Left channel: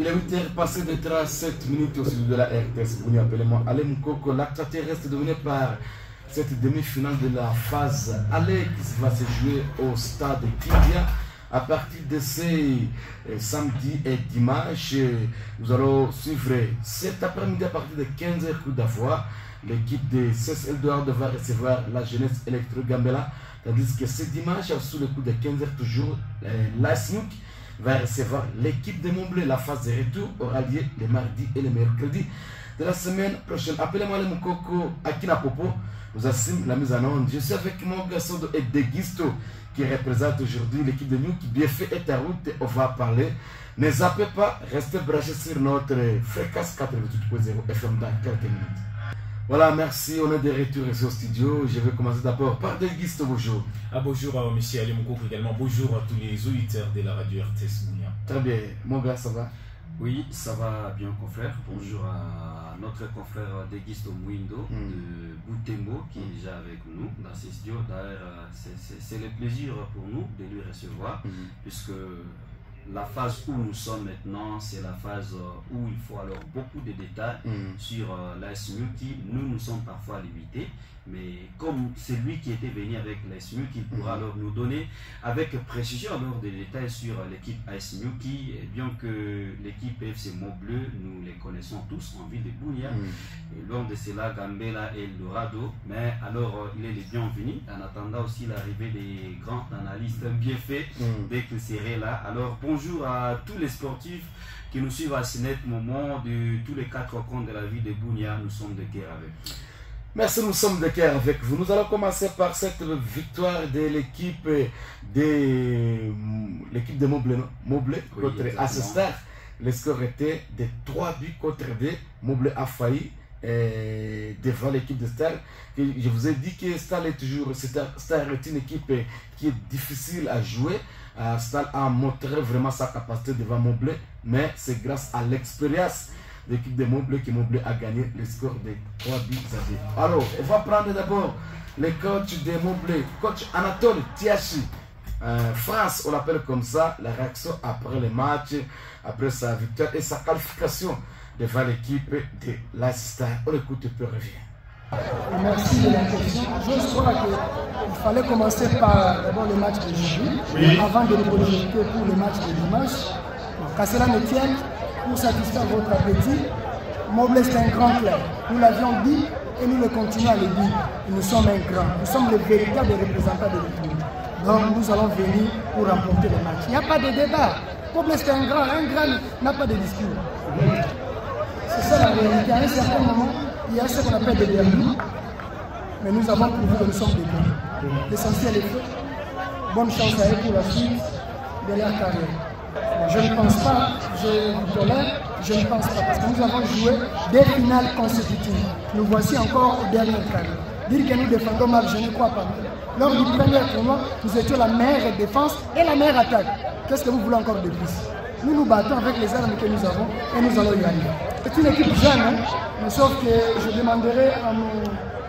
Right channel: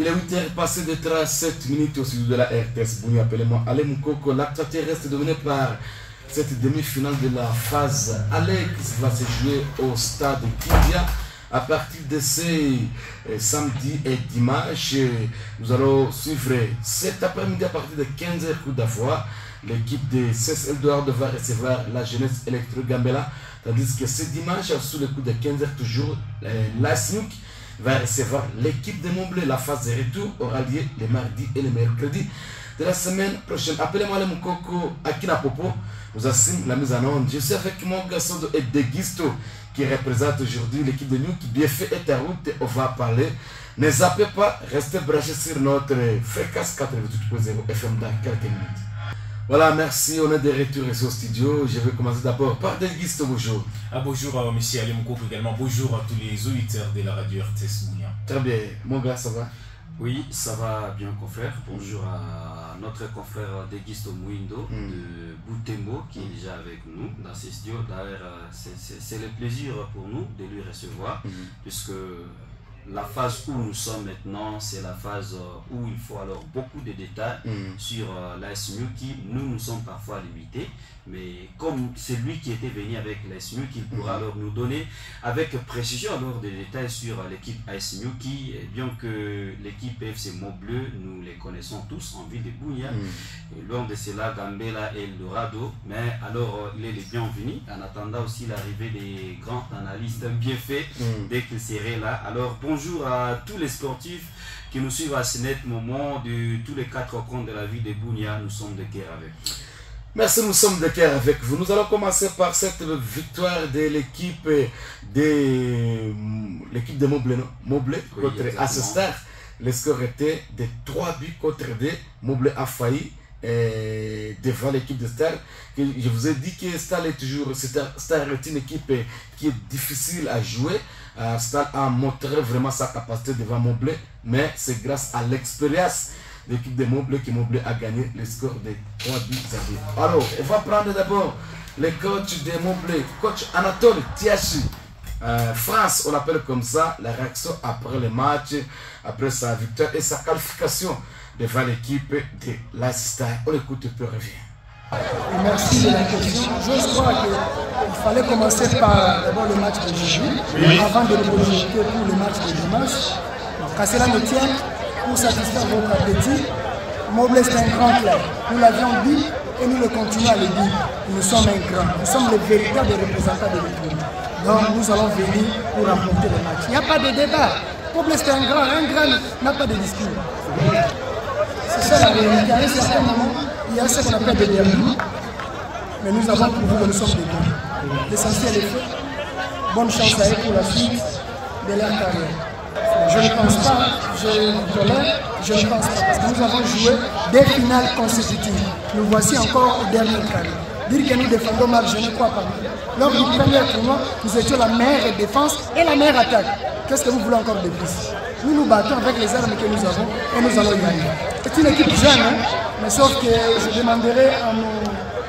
Il est 8h passé de 37 minutes au sud de la RTS. Vous appelez-moi Ale Moukoko. L'acte reste dominé par cette demi-finale de la phase aller qui va se jouer au stade Kindia. À partir de ces samedi et dimanche, nous allons suivre cet après-midi à partir de 15h coup d'avoie. L'équipe de CES Eldorado va recevoir la jeunesse Electro Gambela. Tandis que ce dimanche, sous le coup de 15h toujours, l'ASNUC va recevoir l'équipe de Montblé. La phase de retour aura lieu les mardis et les mercredis de la semaine prochaine. Appelez-moi le Moukoko Akina Popo. Nous assume la mise en onde. Je suis avec mon garçon de Deguisto qui représente aujourd'hui l'équipe de nous qui bien fait est à route. On va parler. Ne zappez pas, restez branchés sur notre fréquence 88.0 FM dans quelques minutes. Voilà, merci, on est de retour ici au studio. Je vais commencer d'abord par Deguisto, bonjour. Bonjour, monsieur Ali Moukoko également. Bonjour à tous les auditeurs de la radio RTS Mounia. Très bien, mon gars, ça va? Oui, ça va bien, confrère. Bonjour à notre confrère Deguisto Mouindo de Boutembo qui est déjà avec nous dans ces studios. D'ailleurs, c'est le plaisir pour nous de lui recevoir puisque la phase où nous sommes maintenant, c'est la phase où il faut alors beaucoup de détails sur l'ASMU qui, nous sommes parfois limités. Mais comme c'est lui qui était venu avec l'ASMU, qu'il pourra alors nous donner avec précision alors des détails sur l'équipe ASMU qui, bien que l'équipe FC Montbleu, nous les connaissons tous en ville de Bounia. Et loin de cela, Gambela et Eldorado. Mais alors, il est le bienvenu en attendant aussi l'arrivée des grands analystes bien faits dès qu'ils seraient là. Alors, bonjour à tous les sportifs qui nous suivent à ce net moment de tous les 4 coins de la ville de Bounia. Nous sommes de cœur avec vous. Merci, nous sommes de cœur avec vous. Nous allons commencer par cette victoire de l'équipe de Montblé contre Assestar. Le score était de 3 buts contre 2. Montblé a failli devant l'équipe de Star. Je vous ai dit que Star est toujours une équipe qui est difficile à jouer. Star a montré vraiment sa capacité devant Montblé, mais c'est grâce à l'expérience l'équipe de Montblé qui a gagné le score de 3 buts à 2. Alors, on va prendre d'abord le coach de Montblé, coach Anatole Tiachi. France, on l'appelle comme ça, la réaction après le match, après sa victoire et sa qualification devant l'équipe de l'Assistar. On écoute et puis on revient. Merci de la question. Je crois qu'il fallait commencer par d'abord le match de jeudi, avant de projeter pour le match de dimanche. Donc, qu'à cela ne tienne, pour satisfaire votre appétit, Montblé c'est un grand club. Nous l'avions dit et nous le continuons à le dire. Nous sommes un grand. Nous sommes les véritables représentants de l'équipe. Donc nous allons venir pour remporter le match. Il n'y a pas de débat. Montblé c'est un grand n'a pas de discours. C'est ça la réalité. À un certain moment, il y a ce qu'on appelle des derbies. Mais nous avons prouvé que nous sommes des grands. L'essentiel est fait. Bonne chance à eux pour la suite de leur carrière. Je ne pense pas, je vous tolère, je ne pense pas, parce que nous avons joué des finales consécutives. Nous voici encore au dernier carré. Dire que nous défendons mal, je ne crois pas. Lors du premier tournoi, nous étions la meilleure défense et la meilleure attaque. Qu'est-ce que vous voulez encore de plus? Nous nous battons avec les armes que nous avons et nous allons y aller. C'est une équipe jeune, mais sauf que je demanderai à mon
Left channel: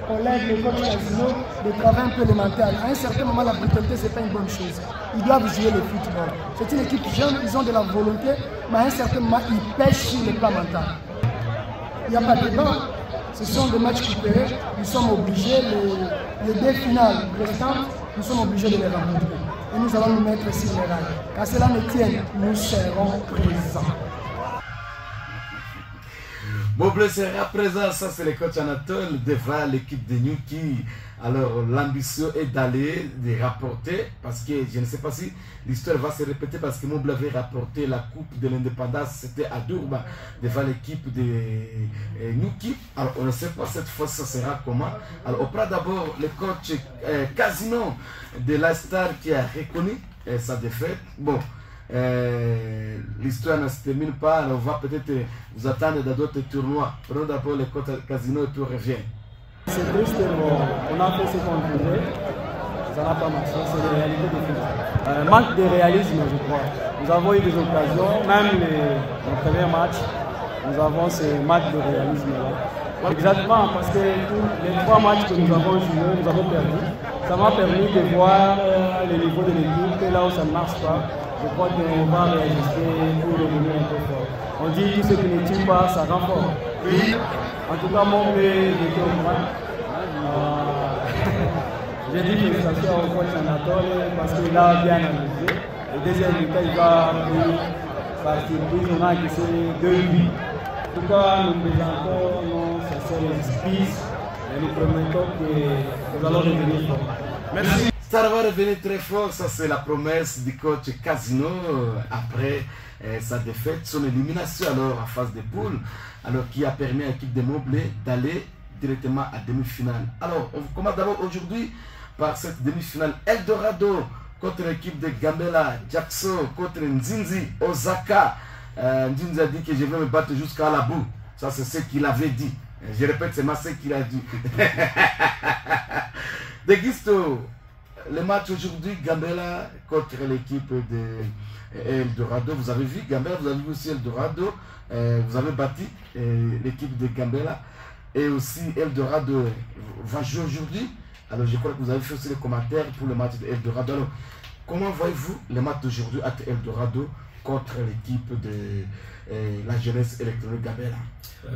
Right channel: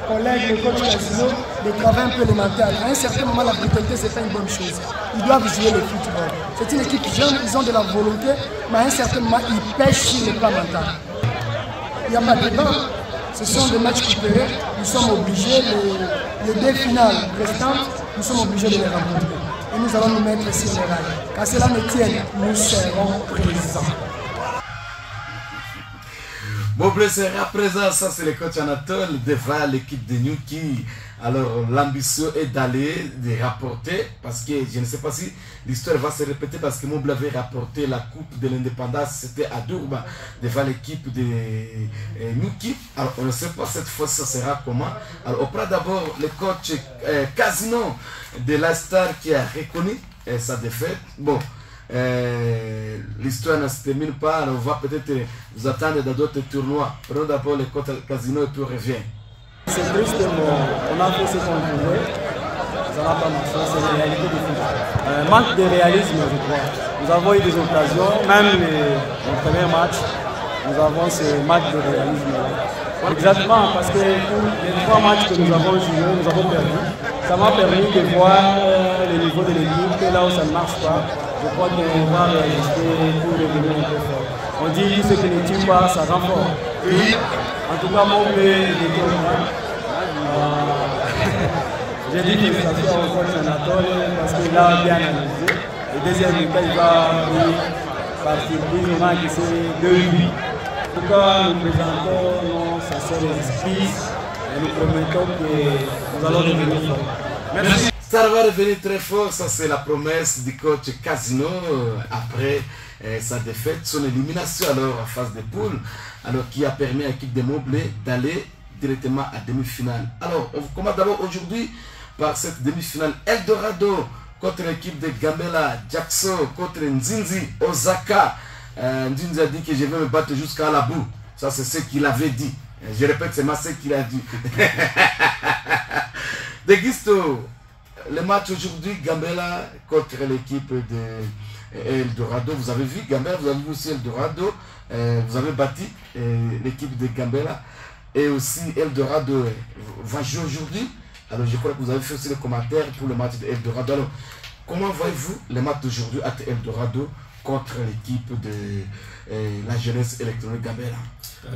collègue, le coach Casino, de travailler un peu le mental. À un certain moment, la brutalité, ce n'est pas une bonne chose. Ils doivent jouer le football. C'est une équipe jeune, ils ont de la volonté, mais à un certain moment, ils pêchent sur le plan mental. Il n'y a pas de débat. Ce sont des matchs coupérés. Nous sommes obligés, les 2 finales restantes, nous sommes obligés de les remporter. Et nous allons nous mettre sur les rails. Qu'à cela ne tienne, nous serons présents. Montblé sera présent, ça c'est le coach Anatole devant l'équipe de New qui, alors l'ambition est d'aller, de rapporter, parce que je ne sais pas si l'histoire va se répéter, parce que Montblé avait rapporté la coupe de l'indépendance, c'était à Durban, devant l'équipe de Nuki. Alors on ne sait pas cette fois ça sera comment. Alors on prend d'abord le coach Casino de la Star qui a reconnu sa défaite. Bon. L'histoire ne se termine pas, on va peut-être vous attendre dans d'autres tournois. Prenons d'abord les cotes Casino et puis on revient. C'est triste, on a fait ce qu'on voulait, ça n'a pas marché, c'est la réalité du football. Manque de réalisme, je crois. Nous avons eu des occasions, même le premier match, nous avons ce manque de réalisme-là. Exactement, parce que pour les 3 matchs que nous avons joués, nous avons perdu. Ça m'a permis de voir le niveau de l'équipe, et là où ça ne marche pas, je crois qu'on va réajuster pour revenir un peu fort. on dit tout ce qui ne tue pas, ça rend fort. En tout cas, mon blé était au courant. J'ai dit félicitations au coach Anatole parce qu'il a bien analysé. Le deuxième week-end, il va par surprise, on a encaissé 2 buts. En tout cas, nous présentons nos sincères excuses et nous promettons que nous allons revenir fort. Merci. Ça va revenir très fort, ça c'est la promesse du coach Casino après sa défaite, son élimination alors en phase de poule, alors qui a permis à l'équipe de Moblé d'aller directement à demi-finale. Alors, on commence d'abord aujourd'hui par cette demi-finale Eldorado contre l'équipe de Gambela, Jackson contre Nzinzi, Osaka. Nzinzi a dit que je vais me battre jusqu'à la boue. Ça c'est ce qu'il avait dit. Je répète, c'est ce qu'il a dit. De Guisto, le match aujourd'hui, Gambela contre l'équipe de Eldorado. Vous avez vu Gambela, vous avez vu aussi Eldorado. Vous avez battu l'équipe de Gambela. Et aussi Eldorado va jouer aujourd'hui. Alors je crois que vous avez fait aussi les commentaires pour le match de Eldorado. Alors comment voyez-vous le match d'aujourd'hui entre Eldorado contre l'équipe de la jeunesse électronique Gambela?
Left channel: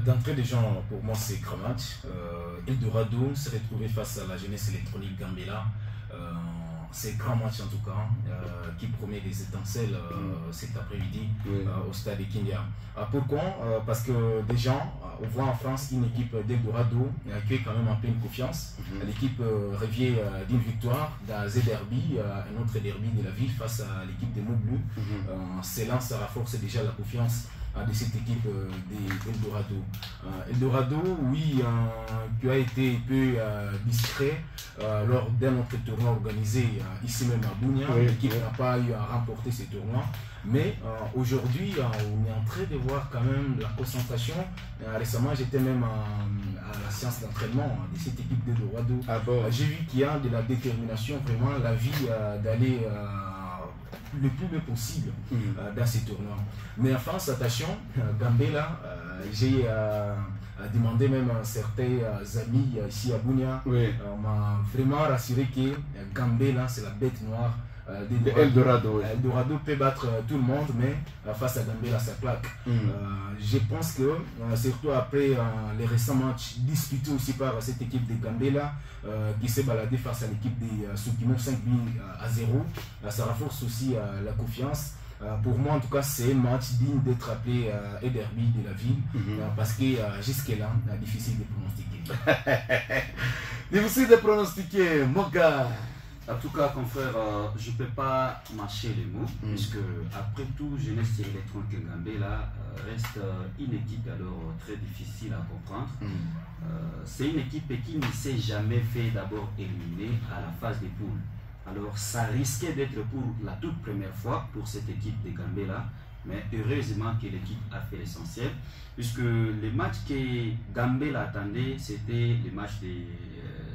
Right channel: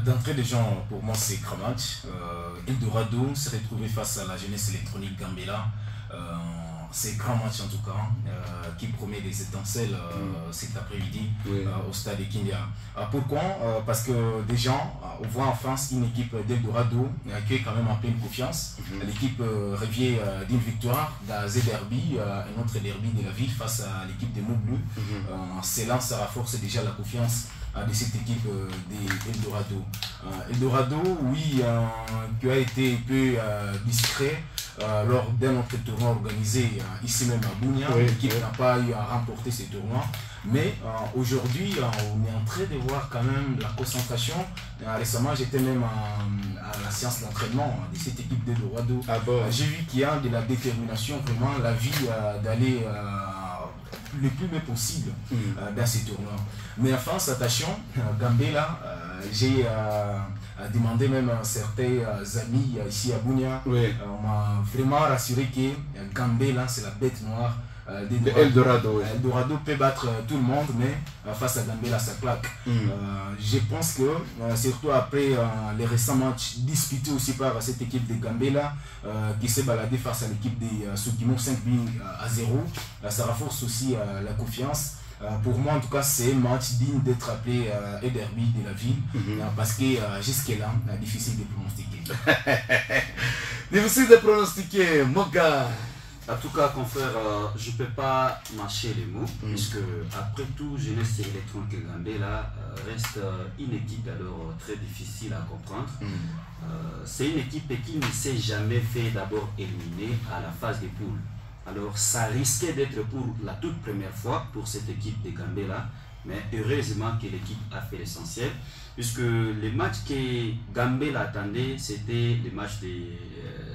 D'entrée des gens, pour moi c'est grand match. Eldorado s'est retrouvé face à la jeunesse électronique Gambela. C'est grand match en tout cas, qui promet des étincelles cet après-midi au stade de Kindia. Pourquoi? Parce que des gens, on voit en face une équipe d'Eldorado qui est quand même en pleine confiance. L'équipe revient d'une victoire dans Z Derby, un autre derby de la ville face à l'équipe de Mobleu. Cela, ça renforce déjà la confiance de cette équipe d'Eldorado. Eldorado, oui, qui a été un peu discret lors d'un autre tournoi organisé ici même à Bunia. L'équipe n'a pas eu à remporter ce tournoi. Mais aujourd'hui, on est en train de voir quand même la concentration. Récemment, j'étais même à la séance d'entraînement de cette équipe d'Eldorado. J'ai vu qu'il y a de la détermination, vraiment la vie d'aller le plus bien possible dans ces tournois. Mais enfin, attention, Gambela, j'ai demandé même à certains amis ici à Bunia, on m'a vraiment rassuré que Gambela c'est la bête noire Eldorado. Eldorado peut battre tout le monde, mais face à Gambela ça claque. Je pense que surtout après les récents matchs disputés aussi par cette équipe de Gambela qui s'est baladée face à l'équipe de Sokimo 5 buts à 0, ça renforce aussi la confiance. Pour moi en tout cas c'est un match digne d'être appelé un derby de la ville parce que jusque-là difficile de pronostiquer. Difficile de pronostiquer, Moga. En tout cas, confrère, je ne peux pas mâcher les mots, puisque après tout, Jeunesse électronique Gambela reste une équipe alors très difficile à comprendre. C'est une équipe qui ne s'est jamais fait d'abord éliminer à la phase des poules. Alors ça risquait d'être pour la toute première fois pour cette équipe de Gambela, mais heureusement que l'équipe a fait l'essentiel, puisque le match que Gambela attendait, c'était le match de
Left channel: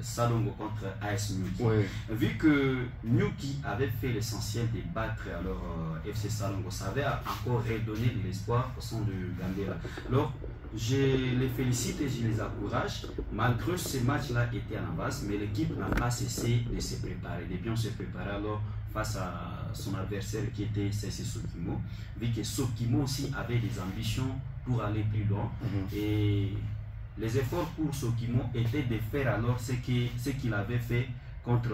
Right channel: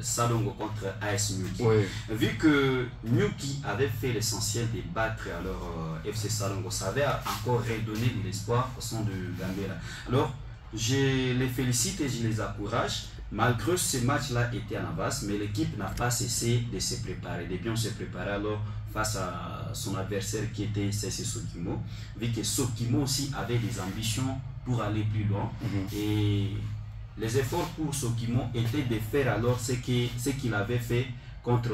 Salongo contre AS Nyuki. Vu que Nyuki avait fait l'essentiel de battre alors FC Salongo, ça avait encore redonné de l'espoir au sein de Gambela. Alors je les félicite et je les encourage. Malgré ce match-là était en avance, mais l'équipe n'a pas cessé de se préparer, de bien se préparer alors face à son adversaire qui était CC Sokimo, vu que Sokimo aussi avait des ambitions pour aller plus loin. Et les efforts pour Sokimo étaient de faire alors ce qu'il avait fait contre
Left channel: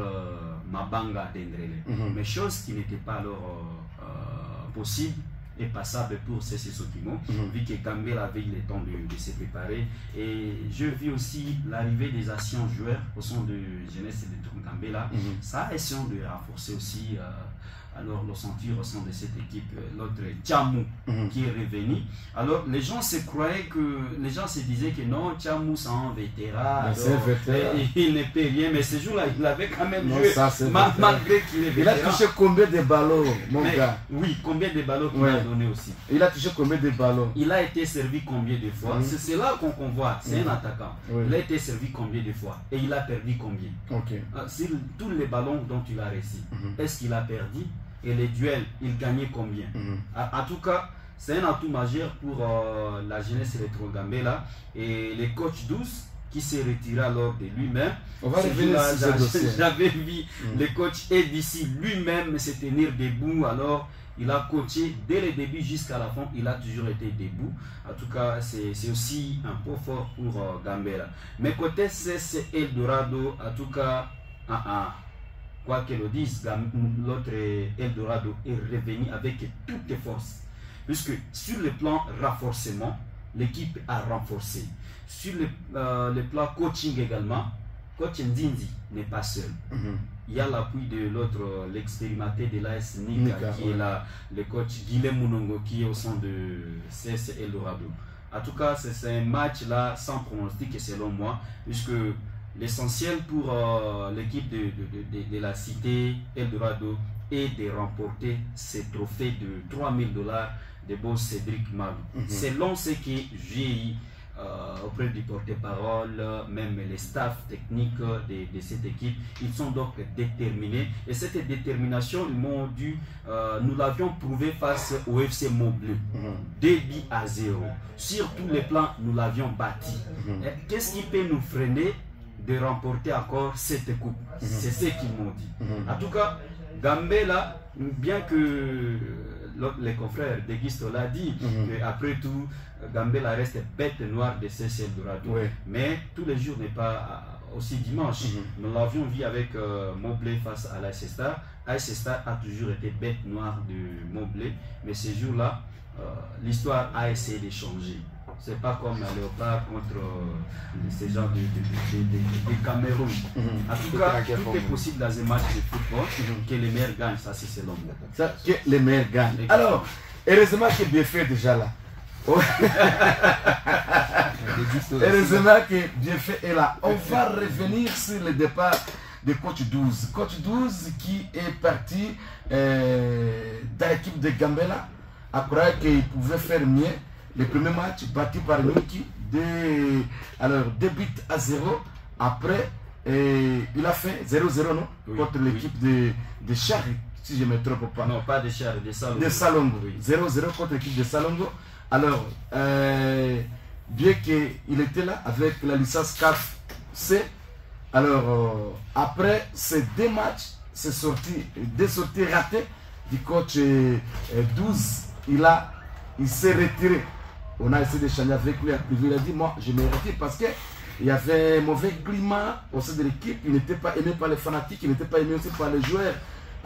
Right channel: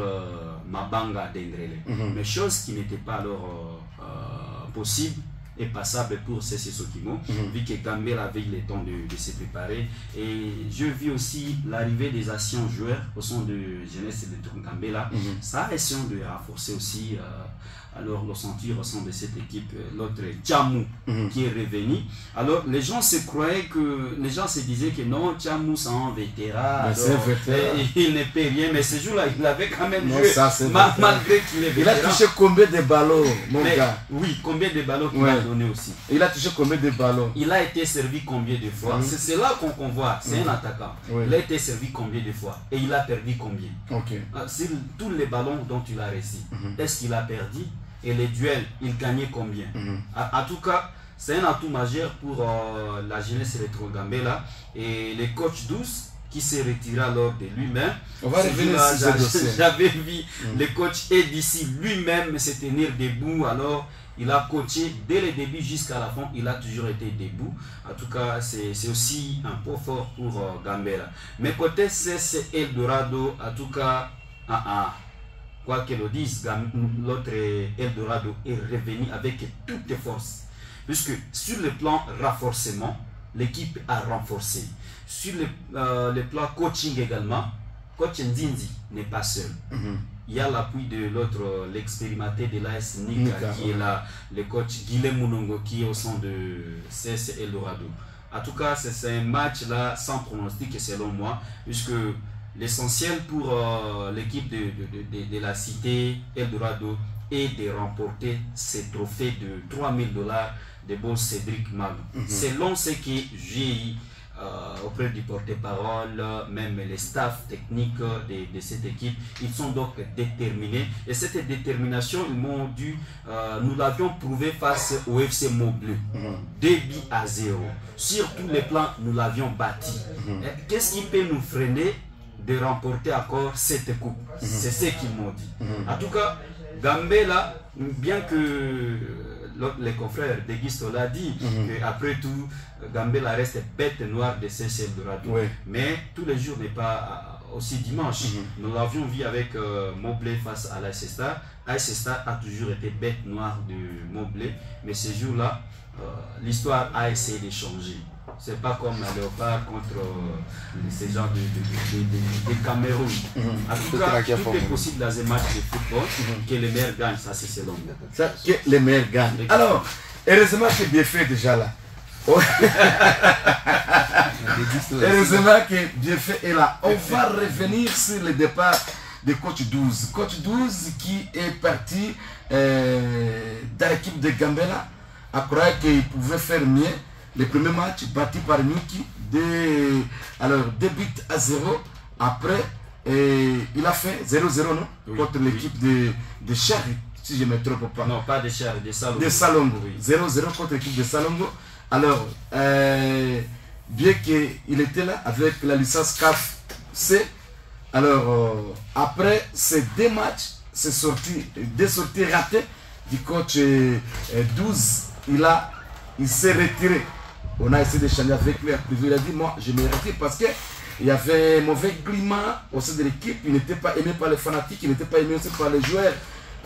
Mabanga d'Endrele. Mais chose qui n'était pas alors possible et passable pour CC Sokimo, vu que Gambela avait eu le temps de se préparer. Et je vis aussi l'arrivée des anciens joueurs au sein de Jeunesse de Gambela. Ça a essayé de renforcer aussi alors le sentir au sein de cette équipe, l'autre Tchamou qui est revenu. Alors les gens se croyaient que, les gens se disaient que non, Tchamou c'est un vétéran, il ne peut rien, mais ce jour-là il avait quand même joué, malgré qu'il est vétéran. Il a touché combien de ballons, mon gars? Oui, combien de ballons qu'il a donné aussi. Il a touché combien de ballons? Il a été servi combien de fois? C'est là qu'on voit, c'est un attaquant. Il a été servi combien de fois et il a perdu combien? Sur tous les ballons dont il a réussi, est-ce qu'il a perdu? Et les duels, il gagnait combien? En tout cas, c'est un atout majeur pour la jeunesse électro Gambela. Et le coach Douce qui s'est retiré alors de lui-même. On va revenir sur ce dossier. J'avais vu le coach Edici lui-même se tenir debout alors il a coaché dès le début jusqu'à la fin, il a toujours été debout. En tout cas, c'est aussi un point fort pour Gambela. Mais côté CS Eldorado, en tout cas, quoi qu'elle le dise, l'autre Eldorado est revenu avec toutes les forces. Puisque sur le plan renforcement, l'équipe a renforcé. Sur le plan coaching également, coach Nzinzi n'est pas seul. Il y a l'appui de l'autre, l'expérimenté de l'AS Nika, qui est là, le coach Guilhem Mounongo, qui est au sein de CS Eldorado. En tout cas, c'est un match là sans pronostic selon moi, puisque l'essentiel pour l'équipe de la cité Eldorado est de remporter ces trophées de $3000 de boss Cédric Mag. Selon ce que j'ai auprès du porte-parole, même les staffs techniques de cette équipe, ils sont donc déterminés. Et cette détermination, ils m'ont dit, nous l'avions prouvé face au FC Montbleu, 2-0. Sur tous les plans, nous l'avions bâti. Qu'est-ce qui peut nous freiner de remporter encore cette coupe? C'est ce qu'ils m'ont dit. En tout cas, Gambela, bien que les confrères de Guisto l'a dit, après tout, Gambela reste bête noire de CS Eldorado. Mais tous les jours n'est pas aussi dimanche. Nous l'avions vu avec Montblé face à l'AS Star. AS Star a toujours été bête noire de Montblé, mais ce jour-là, l'histoire a essayé de changer. C'est pas comme un Léopard contre ces gens de Cameroun. En tout cas, tout est possible dans un match de football, que les meilleurs gagnent, ça c'est selon moi. Ça, que les meilleurs gagnent. Alors, heureusement que bien fait déjà là. Heureusement que bien fait est là. On va revenir sur le départ de coach 12. Coach 12 qui est parti dans l'équipe de Gambela à croire qu'il pouvait faire mieux. Le premier match battu par Nuki, 2-0. Après, il a fait 0-0 non, contre l'équipe de Char, si je ne me trompe pas. Non, pas de Char, de Salongo. De Salongo. 0-0 contre l'équipe de Salongo. Alors, bien qu'il était là avec la licence CAF C, alors après ces deux matchs, deux sorties ratées du coach 12, il s'est retiré. On a essayé d'échanger avec lui, il a dit, moi je me retire parce qu'il y avait un mauvais climat au sein de l'équipe, il n'était pas aimé par les fanatiques, il n'était pas aimé aussi par les joueurs.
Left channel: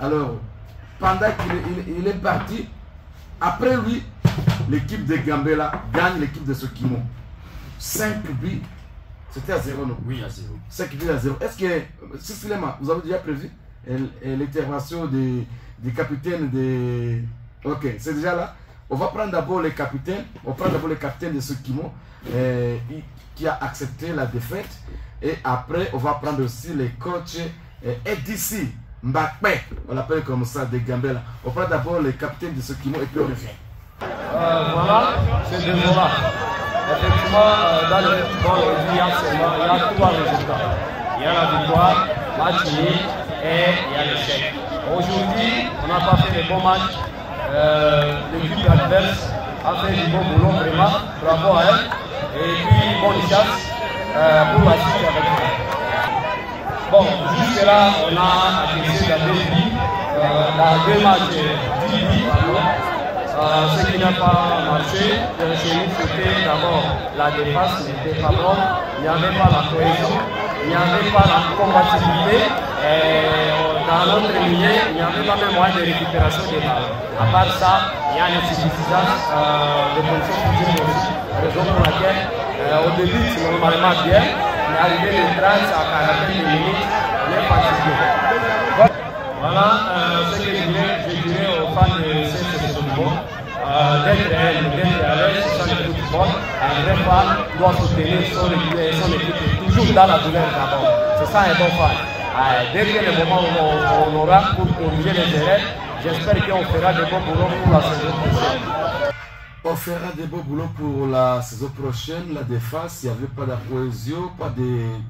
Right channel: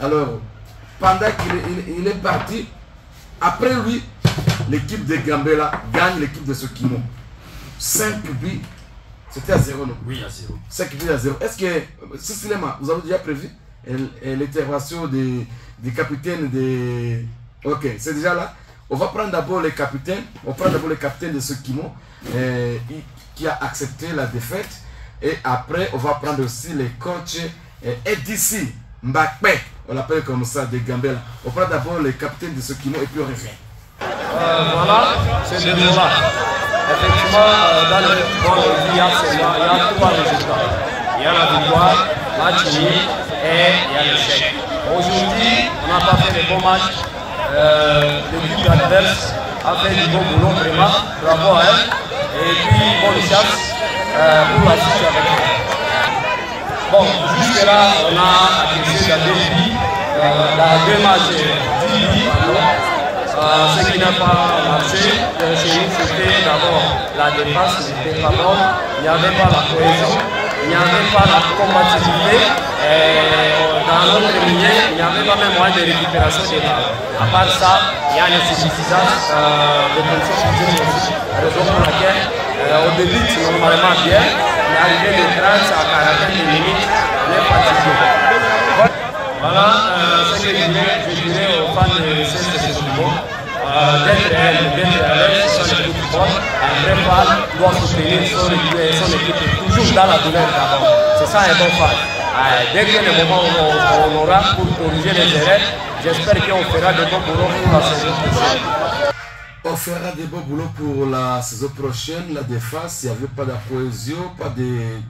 Alors, pendant qu'il est parti, après lui, l'équipe de Gambela gagne l'équipe de Sokimo. 5 buts, c'était à 0, non? Oui, à 0. 5 buts à 0. Est-ce que, Céciléma, vous avez déjà prévu l'intervention du capitaine de... Ok, c'est déjà là. On va prendre d'abord le capitaine. On prend d'abord le capitaine de Sokimo qui a accepté la défaite. Et après, on va prendre aussi le coach Edissi Mbakpe. On l'appelle comme ça, de Gambela. On prend d'abord le capitaine de Sokimo et puis on revient. Voilà, c'est de là. Effectivement, dans le football, il y a 3 résultats. Il y a la victoire, match nul et il y a l'échec. Aujourd'hui, on n'a pas fait de bons matchs. L'équipe adverse a fait du bon boulot, vraiment, bravo à elle. Et puis, bonne chance pour la suite avec nous. Bon, jusque là, on a acquis la défi dans 2 matchs, 10 buts, ce qui n'a pas marché chez nous, c'était d'abord la défense n'était pas bonne, il n'y avait pas la cohésion, il n'y avait pas la combativité. Dans notre milieu, il n'y avait pas même moyen de récupération des balles. À part ça, il y a une insuffisance de conditions physiques aussi. Raison pour laquelle on débute normalement bien, mais arrivé de 30 à 40 minutes, on est fatigué. Voilà ce que je dirais aux fans de ce football. D'être à l'aise sur le football, un vrai fan doit soutenir son équipe toujours dans la douleur d'abord. C'est ça un bon fan. Dès que le moment où on aura pour corriger les erreurs, j'espère qu'on fera de bons boulots pour la saison prochaine. On fera de bons boulots pour la saison prochaine. La défense, il n'y avait pas de cohésion, pas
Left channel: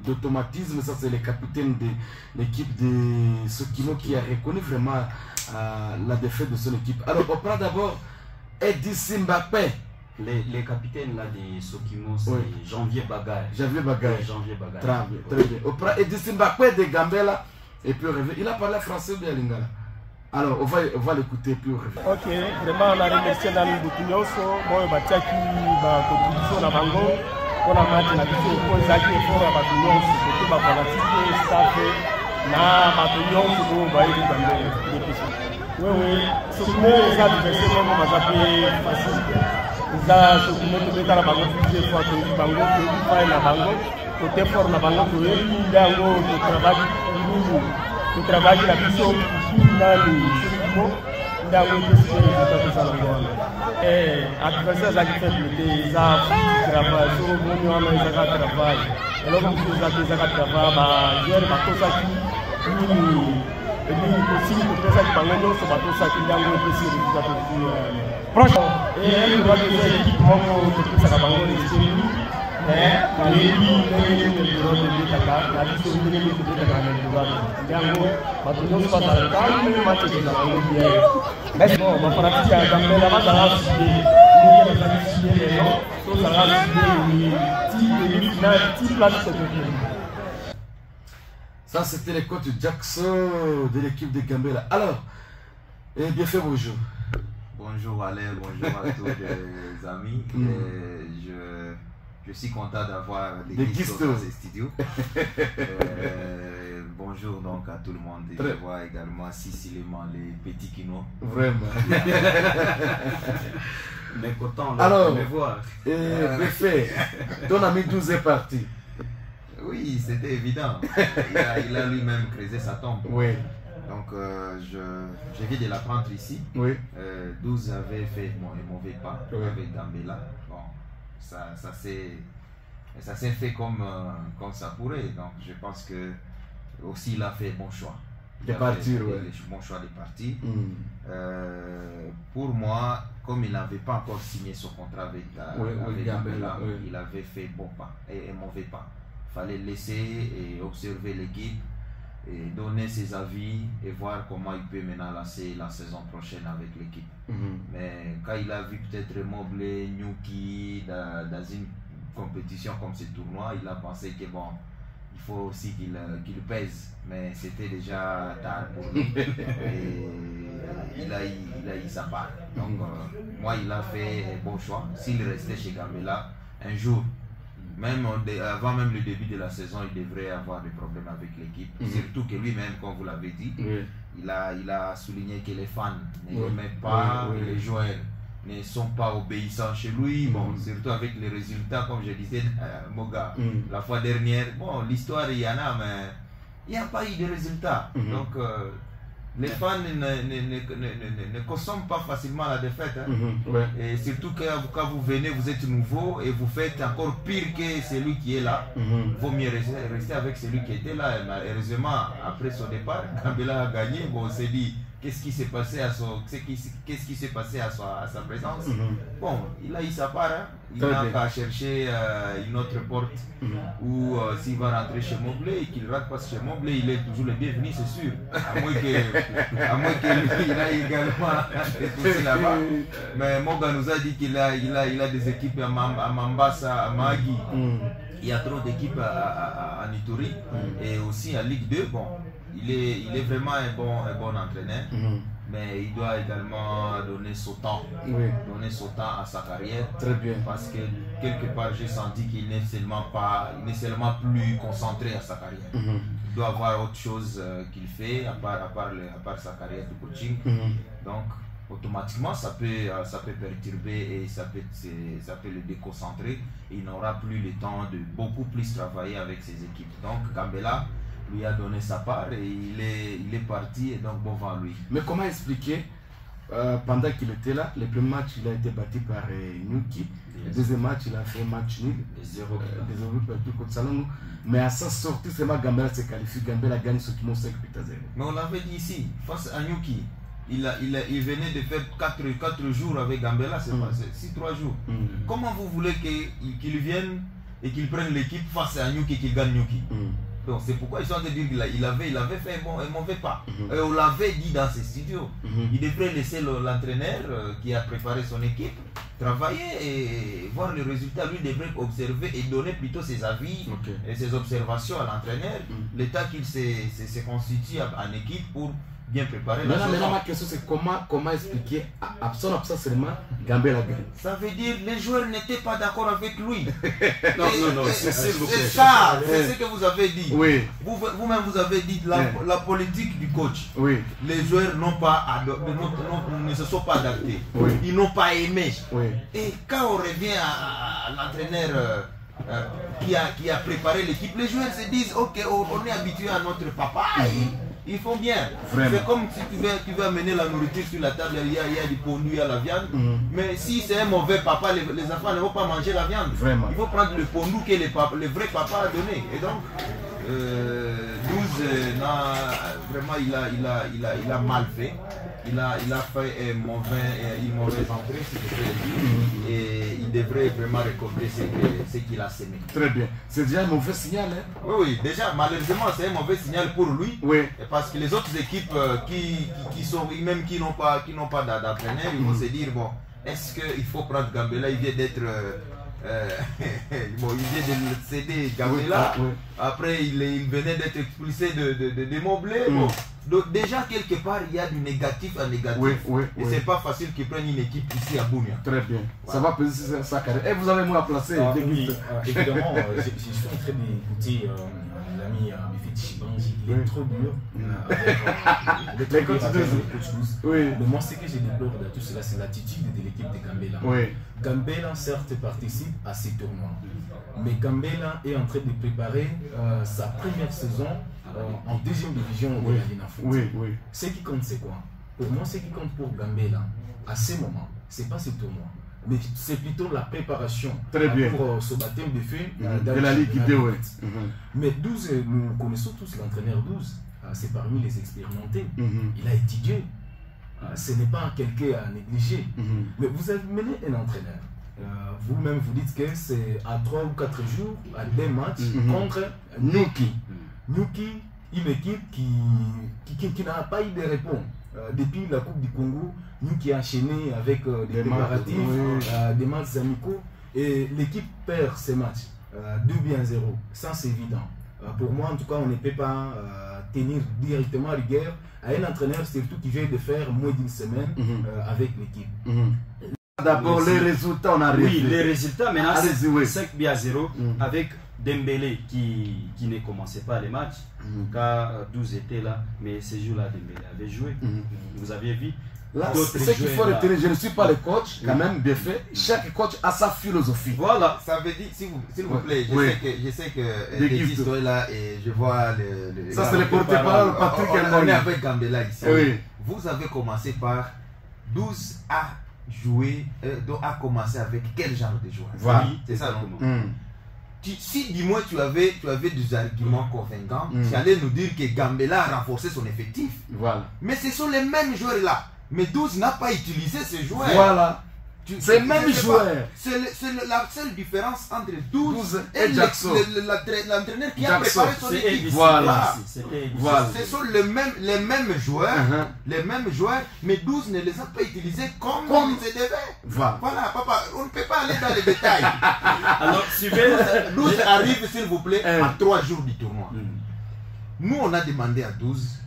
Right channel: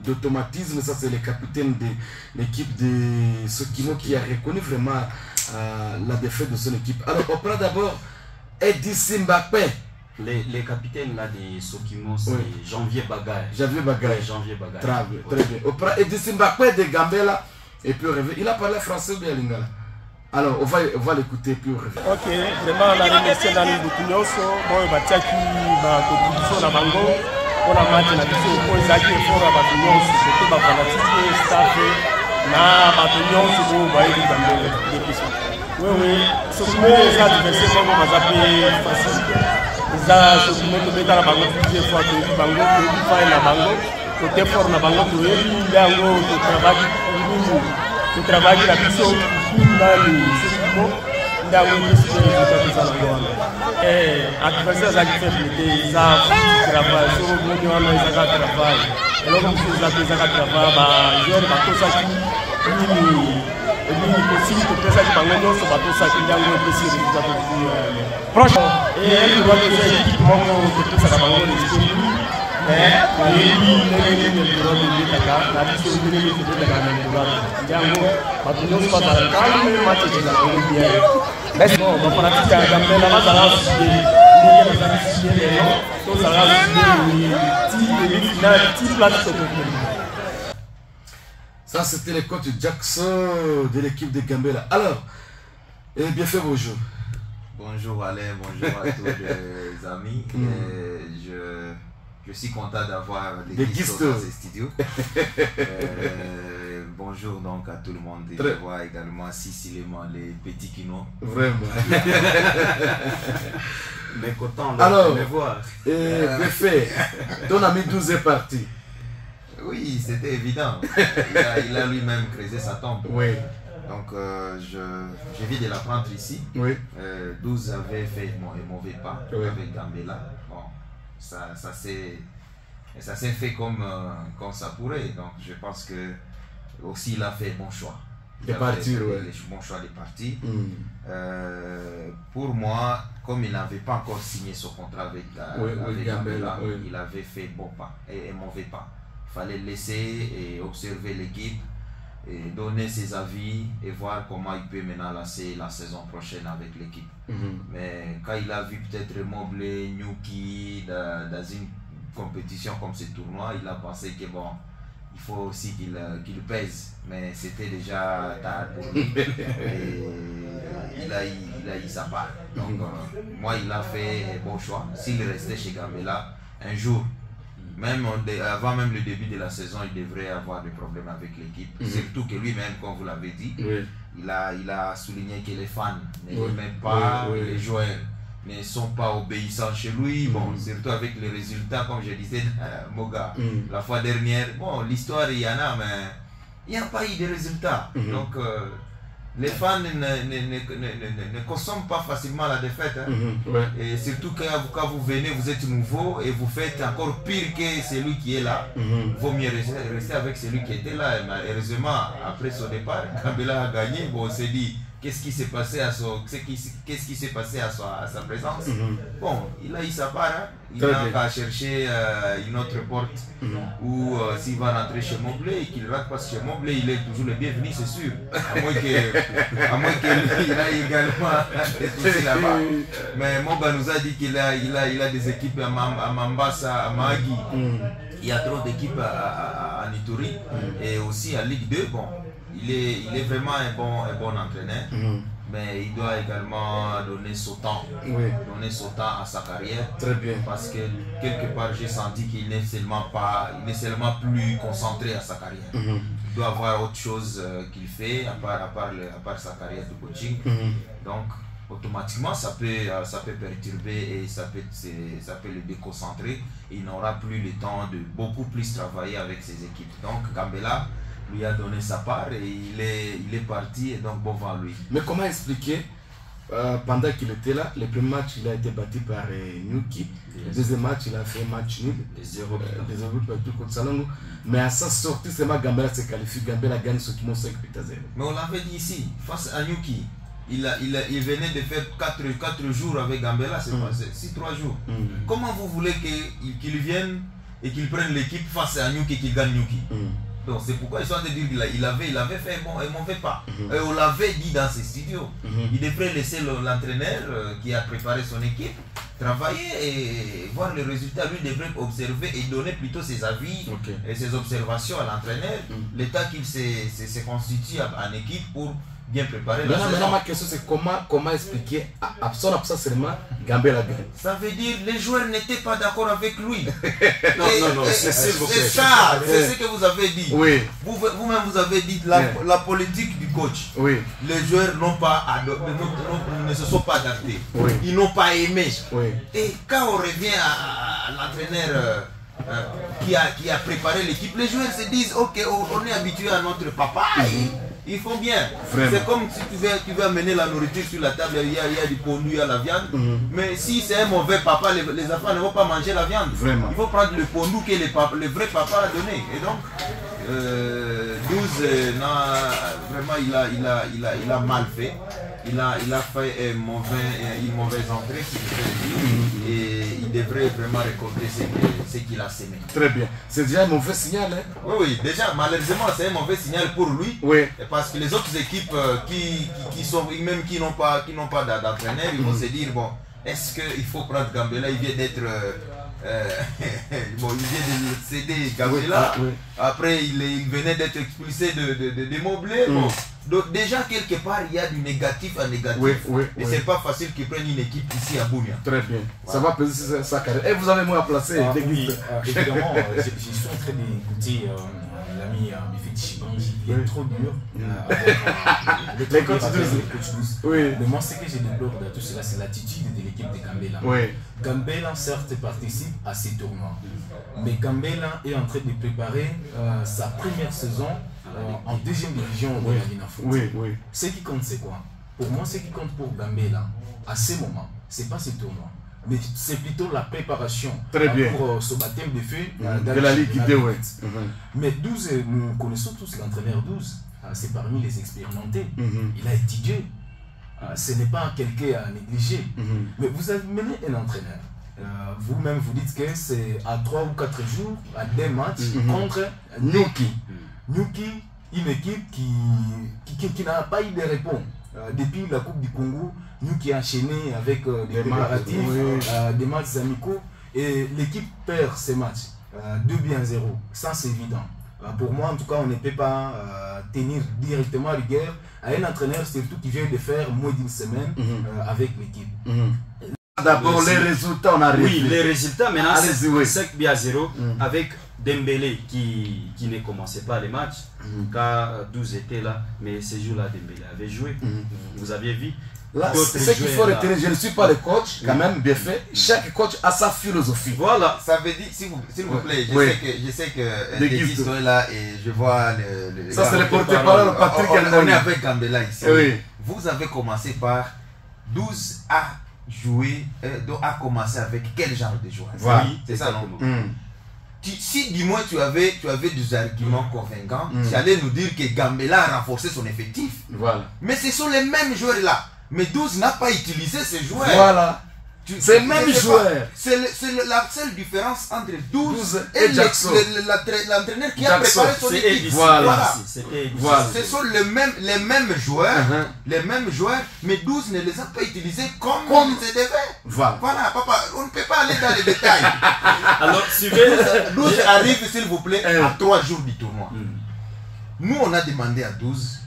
d'automatisme. Ça, c'est le capitaine de l'équipe de Sokimo qui a reconnu vraiment la défaite de son équipe. Alors, on prend d'abord Edissi Mbakpe. Les capitaines là de Sokimo, c'est Janvier Bagaille. Janvier Bagaille. Janvier Bagaille. Très bien, très bien. On prend Edissi Mbakpe de Gambela et puis on revient. Il a parlé français ou bien lingala? Alors, on va l'écouter puis on revient. Ok, vraiment, on a remercié dans le Boutignoso, bon, Batiaki, ma contribution à Bango, on a match na biso, pour Zaki et Fora Boutignoso, surtout ma fanatique, staff, na Boutignoso, pour Baïdi Gambel, des pistes. Oui, ce qui est adversaire, on va zapper facile. Ce qui est mettre la Bango plusieurs fois, tu es Bango, tu es faire la Bango, côté fort na Bango, tu es Bango, tu travailles la biso. Adversaire a faiblité, ils ont travail, sur le monde, ils ont travail. Et là, comme ils ont travail, ils ont bateau saki, ils possible de faire ça qui bango sur bateau saki, ils ont aussi résultat de proche. Et elle doit faire équipe mongo de tout ça la bango de l'esprit. Mais il est droit de l'état, la vie sur le niveau de l'état Django, Batunos pas dans le calme, mais match de la bien. Mais bon, on va pratiquer à Gambela, on va ça c'était le coach Jackson de l'équipe de Gambela. Alors, bien fait bonjour. Bonjour Alain, bonjour à tous les amis. Je suis content d'avoir des guistos dans ces studios. Bonjour donc à tout le monde. Et je vois également Sicilement les petits Kino. Vraiment. Mais content de me voir. Bien fait. Ton ami 12 est parti. Oui, c'était évident. Il a lui-même creusé sa tombe. Oui. Donc je viens de l'apprendre ici. Oui. 12 avait fait un mauvais pas avec Gambela. Bon. Ça s'est fait comme ça pourrait. Donc je pense que aussi il a fait bon choix. De partir, bon choix de partir. Pour moi, comme il n'avait pas encore signé son contrat avec Gambela, il avait fait bon pas et mauvais pas. Il fallait laisser et observer l'équipe et donner ses avis et voir comment il peut maintenant lancer la saison prochaine avec l'équipe. Mais quand il a vu peut-être Mobley, Nyuki dans une compétition comme ce tournoi, il a pensé que bon, il faut aussi qu'il pèse, mais c'était déjà tard pour lui. Et il a eu sa part. Donc moi il a fait un bon choix. S'il restait chez Gambela, un jour, même avant même le début de la saison, il devrait avoir des problèmes avec l'équipe. Surtout que lui-même, comme vous l'avez dit, il a souligné que les fans n'aiment pas, les joueurs ne sont pas obéissants chez lui. Bon, surtout avec les résultats, comme je disais, Moga, la fois dernière. Bon, l'histoire, il y en a, mais il n'y a pas eu de résultats. Donc, les fans ne consomment pas facilement la défaite. Et surtout quand vous venez, vous êtes nouveau et vous faites encore pire que celui qui est là. Il vaut mieux rester avec celui qui était là. Mais heureusement, après son départ, Gambela a gagné. Bon, on s'est dit, qu'est-ce qui s'est passé à sa présence. Bon, il a eu sa part. Il n'a qu'à chercher une autre porte ou s'il va rentrer chez Mobley et qu'il rate parce que chez Mobley, il est toujours le bienvenu, c'est sûr. À moins que lui, il a également des soucis là-bas. Mais Moga nous a dit qu'il a des équipes à Mambasa, à Mahagi. Il y a trop d'équipes à Ituri et aussi à Ligue 2. Bon, il est vraiment un bon entraîneur. Mais il doit également donner son temps, à sa carrière. Très bien. Parce que quelque part, j'ai senti qu'il n'est seulement plus concentré à sa carrière. Il doit avoir autre chose qu'il fait à part sa carrière de coaching. Donc, automatiquement, ça peut perturber et ça peut le déconcentrer. Il n'aura plus le temps de beaucoup plus travailler avec ses équipes. Donc, Gambela lui a donné sa part et il est parti et donc bon vent lui. Mais comment expliquer pendant qu'il était là, le premier match il a été battu par Nyuki, le deuxième match il a fait un match nul, des 0 partout contre Salongo, mais à sa sortie seulement Gambela se qualifie, Gambela gagne ce qui monte 5 buts à 0. Mais on l'avait dit ici, face à Nyuki, il venait de faire 4 jours avec Gambela, c'est 3 jours. Comment vous voulez qu'il vienne et qu'il prenne l'équipe face à Nyuki et qu'il gagne Nyuki? Donc c'est pourquoi ils sont en train de dire qu'il avait fait un mauvais pas. Et on l'avait dit dans ses studios. Il devrait laisser l'entraîneur qui a préparé son équipe travailler et voir le résultat. Lui devrait observer et donner plutôt ses avis et ses observations à l'entraîneur. Le temps qu'il se constitue en équipe pour bien préparé. Maintenant, ma question c'est comment expliquer à son absence seulement Gambela gagne. Ça veut dire les joueurs n'étaient pas d'accord avec lui. Non, c'est ça, c'est ce que vous avez dit. Oui. Vous-même vous avez dit la politique du coach. Oui. Les joueurs ne se sont pas adaptés. Oui. Ils n'ont pas aimé. Oui. Et quand on revient à l'entraîneur qui a préparé l'équipe, les joueurs se disent ok, on est habitué à notre papa. Ils font bien. C'est comme si tu veux amener la nourriture sur la table, il y a du pondu, il y a la viande. Mais si c'est un mauvais papa, les enfants ne vont pas manger la viande. Vraiment. Il faut prendre le pondu que le vrai papa a donné. Et donc, 12, vraiment, il a mal fait. Il a fait une mauvaise entrée, si je peux le dire. Et il devrait vraiment récolter ce qu'il a semé. Très bien. C'est déjà un mauvais signal. Hein? Oui, déjà, malheureusement, c'est un mauvais signal pour lui. Oui. Parce que les autres équipes qui n'ont pas d'entraîneur, ils vont se dire, bon, est-ce qu'il faut prendre Gambela? Il vient d'être... il vient de céder Gambela. Oui. Après, il venait d'être expulsé de Mobley. Bon. Donc déjà, quelque part, il y a du négatif à négatif. Et c'est pas facile qu'ils prennent une équipe ici à Bunia. Très bien. Ça va peser sur sa carrière. Et vous avez moins à placer. Oui, évidemment, je suis en train d'écouter l'ami Bifeti Chibanji. Il est trop dur avec les coachs 12. Oui. Mais moi, ce que je déplore de tout cela, c'est l'attitude de l'équipe de Gambela. Oui. Gambela, certes, participe à ces tournois. Mais Gambela est en train de préparer sa première saison en deuxième division de la Lina Foot. Oui. Ce qui compte, c'est quoi? Pour moi, ce qui compte pour Gambela, à ce moment, ce n'est pas ce tournoi, mais c'est plutôt la préparation pour ce baptême de feu de la Ligue 2. Mais 12, nous connaissons tous l'entraîneur 12, c'est parmi les expérimentés. Il a étudié. Ce n'est pas quelqu'un à négliger. Mais vous avez mené un entraîneur. Vous-même, vous dites que c'est à 3 ou 4 jours, à des matchs contre Nyuki. Nyuki, une équipe qui n'a pas eu de réponse. Depuis la Coupe du Congo, Nyuki a enchaîné avec des préparatifs, des matchs amicaux, et l'équipe perd ces matchs 2-0. Ça, c'est évident. Pour moi, en tout cas, on ne peut pas tenir directement rigueur à un entraîneur, surtout qui vient de faire moins d'une semaine avec l'équipe. D'abord, les résultats, on arrive. Oui, les résultats, maintenant, c'est 5-0 avec Dembélé qui ne commençait pas les matchs, car 12 était là, mais ce jour-là, Dembélé avait joué. Vous aviez vu. Là, ce qu'il faut retenir, je ne suis pas le coach, quand même, bien fait. Chaque coach a sa philosophie. Voilà, ça veut dire, s'il vous plaît, je sais que Deguisto est là et je vois le ça, c'est le porte-parole Patrick. On est avec Gambela ici. Vous avez commencé par 12 à jouer, à commencer avec quel genre de joueur? Voilà. C'est ça, non? Si du moins tu avais des arguments convaincants, tu allais nous dire que Gambela a renforcé son effectif. Voilà. Mais ce sont les mêmes joueurs là. Mais 12 n'a pas utilisé ces joueurs. Voilà. C'est le même joueur. C'est la seule différence entre 12 et Jackson. L'entraîneur qui a préparé son équipe. Voilà. Ce sont les mêmes joueurs, mais 12 ne les a pas utilisés comme ils se devaient. Voilà, papa, on ne peut pas aller dans les détails. Alors, suivez. 12 arrive, s'il vous plaît, à 3 jours du tournoi. Nous, on a demandé à 12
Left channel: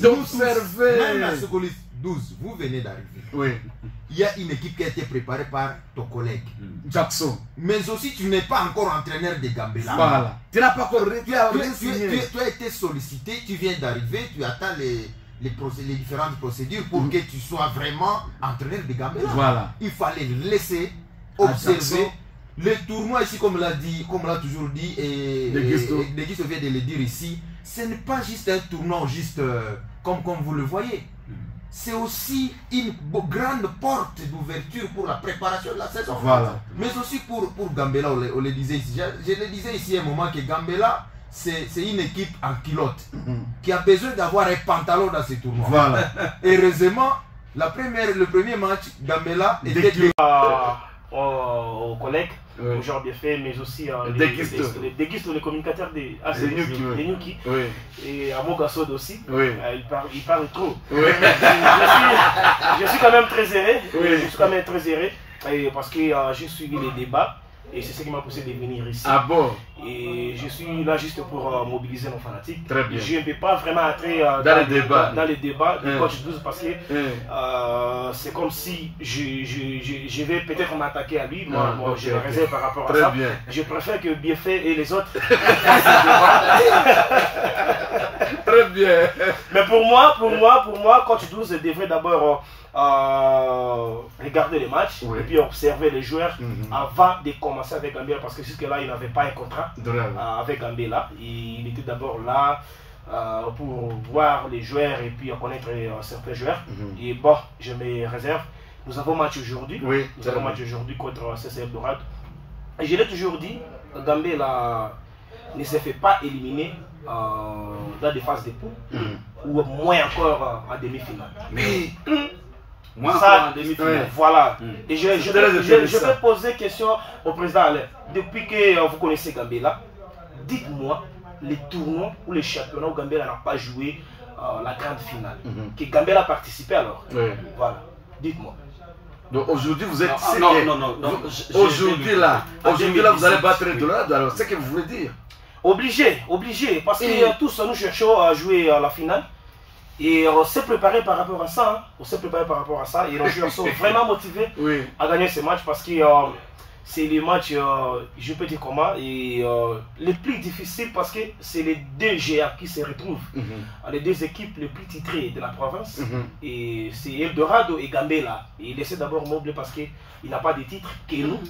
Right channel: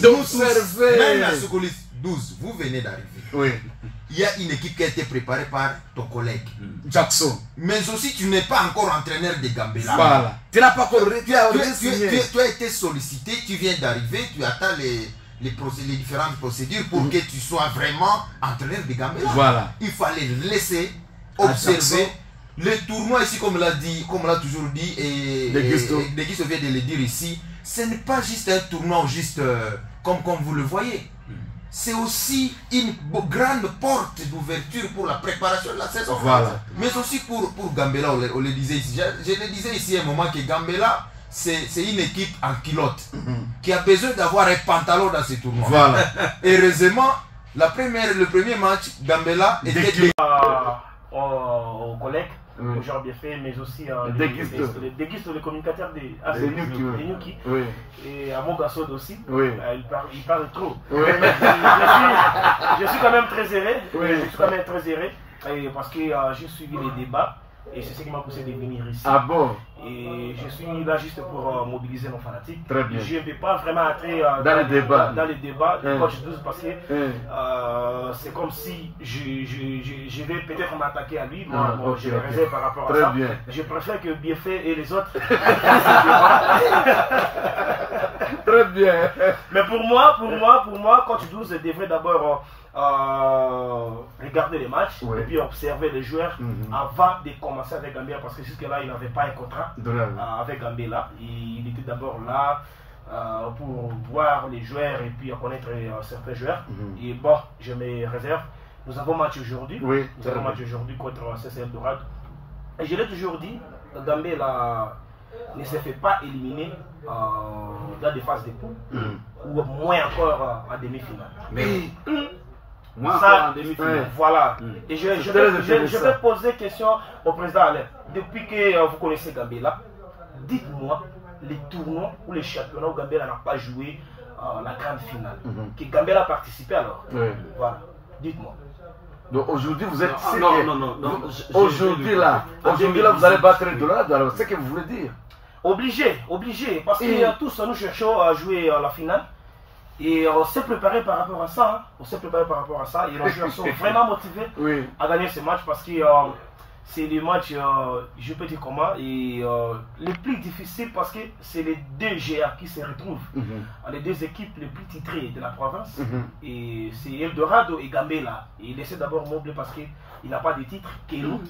d'observer. Même la secouriste 12, vous venez d'arriver. Oui. Il y a une équipe qui a été préparée par ton collègue Jackson. Mais aussi, tu n'es pas encore entraîneur de Gambela. Voilà. Tu n'as pas encore tu as été sollicité, tu viens d'arriver, tu attends les différentes procédures pour que tu sois vraiment entraîneur de Gambela. Voilà. Il fallait laisser observer le tournoi ici, comme l'a toujours dit, et Deguisto vient de le dire ici. Ce n'est pas juste un tournoi juste comme vous le voyez. C'est aussi une grande porte d'ouverture pour la préparation de la saison. Voilà. Mais aussi pour Gambela, on le disait ici. Je le disais ici à un moment que Gambela, c'est une équipe en culotte qui a besoin d'avoir un pantalon dans ce tournoi. Voilà. Heureusement, le premier match, Gambela était aux collègues, aux joueurs bien faits, mais aussi Deguisto, le communicateur des Nyuki, et à Mogasod aussi. Il parle trop. Je suis quand même très erré. Parce que j'ai suivi les débats. Et c'est ce qui m'a poussé de venir ici. Ah bon? Et je suis là juste pour mobiliser nos fanatiques. Très bien. Je ne vais pas vraiment entrer dans les débats. Dans les débats du coach 12 parce que c'est comme si je vais peut-être m'attaquer à lui. Moi, je me réserve par rapport à ça. Bien. Je préfère que Biefait et les autres. Très bien. Mais pour moi, coach 12 devrait d'abord regarder les matchs et puis observer les joueurs avant de commencer avec Gambela parce que jusque-là il n'avait pas un contrat avec Gambela. Il était d'abord là pour voir les joueurs et puis connaître certains joueurs. Et bon, je me réserve. Nous avons match aujourd'hui. Nous avons match aujourd'hui contre CC Eldorado. Et je l'ai toujours dit, Gambela ne s'est fait pas éliminer dans des phases de poule ou moins encore en demi-finale. Mais moi, en demi-finale. Voilà. Et je vais poser question au président Alain. Depuis que vous connaissez Gambela, dites-moi les tournois ou les championnats où Gambela n'a pas joué la grande finale. Que Gambela a participé alors. Voilà. Dites-moi. Donc aujourd'hui vous êtes... Non. Aujourd'hui là, vous allez battre Eldorado. Alors c'est ce que vous voulez dire? Obligé. Parce que tous nous cherchons à jouer à la finale. Et on s'est préparé par rapport à ça. Et les joueurs sont vraiment motivés à gagner ce match parce que c'est les matchs, je peux dire comment, et les plus difficiles parce que c'est les deux GA qui se retrouvent. Les deux équipes les plus titrées de la province. Et c'est Eldorado et Gambela. Et il essaie d'abord Moblé parce qu'il n'a pas de titre que nous.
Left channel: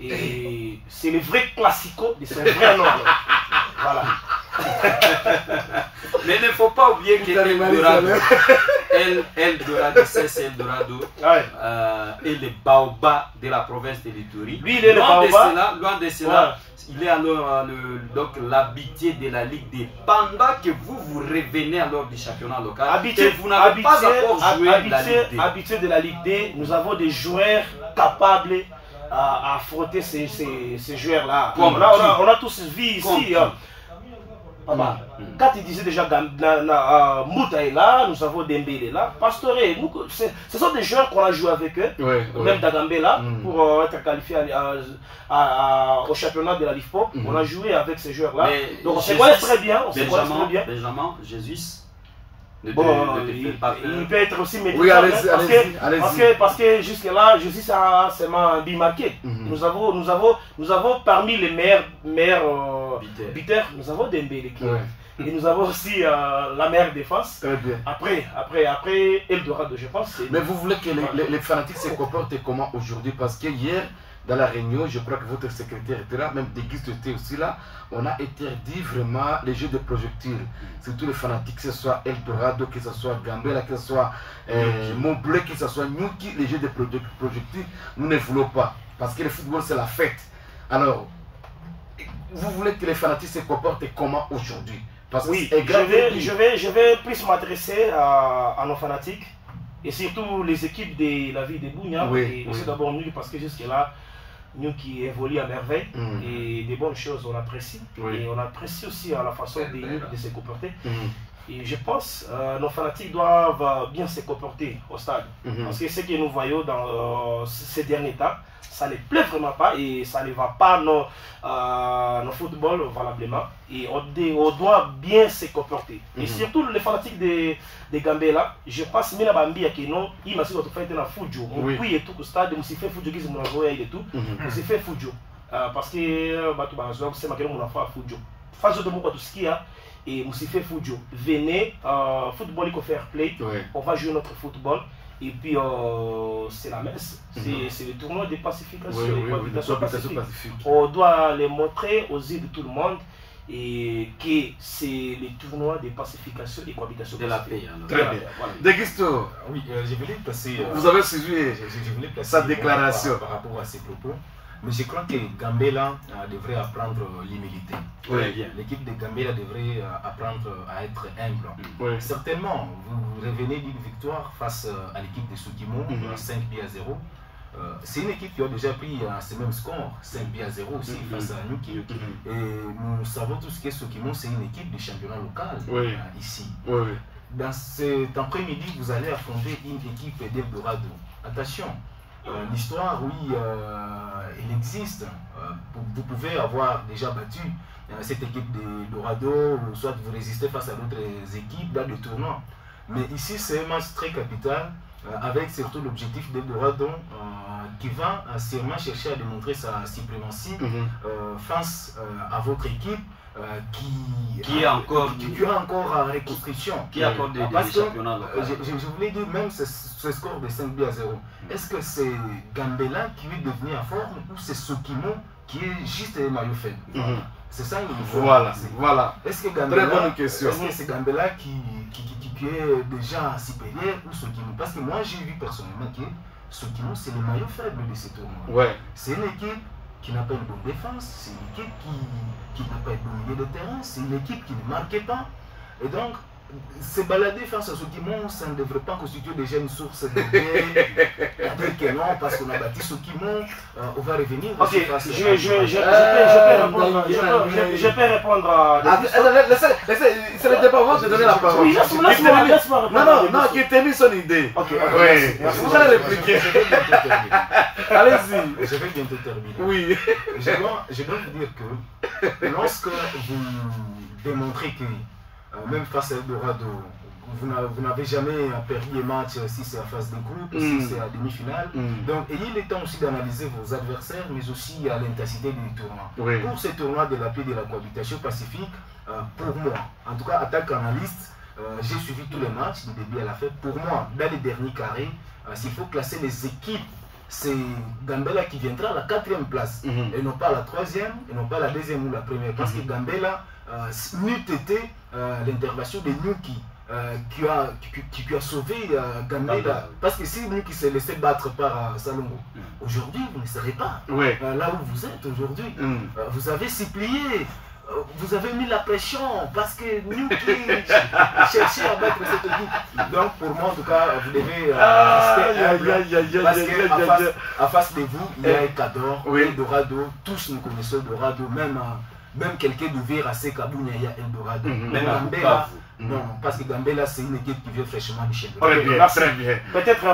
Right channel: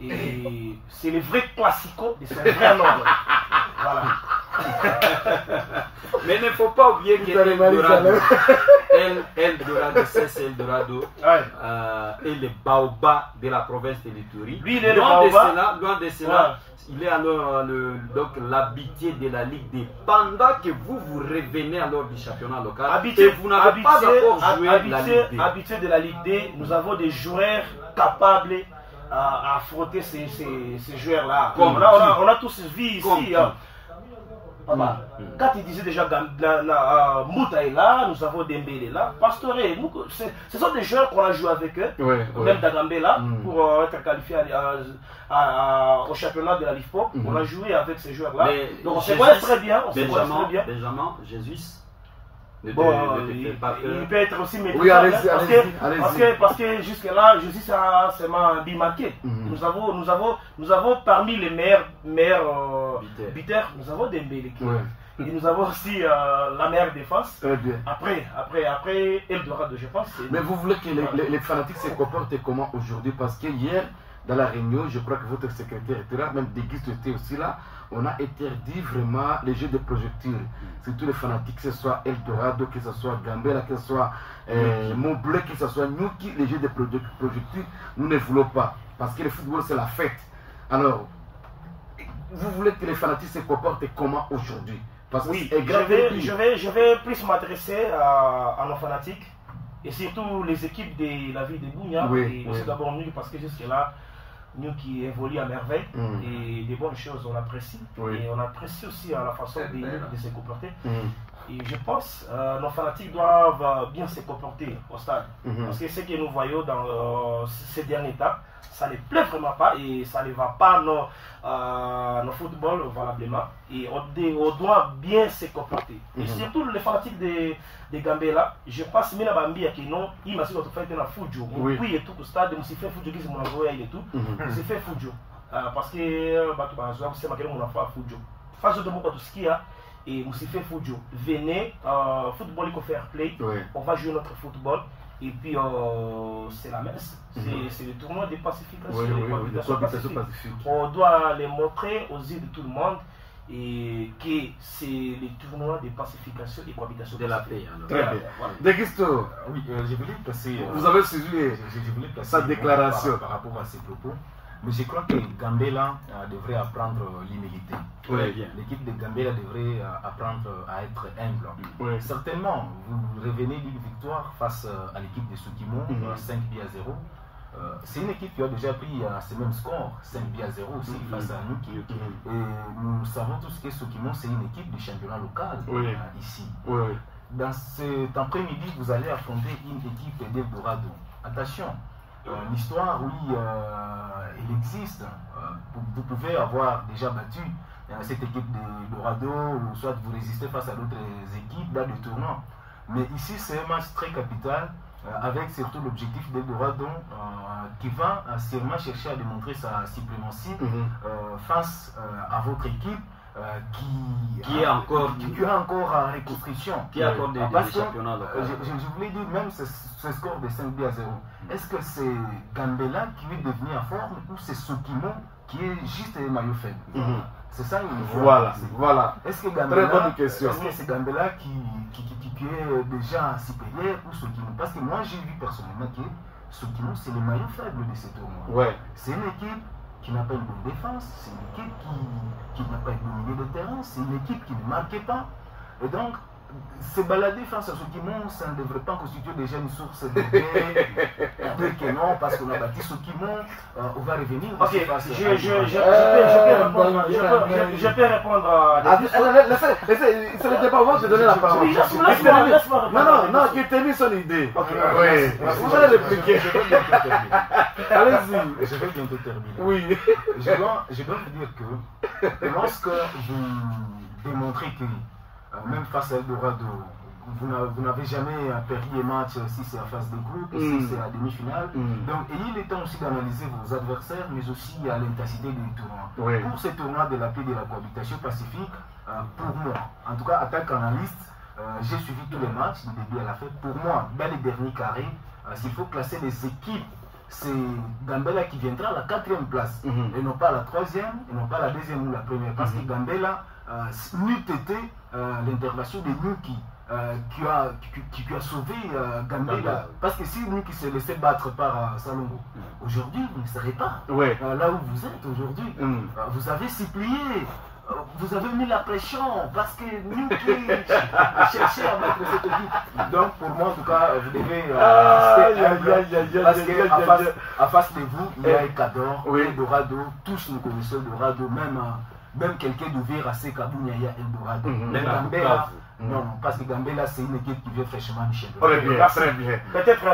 Et c'est le vrai classico de ce vrai nom. Voilà. Mais il ne faut pas oublier que Eldorado, c'est Eldorado et le baobab de la province de l'Ituri. Lui, il est loin de cela, il est alors donc l'habitué de la Ligue D. Pendant que vous revenez alors du championnat local, et vous n'avez pas encore joué la Ligue D. Habitué de la Ligue D, nous avons des joueurs capables à affronter ces joueurs-là. On a tous vu ici. Quand il disait déjà Mouta est là, nous avons Dembélé là, Pastore, ce sont des joueurs qu'on a joué avec eux, même Dagambela, pour être qualifié au championnat de la Ligue Pop. On a joué avec ces joueurs-là. Donc on se connaît très bien. Benjamin, Jésus. Il peut être aussi maîtrisé parce que jusque là Jésus a seulement bimarqué. Nous avons parmi les meilleurs buteurs, nous avons Dembélé et nous avons aussi la meilleure défense. Après Eldorado, je pense. Mais vous voulez que les fanatiques se comportent comment aujourd'hui? Parce que hier dans la réunion, je crois que votre secrétaire était là, même Déguiste était aussi là. On a interdit vraiment les jeux de projectiles. Surtout les fanatiques, que ce soit Eldorado, que ce soit Gambela, que ce soit Montbleu, que ce soit Nyuki, les jeux de projectiles, nous ne voulons pas. Parce que le football, c'est la fête. Alors, vous voulez que les fanatiques se comportent comment aujourd'hui? Parce que je vais plus m'adresser à nos fanatiques et surtout les équipes de la ville de Bounia. Et aussi d'abord Nyuki, parce que jusque-là, nous qui évolue à merveille et des bonnes choses on apprécie et on apprécie aussi la façon de se comporter et je pense nos fanatiques doivent bien se comporter au stade parce que ce que nous voyons dans ces derniers temps ça ne plaît vraiment pas et ça ne va pas nos football valablement et on doit bien se comporter et surtout les fanatiques de Gambela je pense mina bambia que non il m'a dit que tu fais un fujo oui et tout au stade on s'y fait fujo qui se mon envoyé et tout on s'y fait fujo parce que bah tu vas jouer c'est maintenant on a fait fujo phase de mon tout ce qu'il y a et on s'y fait fujo venez football il faut faire play on va jouer notre football. Et puis c'est la messe, c'est le tournoi de pacification, pacifique. On doit les montrer aux yeux de tout le monde et que c'est le tournoi de pacification et cohabitation de la paix. Très bien. Déguisto, oui, je voulais placer. Vous avez suivi sa déclaration par rapport à ses propos. Mais je crois que Gambela devrait apprendre l'humilité. L'équipe de Gambela devrait apprendre à être humble. Certainement, vous revenez d'une victoire face à l'équipe de Soukimon, 5-0. C'est une équipe qui a déjà pris ce même score, 5-0 aussi face à Nyuki. Et nous savons tous que Soukimon, c'est une équipe du championnat local ici. Dans cet après-midi, vous allez affronter une équipe d'Eldorado. Attention. L'histoire, oui, elle existe. vous pouvez avoir déjà battu cette équipe de Dorado, ou soit vous résistez face à d'autres équipes dans le tournoi. Mais ici, c'est un match très capital, avec surtout l'objectif de Dorado qui va sûrement chercher à démontrer sa suprématie face à votre équipe. Qui est encore en reconstruction. Qui a encore des championnats locaux. Je voulais dire, même ce score de 5 buts à 0, est-ce que c'est Gambela qui est devenu en forme ou c'est Sokimo qui est juste un maillot faible? C'est ça une Voilà. Est-ce que Gambela, très bonne question. Est-ce que c'est Gambela qui est déjà supérieur ou Sokimo? Parce que moi j'ai vu personnellement que Sokimo c'est le maillot faible de ce tournoi. Ouais. C'est une équipe qui n'a pas une bonne défense, c'est une équipe qui n'a pas une bonne milieu de terrain, c'est une équipe qui ne marquait pas. Et donc, se balader face à Sokimo, ça ne devrait pas constituer déjà une source de dire que non, parce qu'on a bâti Sokimo, on va revenir. Ok, je peux répondre à... C'est le débat, on va te donner la parole. Non, qui termine son idée. Ok, vous allez répliquer. Allez-y. Je vais bientôt terminer. Oui. Je dois vous dire que lorsque vous démontrez que même face à Eldorado, vous n'avez jamais perdu un match si c'est en phase de groupe, si c'est à demi-finale. Donc, il est temps aussi d'analyser vos adversaires, mais aussi à l'intensité du tournoi. Oui. Pour ce tournoi de la paix de la cohabitation pacifique, pour moi, en tout cas, en tant qu'analyste, j'ai suivi tous les matchs du début à la fin. Pour moi, dans les derniers carrés, s'il faut classer les équipes, c'est Gambela qui viendra à la 4e place, et non pas à la 3e, et non pas à la 2e ou la 1re, parce que Gambela n'eût été l'intervention de Nuki qui a sauvé Gambela. Parce que si Nuki s'est laissé battre par Salongo, aujourd'hui vous ne serez pas là où vous êtes aujourd'hui. Vous avez supplié, vous avez mis la pression parce que Nuki cherchait à battre cette équipe. Donc pour moi en tout cas, vous devez rester humble, parce qu'en face de vous, il y a Ekador, Eldorado, tous nous connaissons Eldorado, même quelqu'un d'ouvrir à Sekabounia, il y a Eldorado. Même Gambela, non, parce que Gambela c'est une équipe qui vient fraîchement du championnat. Très bien. Peut-être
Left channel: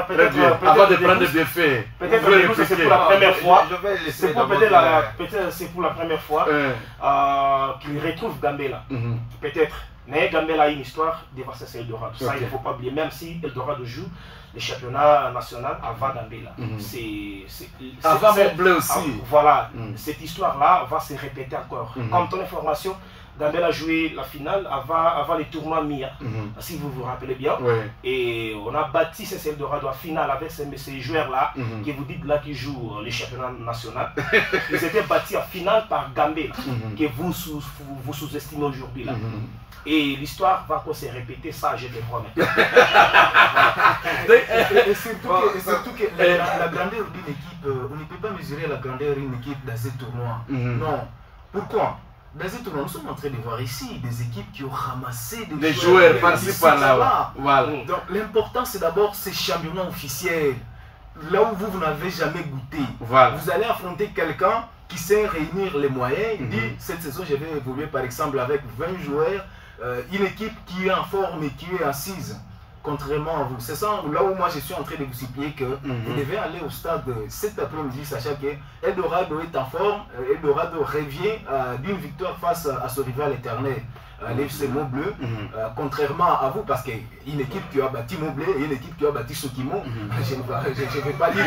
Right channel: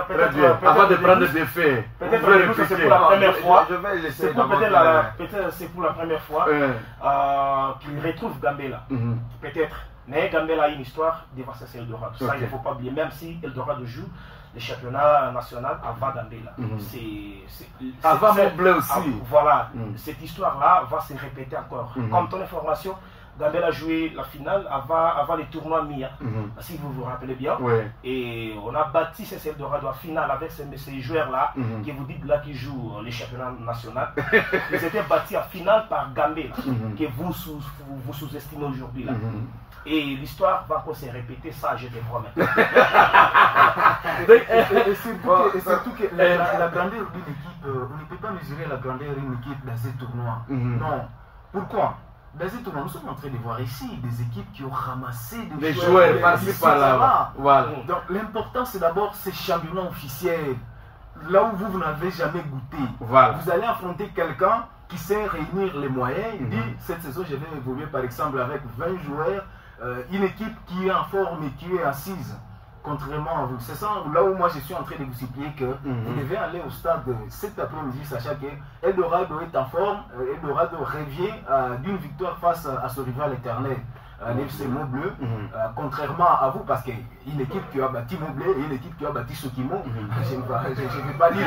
avant de prendre des faits, peut-être c'est pour la première fois. C'est pour la première fois qu'il retrouve Gambela. Peut-être. Mais Gambela a une histoire devant ce Eldorado. Ça, il ne faut pas oublier, même si Eldorado joue le championnat national avant Gambela. Avant Montblé aussi. Voilà, cette histoire-là va se répéter encore. Comme ton information, Gambela a joué la finale avant les tournois MIA, si vous vous rappelez bien. Et on a bâti ces Eldorado en finale avec ces joueurs-là, qui vous dites là qui jouent le championnat national. Ils étaient bâtis en finale par Gambela, que vous sous-estimez aujourd'hui. Et l'histoire va encore se répéter, ça je te promets. Et surtout que la grandeur d'une équipe, on ne peut pas mesurer la grandeur d'une équipe dans ce tournoi. Non. Pourquoi? Dans ce tournoi, nous sommes en train de voir ici des équipes qui ont ramassé des joueurs par-ci par-là. Voilà. Donc l'important c'est d'abord ces championnats officiels. Là où vous n'avez jamais goûté. Vous allez affronter quelqu'un qui sait réunir les moyens. Il dit, cette saison je vais évoluer par exemple avec 20 joueurs. Une équipe qui est en forme et qui est assise, contrairement à vous. C'est ça là où moi je suis en train de vous supplier que vous devez aller au stade cet après-midi, sachant que Eldorado est en forme. Eldorado revient d'une victoire face à ce rival éternel, l'FC Montbleu, contrairement à vous, parce qu'une équipe qui a bâti Montbleu et une équipe qui a bâti Sokimo, je ne vais pas dire.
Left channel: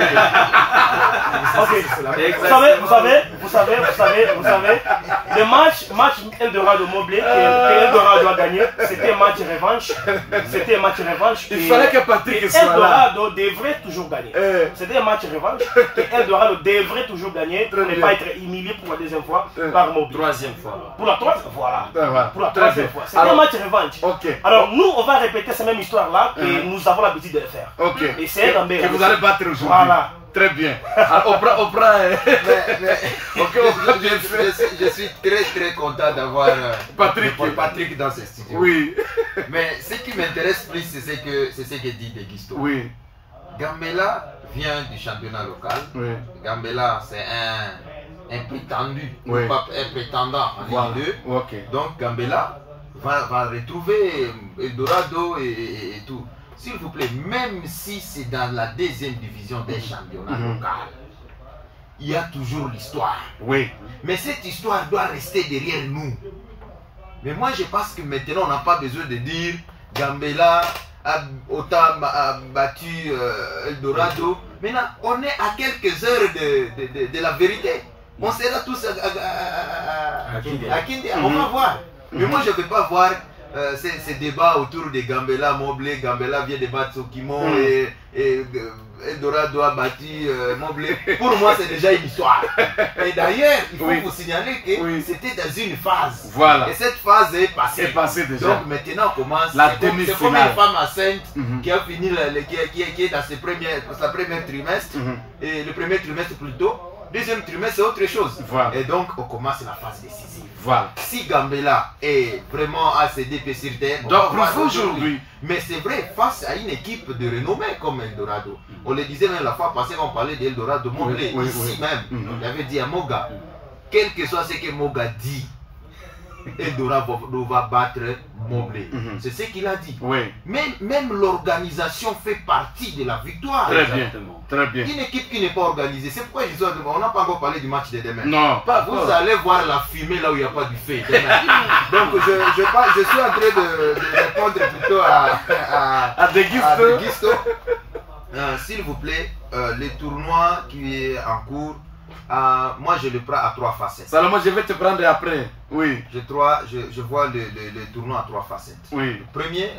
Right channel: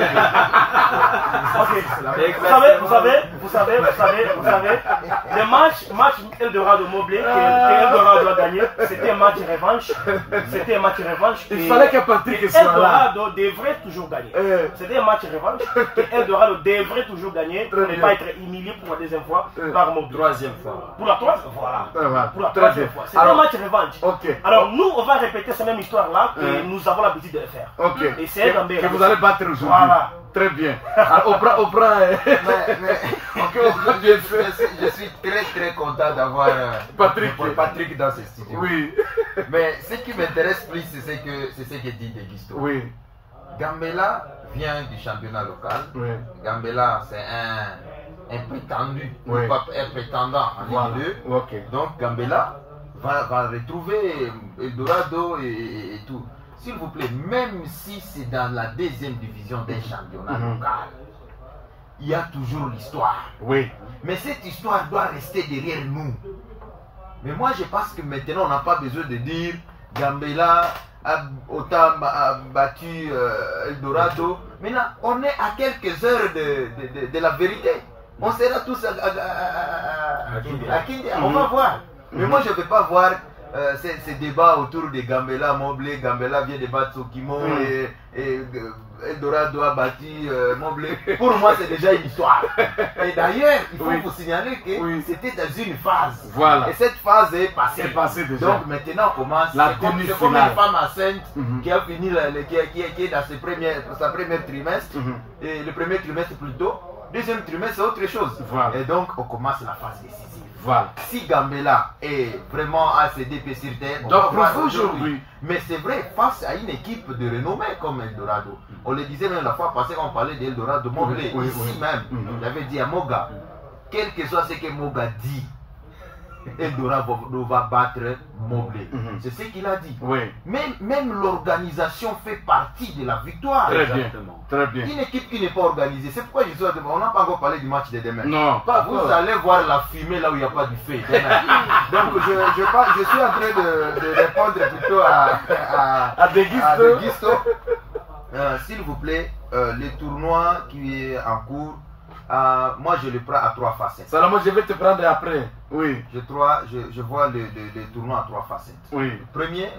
Vous savez, le match Eldorado Montbleu que Eldorado a gagné, c'était un match revanche. Il fallait que Patrick soit là. Eldorado devrait toujours gagner. C'était un match revanche que Eldorado devrait toujours gagner pour ne pas être humilié pour la deuxième fois par Montbleu. 3e fois. Pour la 3e, voilà. Pour la 3e fois. C'est un match revanche. Alors nous, on va répéter cette même histoire-là que nous avons l'habitude de le faire. Et c'est que vous allez battre aujourd'hui. Voilà. Très bien. Alors, on prend. Je suis très content d'avoir Patrick dans ce studio. Oui. Mais ce qui m'intéresse plus, c'est ce que dit Deguisto. Oui. Gambela vient du championnat local. Gambela, c'est un prétendu, pas un prétendant en Ligue 2. Donc Gambela va retrouver Eldorado et tout. S'il vous plaît, même si c'est dans la 2e division des championnats local, il y a toujours l'histoire. Oui. Mais cette histoire doit rester derrière nous. Mais moi, je pense que maintenant, on n'a pas besoin de dire Gambela a autant battu Eldorado. Maintenant, on est à quelques heures de la vérité. On sera tous à Kindia. On va voir. Mais moi, je ne vais pas voir ces débats autour de Gambela, Mobley. Gambela vient de battre Sokimon et Eldorado a battu Mobley. Pour moi, c'est déjà une histoire. Et d'ailleurs, il faut vous signaler que c'était dans une phase. Voilà. Et cette phase est passée. Déjà. Donc maintenant, on commence. C'est comme une femme enceinte qui a fini, qui est dans sa première trimestre. Et le premier trimestre plutôt. Deuxième trimestre, c'est autre chose. Voilà. Et donc, on commence la phase décisive. Voilà. Si Gambela est vraiment à ses pieds sur terre, donc aujourd'hui. Mais c'est vrai, face à une équipe de renommée comme Eldorado, on le disait même la fois passée, on parlait d'Eldorado, Mobley, ici même, il avait dit à Moga, quel que soit ce que Moga dit, Eldorado va battre Mobley. C'est ce qu'il a dit. Oui. Même l'organisation fait partie de la victoire. Très bien. Très bien. Une équipe qui n'est pas organisée, c'est pourquoi on n'a pas encore parlé du match de demain. Non, pas vous allez voir la fumée là où il n'y a pas du feu demain. Donc je suis en train de répondre plutôt à Deguisto. S'il vous plaît, les tournois qui est en cours, moi je le prends à 3 facettes. Salomon, je vais te prendre après. Oui. Je vois les tournois à 3 facettes. Oui.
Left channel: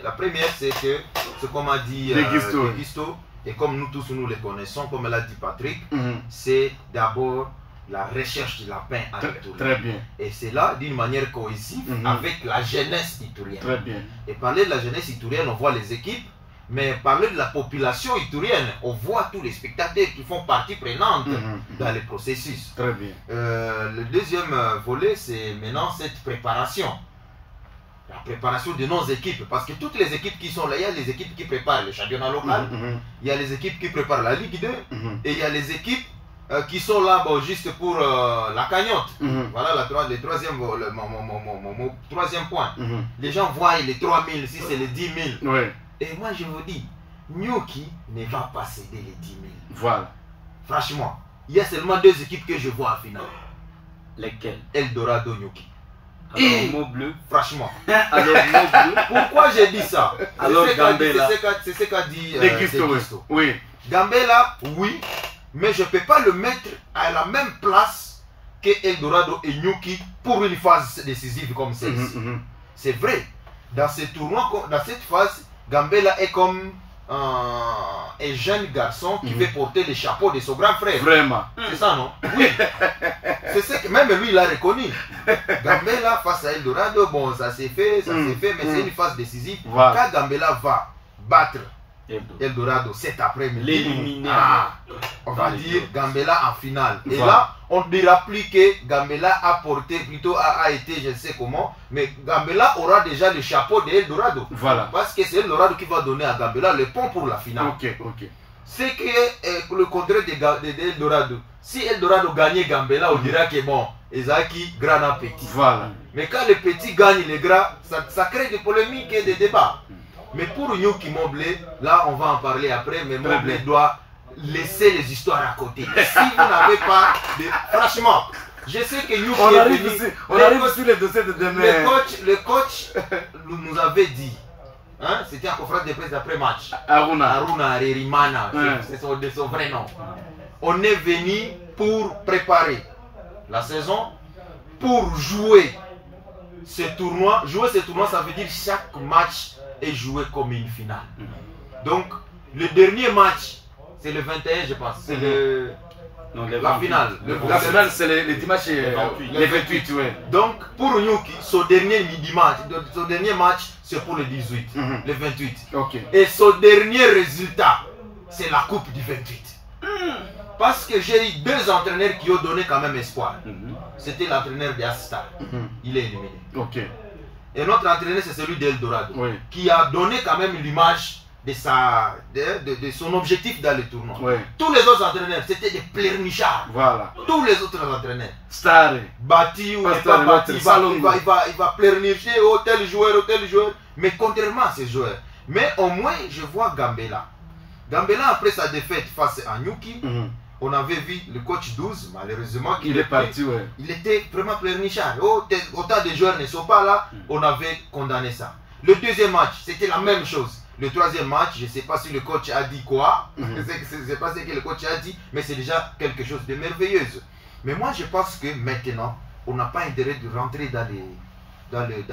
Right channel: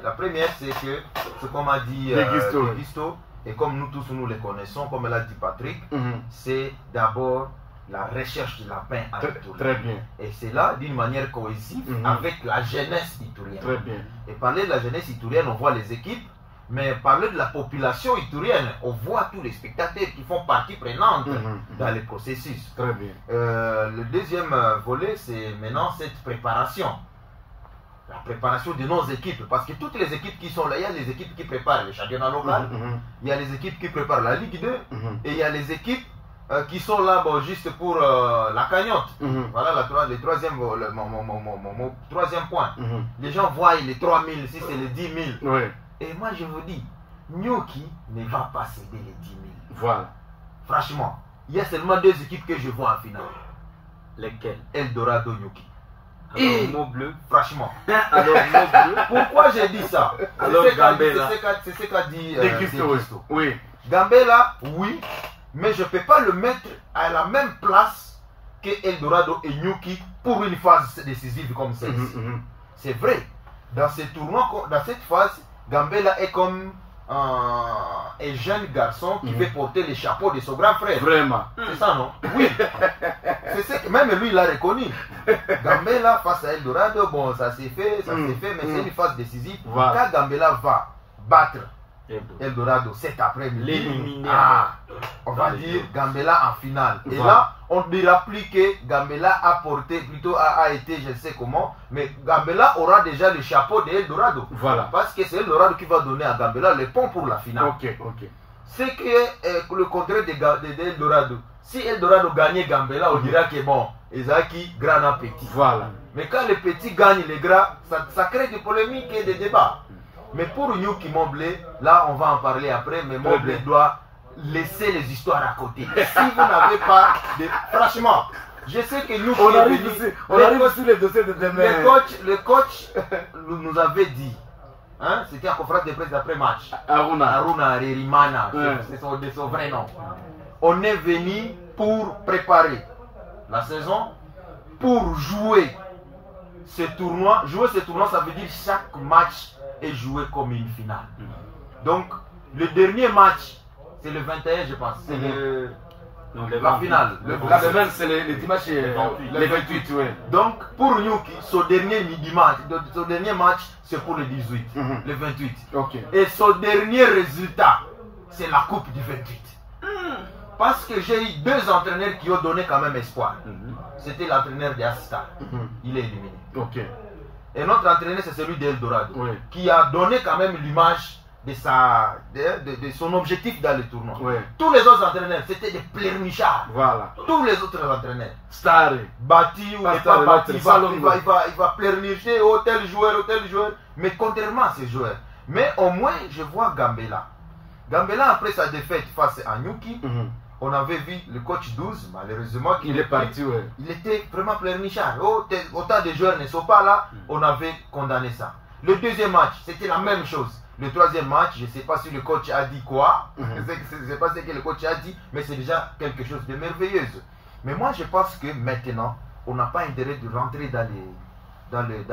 La première, c'est que, c'est comme a dit Deguisto, et comme nous tous nous les connaissons, comme l'a dit Patrick, c'est d'abord la recherche de la paix à l'Itourie. Très bien. Et c'est là d'une manière cohésive avec la jeunesse itourienne. Très bien. Et parler de la jeunesse itourienne, on voit les équipes. Mais parler de la population itourienne, on voit tous les spectateurs qui font partie prenante dans le processus. Très bien. Le deuxième volet, c'est maintenant cette préparation. La préparation de nos équipes. Parce que toutes les équipes qui sont là, il y a les équipes qui préparent le championnat local, il y a les équipes qui préparent la Ligue 2, et il y a les équipes qui sont là juste pour la cagnotte. Voilà le troisième point. Les gens voient les 3 000, si c'est les 10 000. Oui. Et moi je vous dis, Nyuki ne va pas céder les 10 000. Voilà. Franchement, il y a seulement 2 équipes que je vois en finale. Lesquelles? Eldorado, Nyuki. Et mot bleu. Franchement. Alors mot bleu. Pourquoi j'ai dit ça? C'est ce qu'a dit Deguisto. Oui. Gambela, oui, mais je ne peux pas le mettre à la même place que Eldorado et Nyuki pour une phase décisive comme celle-ci. C'est vrai. Dans ce tournoi, dans cette phase, Gambela est comme un jeune garçon qui veut porter le chapeau de son grand frère. Vraiment. C'est ça, non? Oui. C'est ce que même lui, il a reconnu. Gambela face à Eldorado, bon, ça s'est fait, mais c'est une phase décisive. Voilà. Quand Gambela va battre Eldorado cet après-midi, on va dire Gambela en finale. Et là, on ne dira plus que Gambela a porté, plutôt a été, je ne sais comment, mais Gambela aura déjà le chapeau de Eldorado. Voilà. Parce que c'est Eldorado qui va donner à Gambela le pont pour la finale. Ok. C'est que le contraire de Eldorado. Si Eldorado gagnait Gambela, on dira que bon, Ezaki, grand en petit. Voilà. Mais quand les petits gagnent les grands, ça crée des polémiques et des débats. Mais pour Nyuki Mobley, là on va en parler après, mais Mobley doit laisser les histoires à côté. Si vous n'avez pas de... Franchement, je sais que Nyuki on arrive sur les dossiers de demain. Le coach nous avait dit, hein, c'était en conférence de presse d'après-match, Aruna Rerimana, c'est son vrai nom. On est venu pour préparer la saison, pour jouer ce tournoi. Jouer ce tournoi, ça veut dire chaque match est joué comme une finale. Donc, le dernier match, c'est le 21, je pense. C'est la finale. La finale, c'est les dimanches, les 28. Ouais. Donc, pour Nyuki, son dernier match, c'est pour le 18, le 28. Okay. Et son dernier résultat, c'est la coupe du 28. Parce que j'ai eu 2 entraîneurs qui ont donné quand même espoir. C'était l'entraîneur de Asta. Il est éliminé. Okay. Et notre entraîneur, c'est celui d'Eldorado, qui a donné quand même l'image de son objectif dans le tournoi. Tous les autres entraîneurs, c'était des pleurnichards. Voilà. Tous les autres entraîneurs. Star. Bâti ou pas bâti, il va pleurnicher tel joueur. Mais contrairement à ces joueurs. Mais au moins, je vois Gambela. Gambela, après sa défaite face à Nyuki, on avait vu le coach 12, malheureusement, il est parti, ouais. Il était vraiment pleurnichard. Autant de joueurs ne sont pas là, on avait condamné ça. Le deuxième match, c'était la même chose. Le troisième match, je ne sais pas si le coach a dit quoi, je ne sais pas ce que le coach a dit, mais c'est déjà quelque chose de merveilleux. Mais moi, je pense que maintenant, on n'a pas intérêt de rentrer dans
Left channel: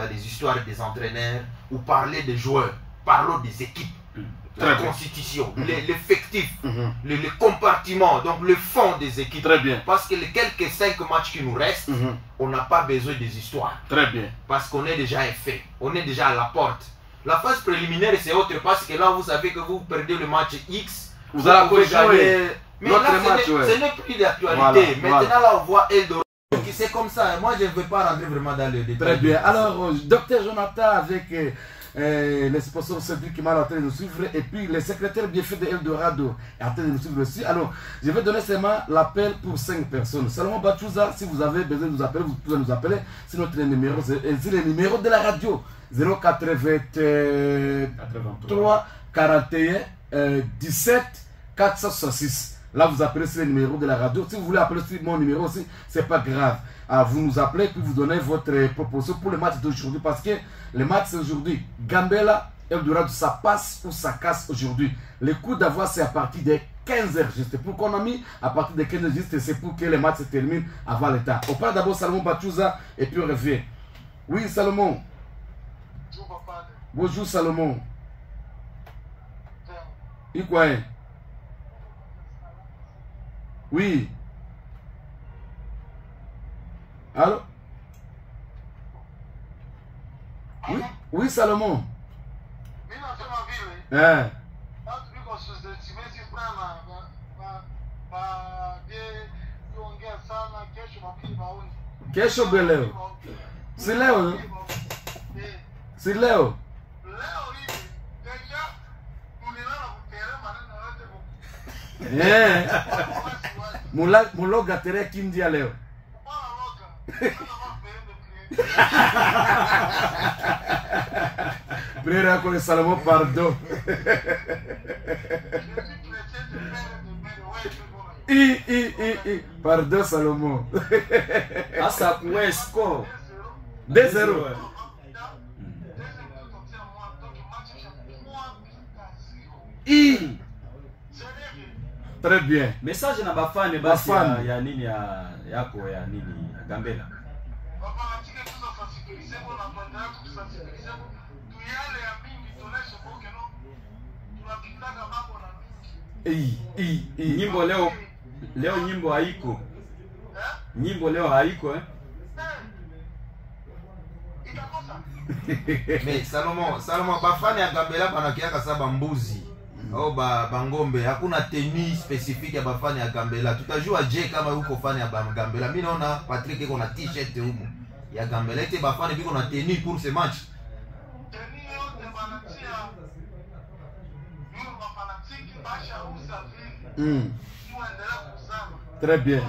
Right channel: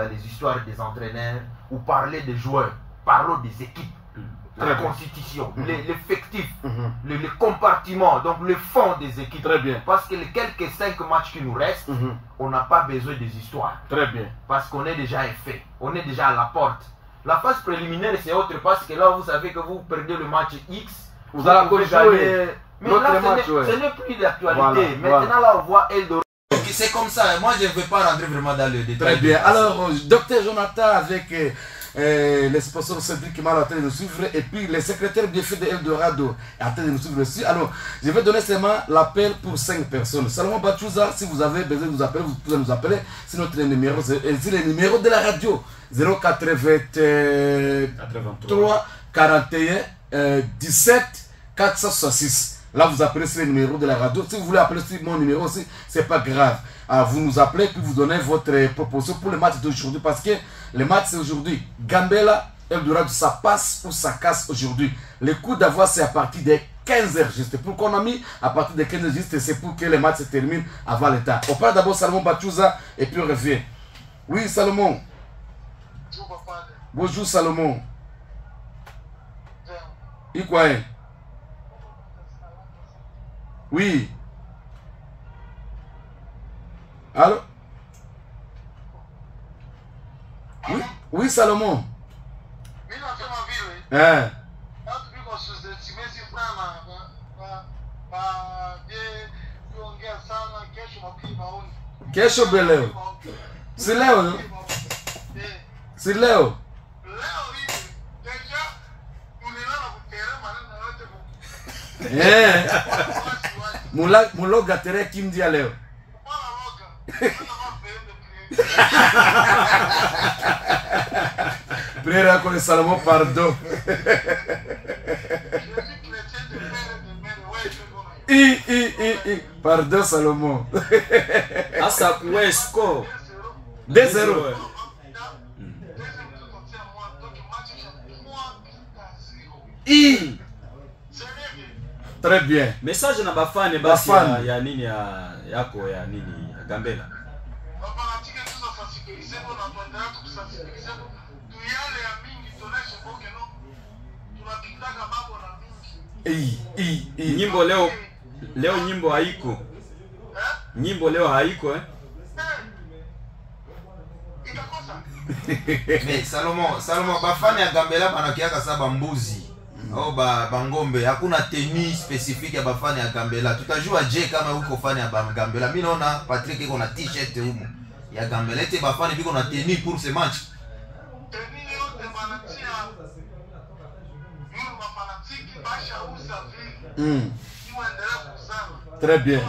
les histoires des entraîneurs ou parler des joueurs. Parlons des équipes. La constitution, l'effectif, le compartiment, donc le fond des équipes. Très bien. Parce que les quelques 5 matchs qui nous restent, on n'a pas besoin des histoires. Très bien. Parce qu'on est déjà fait, on est déjà à la porte. La phase préliminaire, c'est autre parce que là, vous savez que vous perdez le match X, vous allez gagner. Mais là, ce n'est plus d'actualité. Maintenant, là, on voit Eldorado. C'est comme ça. Moi, je ne veux pas rentrer vraiment dans le détail. Très bien. Alors, Dr Jonathan, avec les sponsors Cédric qui m'a en train de nous suivre, et puis les secrétaires bien faits de Eldorado est en train de nous suivre aussi. Alors, je vais donner seulement l'appel pour 5 personnes. Salomon Bachouza, si vous avez besoin de nous appeler, vous pouvez nous appeler. C'est notre numéro, c'est le numéro de la radio. 083 41 17 466. Là, vous appelez sur le numéro de la radio. Si vous voulez appeler sur mon numéro aussi, c'est pas grave. Alors, vous nous appelez puis vous donnez votre proposition pour le match d'aujourd'hui. Parce que le match c'est aujourd'hui. Gambela, Eldorado, ça passe ou ça casse aujourd'hui. Le coup d'avoir, c'est à partir de 15h juste. Pour qu'on a mis à partir de 15h juste, c'est pour que le match se termine avant le temps. On parle d'abord Salomon Bachouza et puis on revient. Oui, Salomon. Bonjour, Salomon. Et quoi? Oui. Allô? Oui, oui, Salomon. Hein? Kesho beleo. Si leo, no? Si leo. Eh. Muloga tere kimdia leo. Prière con Salomon, pardon. Pardon Salomon. Asa Wesco 2-0. Très bien. Message na bafane basi ya nini yako ya nini ya Gambela. Nyimbo leo nyimbo haiko. Nyimbo leo haiko Mais Salomon bafane ya Gambela banakiaka saba mbuzi. Oh bangombe, hakuna tenue spécifique ya bafani ya Gambela. Tutajua je kama uko fani ya Gambela. Mimi naona Patrick iko na t-shirt huko ya Gambela. Ete bafani biko na tenue pour ce match. Très bien.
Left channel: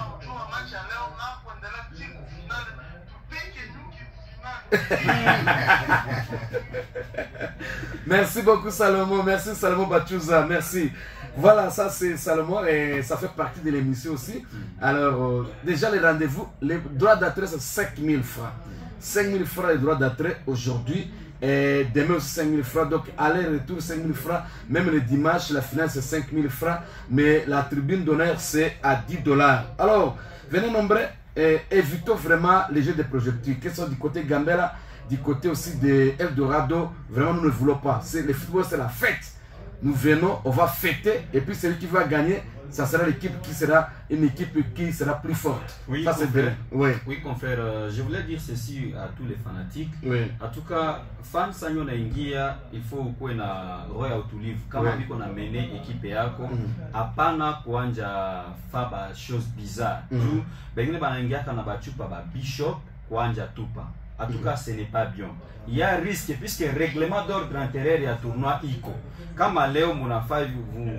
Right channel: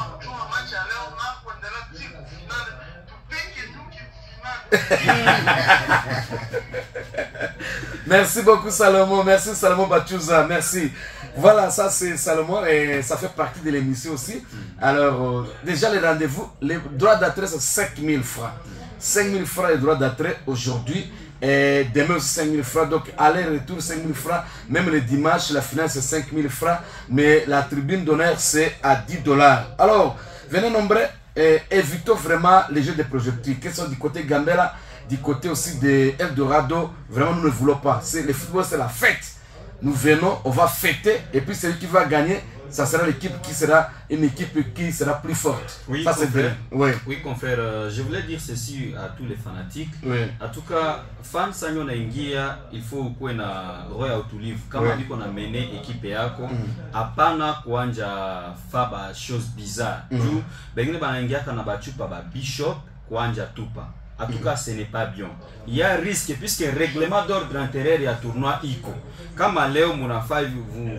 Merci beaucoup Salomon, merci Salomon Bachouza, merci. Voilà, ça c'est Salomon et ça fait partie de l'émission aussi. Alors, déjà les rendez-vous, les droits d'entrée c'est 5000 francs. 5000 francs les droits d'entrée aujourd'hui et demain aussi 5000 francs. Donc aller-retour 5000 francs, même le dimanche la finale c'est 5000 francs, mais la tribune d'honneur c'est à $10. Alors, venez nombreux. Et évitons vraiment les jeux de projectiles, qui sont du côté Gambela, du côté aussi de Eldorado. Vraiment, nous ne voulons pas. Le football, c'est la fête. Nous venons, on va fêter, et puis celui qui va gagner, ça sera l'équipe qui sera une équipe qui sera plus forte. Oui, ça c'est vrai. Oui. Oui, confrère, je voulais dire ceci à tous les fanatiques. Oui. En tout cas, fan sanyo na ingia, il faut kuwe na roho ya utulivu. Kama biko na mene ekipe yako, hapana kuanja faba chose bizarre. Juu bengine banaingiaka na bachupa ba bishop kuanja tupa. En tout cas, ce n'est pas bien. Il y a un risque puisque le règlement d'ordre intérieur et à tournoi ICO. Comme à Léo Mounafay,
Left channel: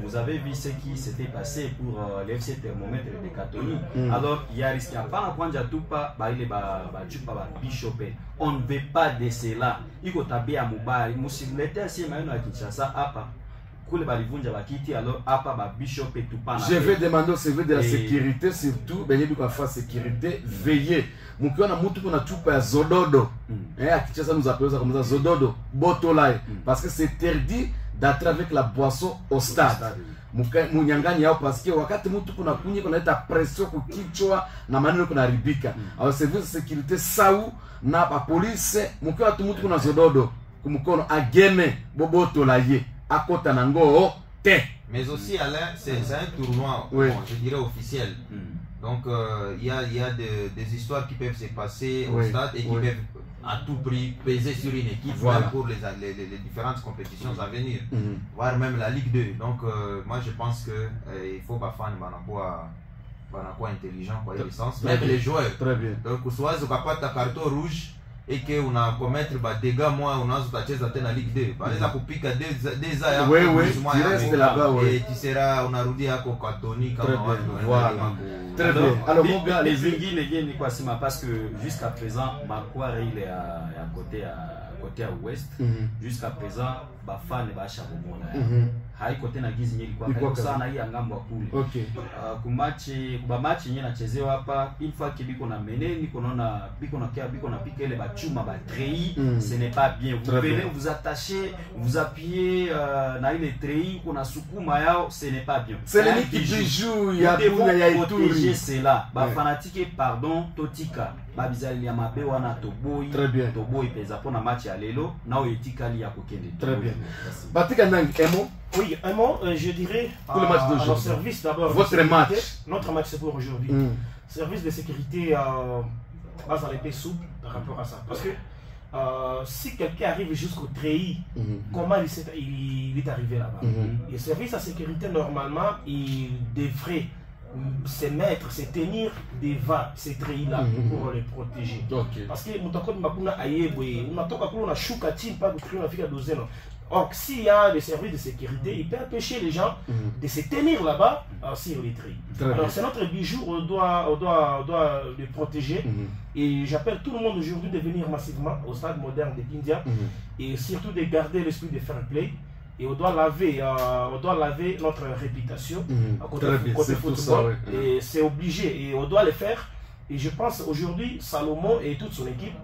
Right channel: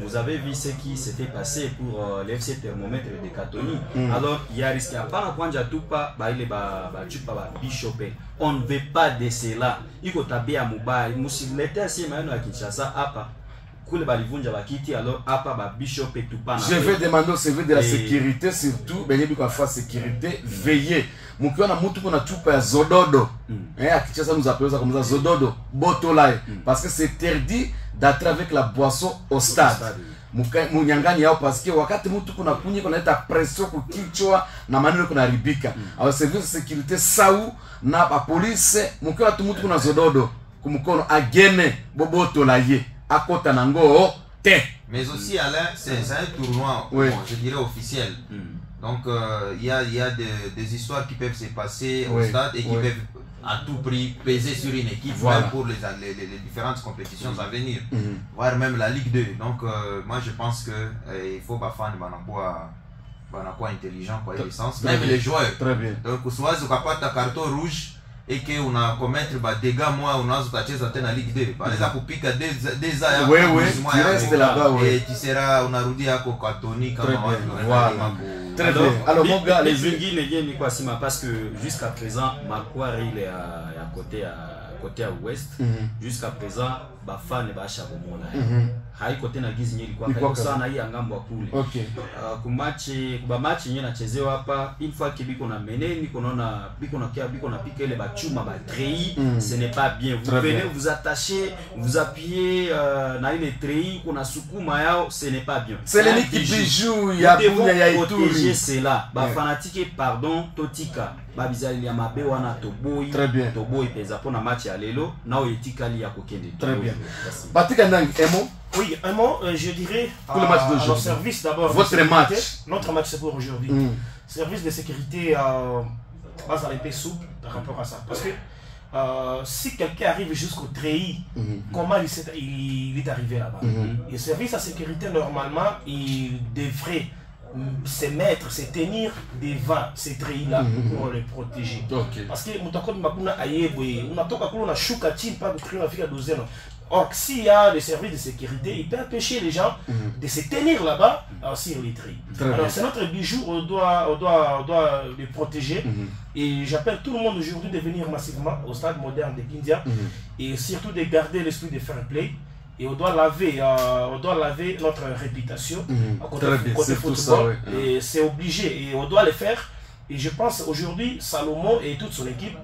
vous avez vu ce qui s'était passé pour l'FC Thermomètre de Katoni. Alors, il y a un risque. On ne veut pas de cela. ICO tabia Moubaï. L'état si maintenant à Kinshasa, Koule balivunja bakiti alors apa ba Bishop et tout pas. Je vais demander au service de la sécurité surtout benye biko fa sécurité veiller. Mukiona mutu kuna chupa ya zododo. Akicheza nous appelons ça comme ça zododo, botolai parce que c'est interdit d'entrer avec la boisson au stade. Munyangani yao parce que wakati mutu kuna kunyi kuna leta pression kukichwa na maneno kuna ribika. Alors service de sécurité sau na ba police mukiona tu mutu kuna zododo kumukono agene bobotolaye akota nango te. Mais aussi Alain, c'est un tournoi, bon, je dirais officiel. Donc il y a des histoires qui peuvent se passer au stade et qui peuvent à tout prix peser sur une équipe même pour les différentes compétitions à venir, voire même la Ligue 2. Donc moi je pense que il faut pas faire de intelligent quoi, essence, même les joueurs. Très bien. Donc soit tu as ta carton rouge et que on a commettre des dégâts, moi on a utacheza tena Ligue 2 baleza kupika des aya tu restes là-bas et tu seras unarudi yako katoni kama voilà. Alors mon gars, les Zingis les gains ni quoi sima parce que jusqu'à présent Makwari il est à côté à ouest. Jusqu'à présent ba fan ba shabomona hai côté na gizi nyeli kwa sana hii angambo kule. OK. Kuba match yenyewe nachezewa hapa une fois que biko na mene niko naona biko na pika ile ba chuma ba treillis, ce n'est pas bien. Vous venez vous attacher, vous appuyez na ile treillis kuna sukuma yao, ce n'est pas bien. C'est l'équipe qui joue ya bunya ya Ituri. C'est là. Ba fanatique pardon totika. Ba bizali ya mabe wana toboyi. Toboyi peza pona match ya lelo na oyetikali ya kokende. Très bien. Batika Ndang Emo. Oui, un mot, je dirais à nos services d'abord. Votre match. Notre match c'est pour aujourd'hui. Service de sécurité base à l'épée souple par rapport à ça. Parce que si quelqu'un arrive jusqu'au treillis, comment il est arrivé là-bas? Le service à sécurité, normalement, il devrait se tenir devant ces treillis-là pour les protéger. Parce que or, s'il y a des services de sécurité, il peut empêcher les gens de se tenir là-bas sur les treillis. Alors, c'est notre bijou, on doit les protéger. Et j'appelle tout le monde aujourd'hui de venir massivement au stade moderne de Kindia et surtout de garder l'esprit de fair play. Et on doit laver notre réputation à côté football. Et c'est obligé, et on doit le faire. Et je pense aujourd'hui, Salomon et toute son équipe,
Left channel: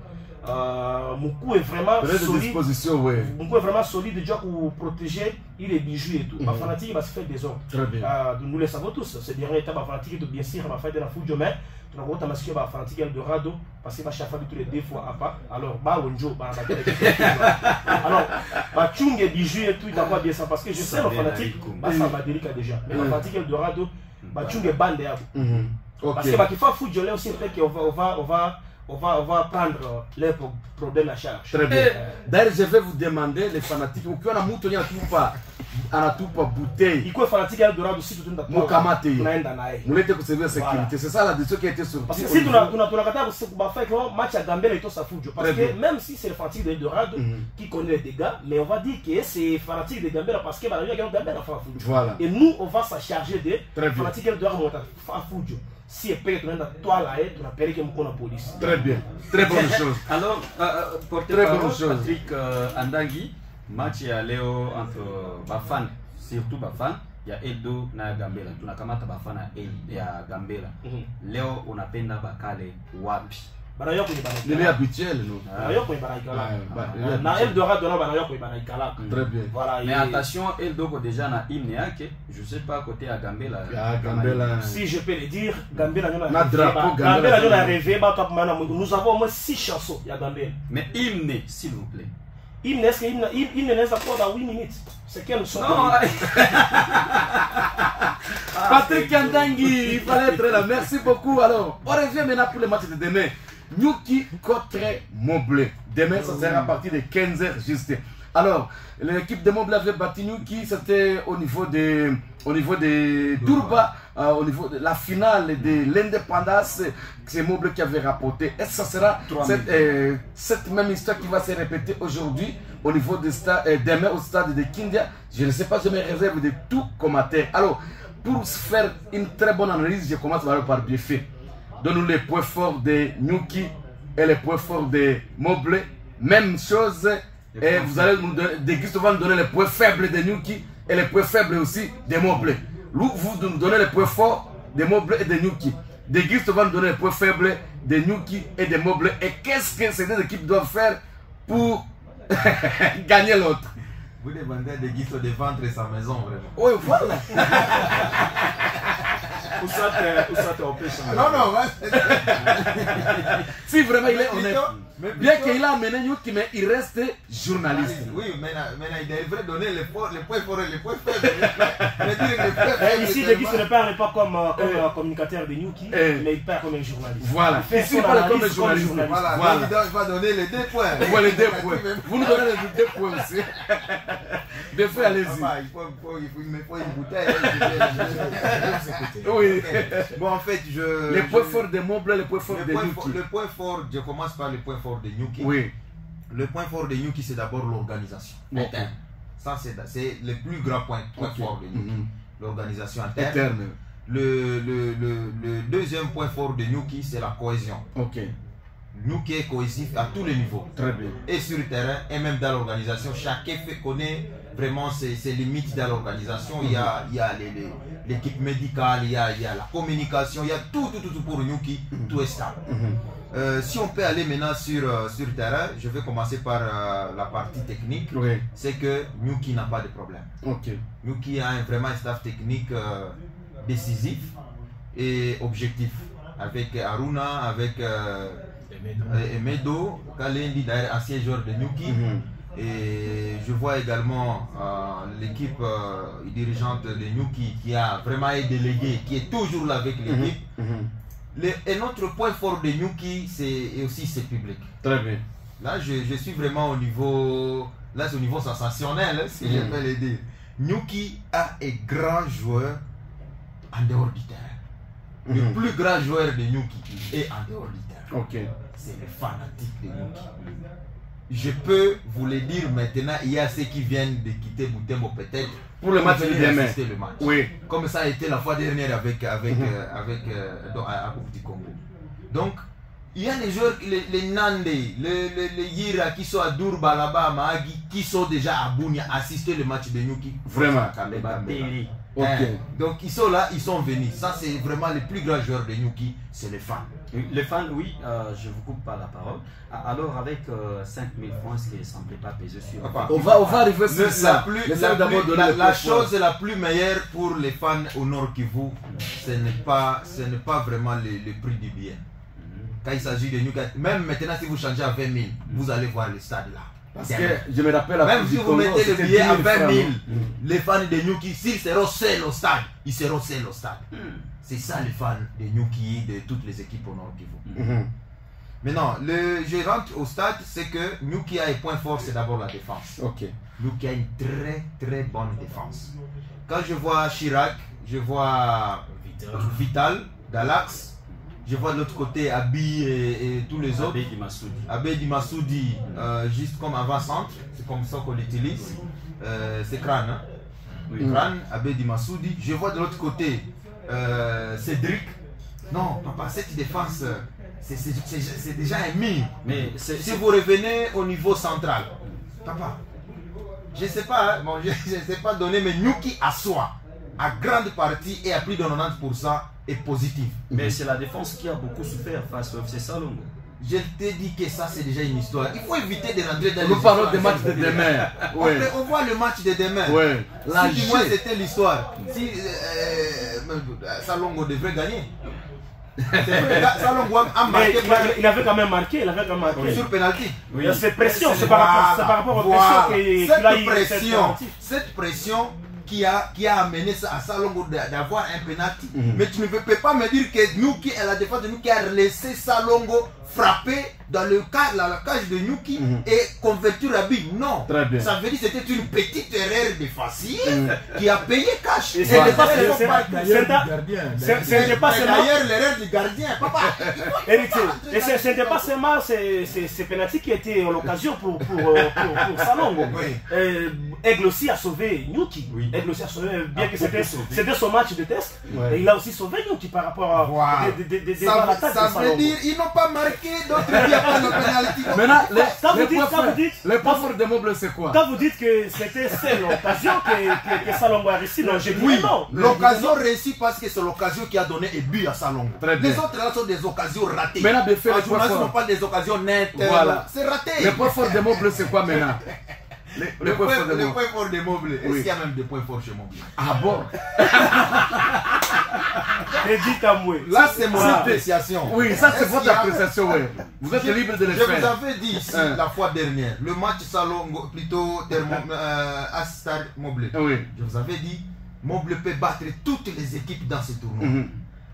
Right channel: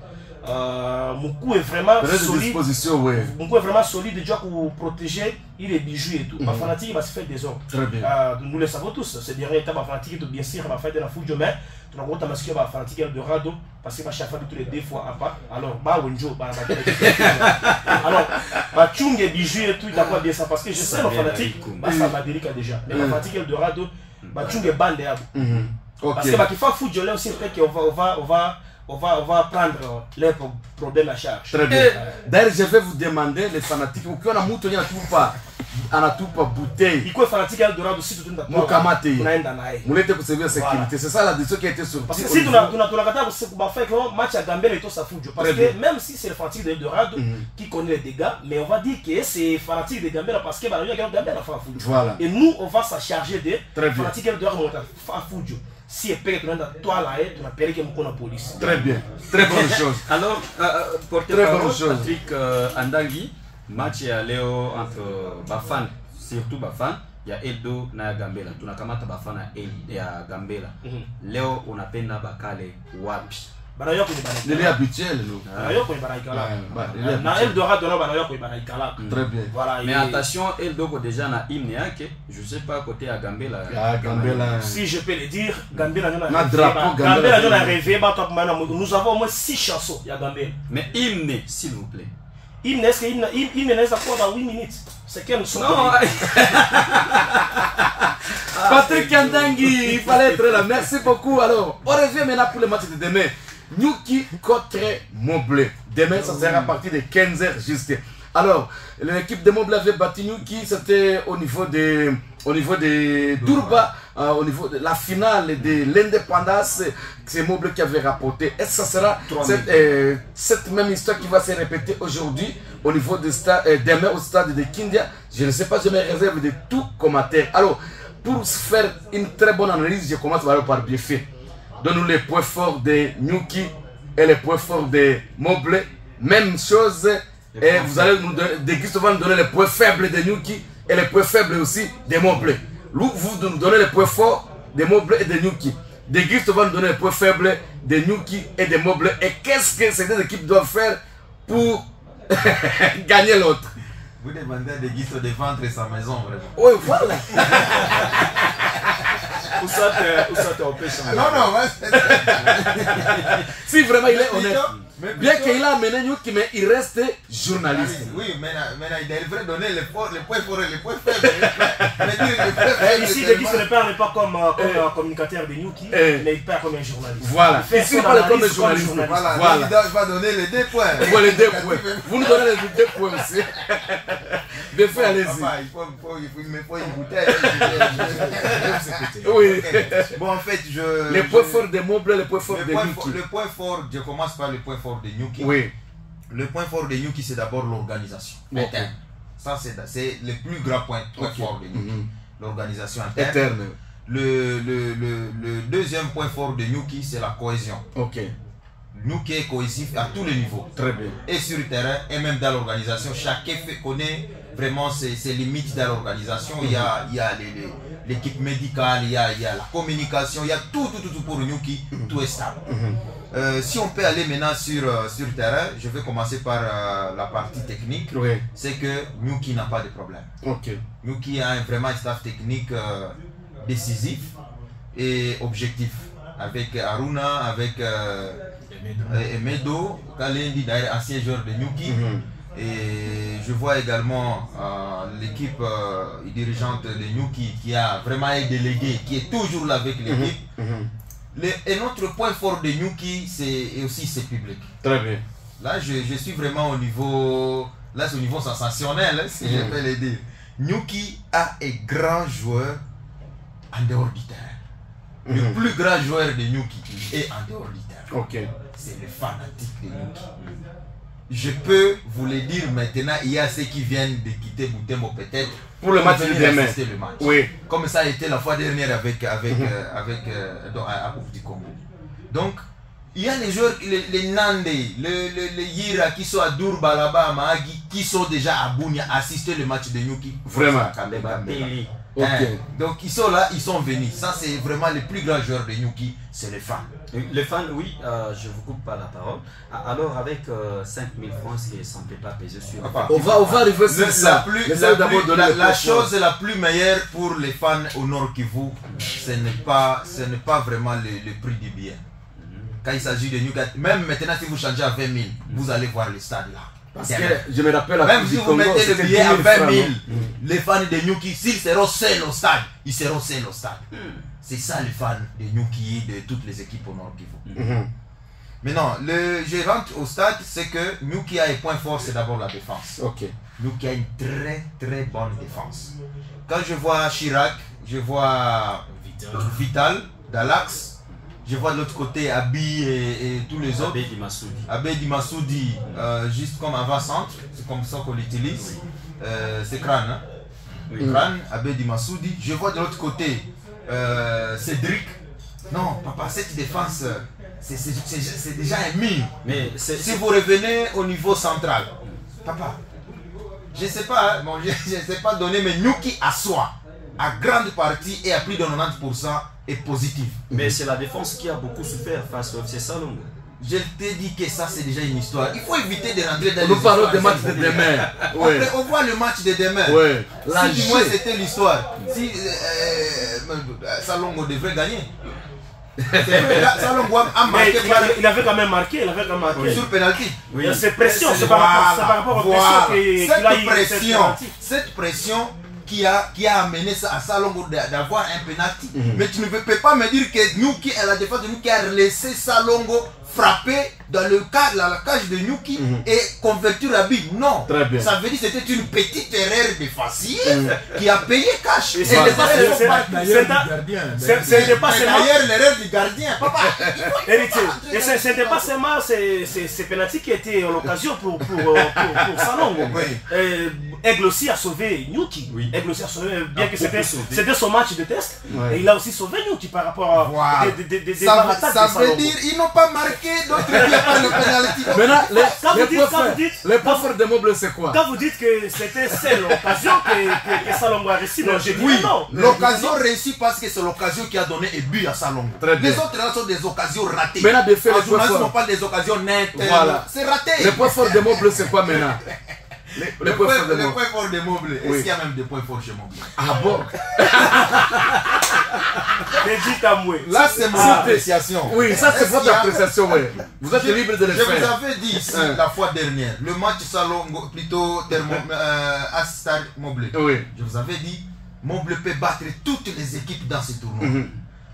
Moukou est vraiment solide. Moukou est vraiment solide déjà pour protéger les bijoux et tout. Ma fanatique va se faire des ordres. Nous le savons tous. Ces derniers étapes, ma fanatique est bien sûr, ma fête de la foule de main. Tu n'as pas masqué ma fanatique Eldorado parce que ma chaque fois tous les 2 fois à pas. Alors, bah Wenjo, bah alors, bah Chung et bijoux et tout, il n'a pas bien ça parce que je sais ma fanatique, bah ça m'a délicat déjà. Mais ma fanatique Eldorado, bah Chung et bande parce que bah qu'il faut foot de là aussi peut-être qu'on va prendre les problèmes à charge. Très bien. D'ailleurs, je vais vous demander, les fanatiques, ou qu'on a mouton, il n'y a tout pas bouteille. Il faut fanatique Eldorado aussi tout le temps. Mokamate. Moulete pour servir la sécurité. C'est ça la décision qui a été sortie. Parce que si tu as fait un match à Gambela et tout ça fout. Parce que même si c'est le fanatique d'Eldorado qui connaît les dégâts, mais on va dire que c'est fanatique de Gambela parce que Gambela fait fout. Voilà. Et nous, on va se charger des fanatiques d'Eldorado à fout. Si tu es toi là, tu appelles la police. Très bien, très bonne chose. Alors, porte-parole Patrick Andangui, match à Léo entre Bafan, surtout Bafan, il y a Eldo na Gambela. Tu n'as qu'à Bafan à Gambela. Léo, on appelle na Bakale Wapi. Il est habituel, nous. Très bien. Mais attention, Eldo déjà na hymne, je ne sais pas côté à Gambela. Si je peux le dire, Gambela a rêvé. Nous avons au moins 6 chansons à Gambela. Mais hymne, s'il vous plaît. Hymne, est-ce que hymne est encore dans 8 minutes? C'est quel son? Patrick Andangui, il fallait être là. Merci beaucoup. Alors, on revient maintenant pour le match de demain. Nyuki contre Moblé. Demain, ça sera à partir de 15h juste. Alors, l'équipe de Moblé avait battu Nyuki. C'était au niveau de Durba, au niveau de la finale de l'indépendance. C'est Moblé qui avait rapporté. Et ça sera cette même histoire qui va se répéter aujourd'hui au niveau du stade, demain au stade de Kindia. Je ne sais pas, je me réserve de tout commentaire. Alors, pour faire une très bonne analyse, je commence par Biefé. Donne-nous les points forts de Nyuki et les points forts de Moblé. Même chose. Et vous allez nous donner les points faibles de Nyuki et les points faibles aussi des Mobley. Vous nous donnez les points forts des Mobley et des Nyuki. De Gift va nous donner les points faibles des Nyuki et des Mobley. Et qu'est-ce que ces deux équipes doivent faire pour gagner l'autre? Vous demandez à De Gift de vendre sa maison, vraiment. Oui, voilà. Ou soit on peut changer. Non, non, si vraiment il est honnête. Bien qu'il a amené Nyuki, mais il reste journaliste. Oui, mais il devrait donner les points forts et les points faibles. Ici, De Gift ne parle pas comme communicateur de Nyuki, mais il parle comme un journaliste. Voilà. Ici, il parle comme un journaliste. Voilà. Il va donner les 2 points. Les 2 points. Vous nous donnez les 2 points aussi. De fait, allez-y. Il me faut une bouteille. Oui. Bon, en fait, les points forts des Mobley, les points forts des Nyuki. Le point fort, je commence par le point fort de Nyuki. Oui. Le point fort de Nyuki, c'est d'abord l'organisation interne. Ça, c'est le plus grand point fort de Nyuki. L'organisation interne. Le deuxième point fort de Nyuki, c'est la cohésion. Ok. Nyuki est cohésif à tous les niveaux. Très bien. Et sur le terrain, et même dans l'organisation, chacun connaît vraiment ses limites dans l'organisation. Il y a l'équipe médicale, il y a la communication, il y a tout pour Nyuki, tout est stable. Si on peut aller maintenant sur le terrain, je vais commencer par la partie technique. Oui. C'est que Nyuki n'a pas de problème. Okay. Nyuki a vraiment un staff technique décisif et objectif. Avec Aruna, avec Emedo, Kalendi, d'ailleurs ancien joueur de Nyuki. Et je vois également l'équipe dirigeante de Nyuki qui a vraiment un délégué qui est toujours là avec l'équipe. Et notre point fort de Nyuki, c'est aussi ses publics. Très bien. Là, je suis vraiment au niveau, là c'est au niveau sensationnel, si je peux le dire. Nyuki a un grand joueur en dehors du terrain. Le plus grand joueur de Nyuki est en dehors du terrain. Ok. C'est le fanatique de Nyuki. Je peux vous le dire maintenant, il y a ceux qui viennent de quitter Butembo peut-être pour le match de demain. Oui. Comme ça a été la fois dernière avec à Coupe du Congo. Donc, il y a les joueurs, les Nande, les Yira qui sont à Durba là-bas, à Mahagi, qui sont déjà à Bunia assister le match de Nyuki. Vraiment. Okay. Donc ils sont là, ils sont venus. Ça c'est vraiment les plus grands joueurs de Nyuki, c'est les fans. Les fans, oui, je ne vous coupe pas la parole. Alors avec 5 000 francs, est-ce que ça ne peut pas peser sur... On va arriver sur ça. La chose la plus meilleure pour les fans au Nord Kivu, ce n'est pas vraiment le prix du billet. Quand il s'agit de Nyuki, même maintenant si vous changez à 20 000, vous allez voir le stade là. Parce que je me rappelle, même si vous mettez le billet à 20 000, les fans de Nyuki, s'ils seront seuls au stade, ils seront seuls au stade. C'est ça les fans de Nyuki, de toutes les équipes au Nord Kivu. Maintenant, je rentre au stade, c'est que Nyuki a un point fort, c'est d'abord la défense. Nyuki a une très bonne défense. Quand je vois Chirac, je vois Vital, Dalax, je vois de l'autre côté Abi et tous les autres. Abedi Massoudi, juste comme avant-centre, c'est comme ça qu'on l'utilise. C'est Crâne. Hein? Crâne, Abedi Massoudi. Je vois de l'autre côté Cédric. Non, papa, cette défense, c'est déjà un mine. Mais si vous revenez au niveau central, papa, je ne sais pas, bon, je ne sais pas donner, mais Nyuki à soi, à grande partie et à plus de 90%, est positif. Mais c'est la défense qui a beaucoup souffert face au FC Salongo. Je t'ai dit que ça c'est déjà une histoire. Il faut éviter de rentrer dans Nous parlons du match de demain. Après, on voit le match de demain. Si du moins c'était l'histoire. Si Salongo devrait gagner. Salongo a marqué. Il avait quand même marqué. Sur penalty. Cette pression, c'est par rapport aux pressions cette pression qui a amené ça à Salongo d'avoir un penalty. Mais tu ne peux pas me dire que Nyuki, la défense de Nyuki a laissé Salongo frapper dans la cage de Nyuki et convertir la bille. Non. Ça veut dire que c'était une petite erreur défensive qui a payé cash. C'est d'ailleurs l'erreur du gardien. Papa. Et ce n'était pas seulement ces pénaltys qui étaient l'occasion pour Salongo. Aigle aussi a sauvé Nyuki. Aigle aussi a sauvé, bien que c'était son match de test. Et il a aussi sauvé Nyuki par rapport à des attaques. Ça veut dire qu'ils n'ont pas marqué, d'autres il n'y a pas le pénalty. Maintenant, les points forts de Moble, c'est quoi? Quand vous dites que c'était l'occasion que Salongo a réussi, non, j'ai dit non. L'occasion réussie parce que c'est l'occasion qui a donné un but à Salongo. Les autres là sont des occasions ratées. Maintenant, de faire les journalistes n'ont pas des occasions nettes. Voilà. C'est raté. Les points forts de Moble, c'est quoi maintenant? Les points forts de Moble. Est-ce qu'il y a même des points forts chez Moble? Ah bon? Là, c'est mon appréciation. Oui, ça c'est votre appréciation, oui. Vous êtes libre de le faire. Je vous avais dit ici la fois dernière, le match Salongo, plutôt Astar Moble. Oui. Je vous avais dit, Moble peut battre toutes les équipes dans ce tournoi.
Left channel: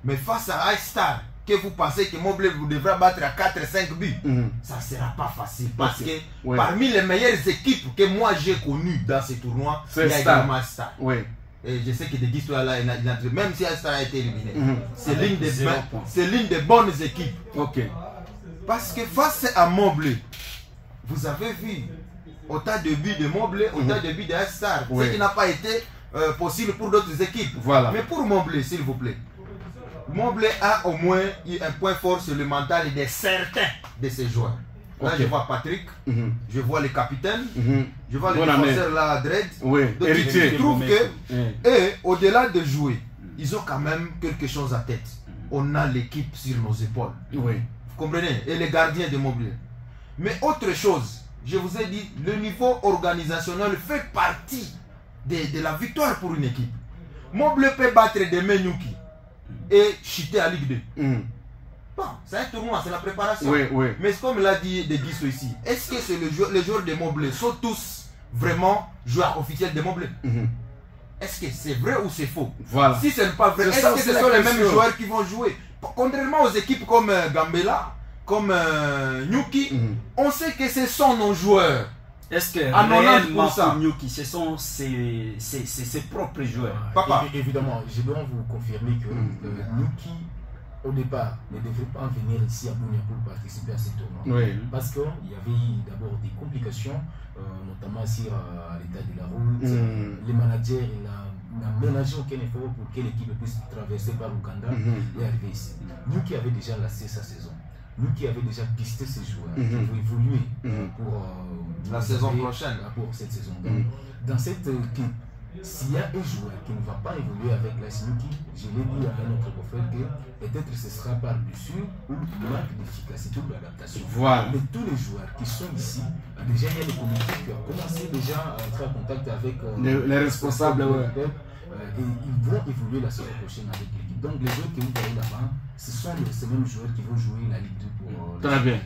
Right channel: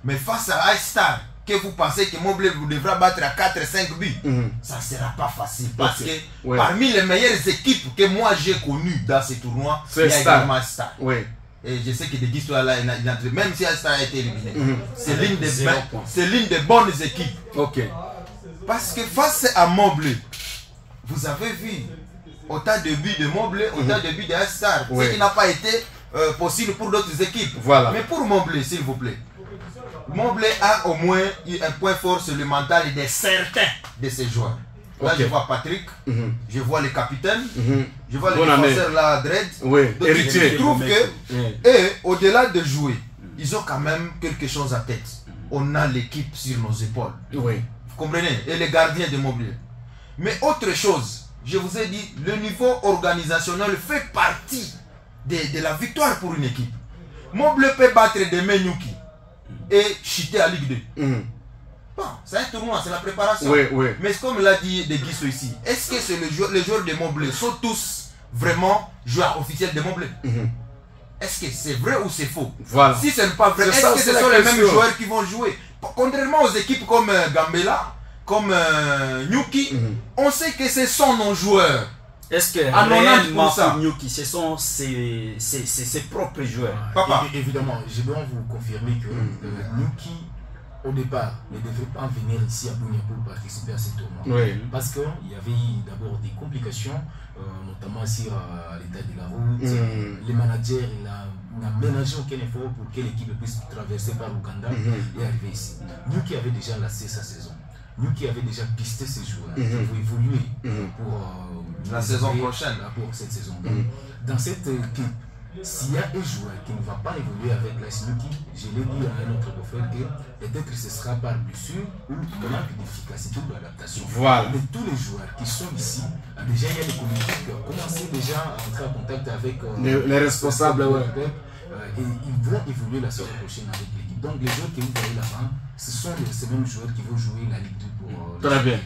Mais face à Astar, que vous pensez que Moble vous devra battre à 4-5 buts, ça ne sera pas facile. Parce que parmi les meilleures équipes que moi j'ai connues dans ce tournoi, il y a également Astar. Oui. Et je sais que des histoires là, même si Astar a été éliminé, c'est l'une des bonnes équipes. Ok. Parce que face à Moble, vous avez vu autant de buts de Moble, autant de buts de Astar, ce qui n'a pas été possible pour d'autres équipes. Voilà. Mais pour Moble, s'il vous plaît, Moble a au moins eu un point fort sur le mental de certains de ses joueurs. Là, je vois Patrick, je vois le capitaine, je vois le défenseur là, Dredd. Donc, je trouve que, au-delà de jouer, ils ont quand même quelque chose à tête. On a l'équipe sur nos épaules. Vous comprenez? Et les gardiens de Moble. Mais autre chose, je vous ai dit, le niveau organisationnel fait partie de la victoire pour une équipe. Moble peut battre des Nyuki et chuter à Ligue 2. Bon, c'est un tournoi, c'est la préparation. Mais comme l'a dit De Guisso ici, est-ce que les joueurs de Moble sont tous vraiment joueurs officiels de Moble? Est-ce que c'est vrai ou c'est faux? Si ce n'est pas vrai, est-ce que ce sont les mêmes joueurs qui vont jouer? Contrairement aux équipes comme Gambela, comme Nyuki, on sait que ce sont nos joueurs. Est-ce que réellement pour Nyuki, ce sont ses propres joueurs? Papa. Évidemment, je dois vous confirmer que Nyuki, au départ, ne devrait pas venir ici à Bunia pour participer à ce tournoi. Parce qu'il y avait eu d'abord des complications, notamment sur l'état de la route. Le manager n'a ménagé aucun effort pour que l'équipe puisse traverser par l'Ouganda et arriver ici. Nyuki avait déjà lancé sa saison. Nyuki avait déjà pisté ses joueurs qui vont évoluer pour la saison prochaine. Pour cette saison. Donc, dans cette équipe, s'il y a un joueur qui ne va pas évoluer avec l'AS Nyuki, je l'ai dit à un autre confrère que peut-être ce sera par blessure ou manque d'efficacité ou d'adaptation. Mais tous les joueurs qui sont ici, déjà il y a des comités qui ont commencé déjà à entrer en contact avec les responsables. Et ils vont évoluer la saison prochaine avec l'équipe. Donc les joueurs que vous voyez là-bas, ce sont ces mêmes joueurs qui vont jouer la Ligue 2 pour... Très bien.